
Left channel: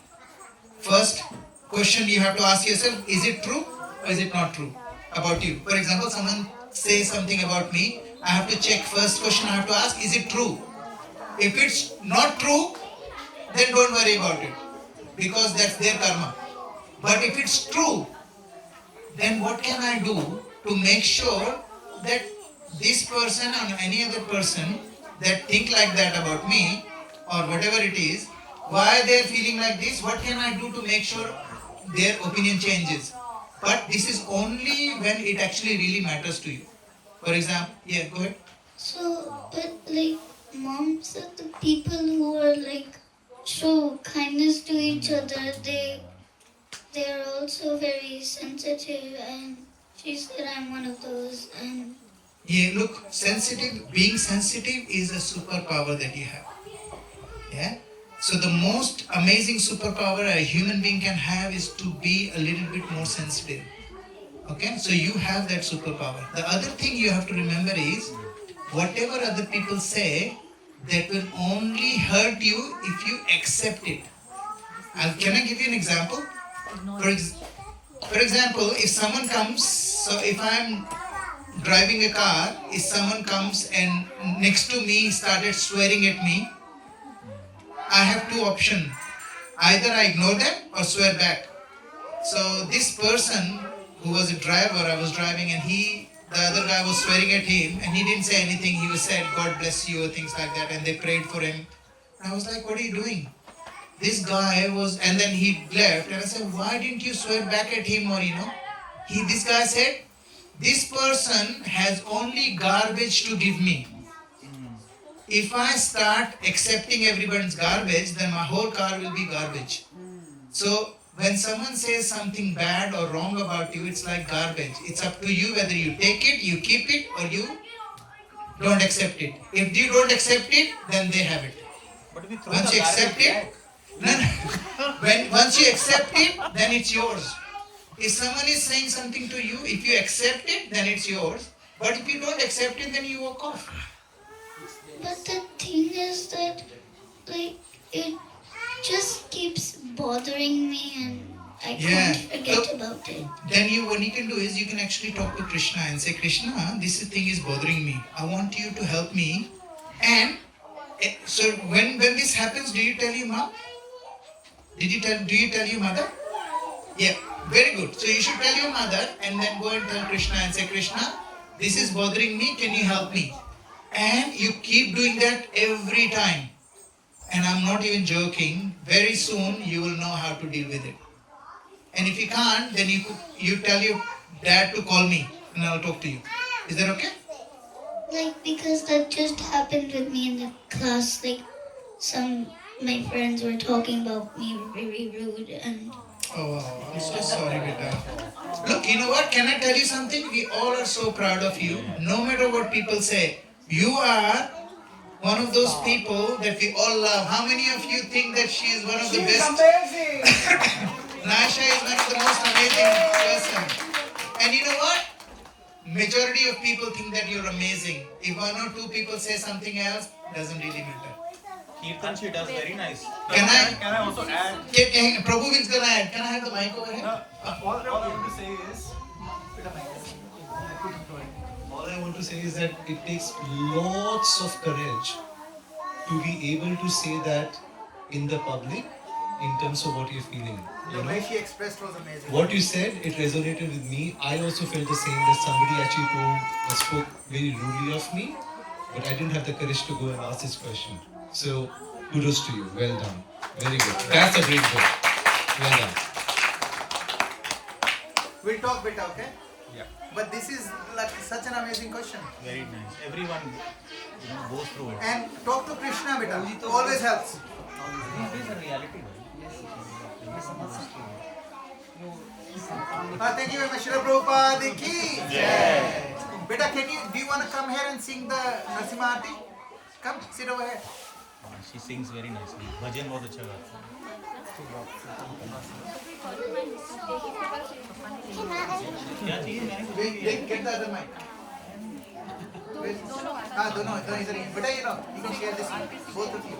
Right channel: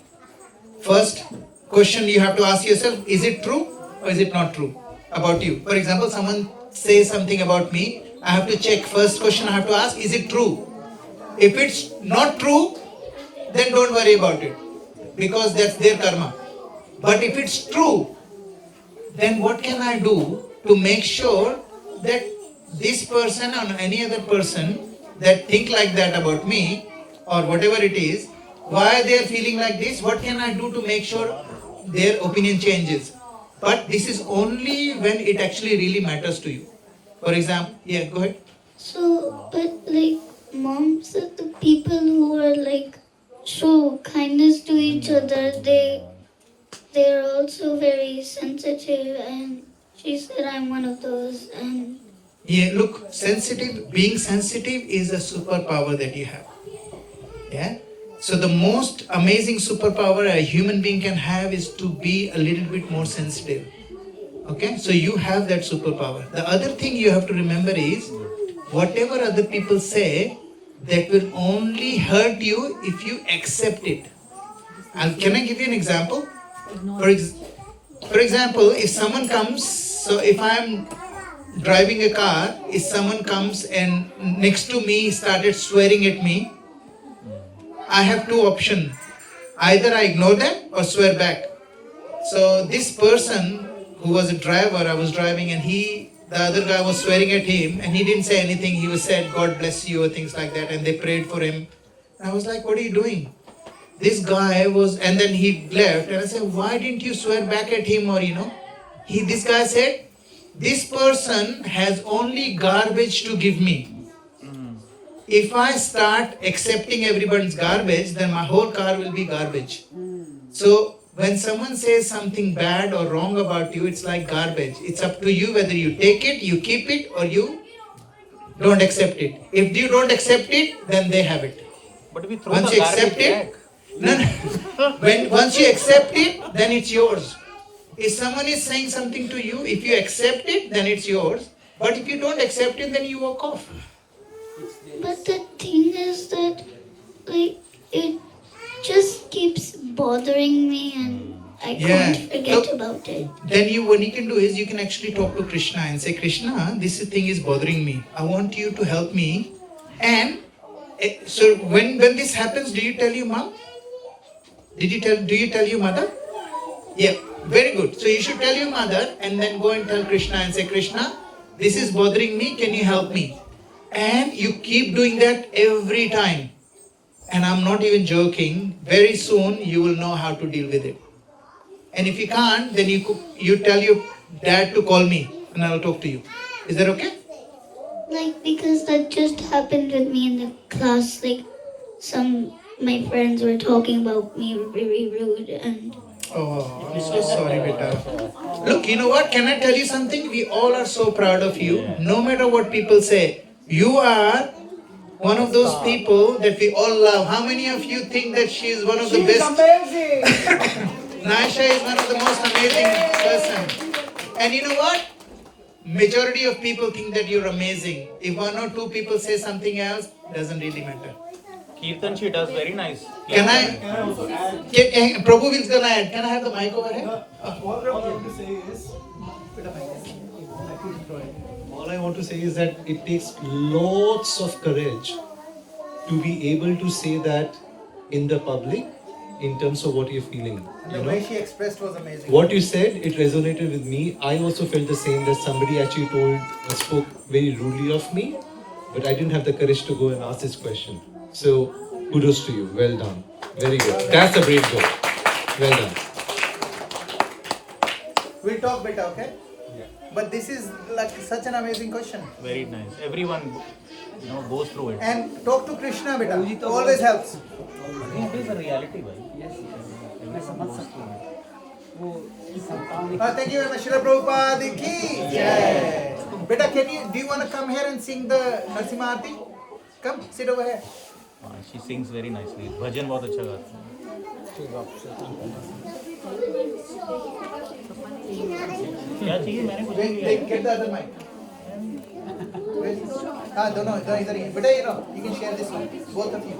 First question you have to ask yourself, is it true or is it not true about you? For example, someone says something about me, I have to check. First question I have to ask, is it true? If it's not true, then don't worry about it, because that's their karma. But if it's true, then what can I do to make sure that this person or any other person that think like that about me or whatever it is, why they are feeling like this, what can I do to make sure their opinion changes? but this is only when it actually really matters to you. For example, yeah, go ahead. So, but like mom said, the people who are like show kindness to each other, they're also very sensitive, and she said I'm one of those. And Yeah, look, being sensitive is a superpower that you have. Yeah. So the most amazing superpower a human being can have is to be a little bit more sensitive. Okay, so you have that superpower. The other thing you have to remember is, whatever other people say, that will only hurt you if you accept it. And can I give you an example? For example, if someone comes, so if I'm driving a car, if someone comes and next to me started swearing at me, I have two options. Either I ignore them or swear back. So this person who was a driver, I was driving, and the other guy was swearing at him, and he didn't say anything. He was said, God bless you, or things like that, and they prayed for him. And I was like, what are you doing? This guy was, and then he left, and I said, why didn't you swear back at him, or this guy said, this person has only garbage to give me. If I start accepting everybody's garbage, then my whole car will be garbage. So when someone says something bad or wrong about you, it's like garbage. It's up to you whether you take it, you keep it, or you don't accept it. If you don't accept it, then they have it. But if you throw Once the you accept garbage it, once you accept it, then it's yours. If someone is saying something to you, if you accept it, then it's yours. But if you don't accept it, then you walk off. but the thing is that like it just keeps bothering me, and I can't forget about it. Then what you can do is you can actually talk to Krishna and say, Krishna, this thing is bothering me. I want you to help me. And so when this happens, do you tell your mom? Do you tell your mother? Yeah, very good. So you should tell your mother and then go and tell Krishna and say, Krishna, this is bothering me, can you help me? And you keep doing that every time. And I'm not even joking, very soon you will know how to deal with it. And if you can't, then you tell your dad to call me and I'll talk to you. Is that okay? Like, because that just happened with me in the class. Like, my friends were talking about me very rude, and Oh, I'm so sorry, beta. Look, you know what? Can I tell you something? We all are so proud of you. No matter what people say, you are one of those people that we all love. How many of you think that she is one of the best? Amazing. Naisha is one of the most amazing person. And you know what? Majority of people think that you're amazing. If one or two people say something else, doesn't really matter. Kirtan, she does very nice. Can I also add? Prabhu is gonna add. Can I have the mic over here? All I want to say is, all I want to say is that it takes lots of courage to be able to say that in the public in terms of what you're feeling. The way she expressed was amazing. What you said, it resonated with me. I also felt the same, that somebody actually spoke very rudely of me, but I didn't have the courage to go and ask this question. So kudos to you. Well done. Very good. That's a great goal. Well done. We'll talk better, okay? Yeah. But this is like such an amazing question. Very nice. Everyone goes through it. And talk to Krishna, beta. Always helps. This is a reality, guys. Thank you very much. Srila Prabhupada ki jai. Beta, do you want to come here and sing the Narasimha Aarti? Come, sit over here. She sings very nicely. Bhajan बहुत अच्छा गाती है. क्या चाहिए? मैंने कुछ नहीं लिया. Get the other mic. हाँ दोनों इधर ही. Beta, you can share this one. Both of you.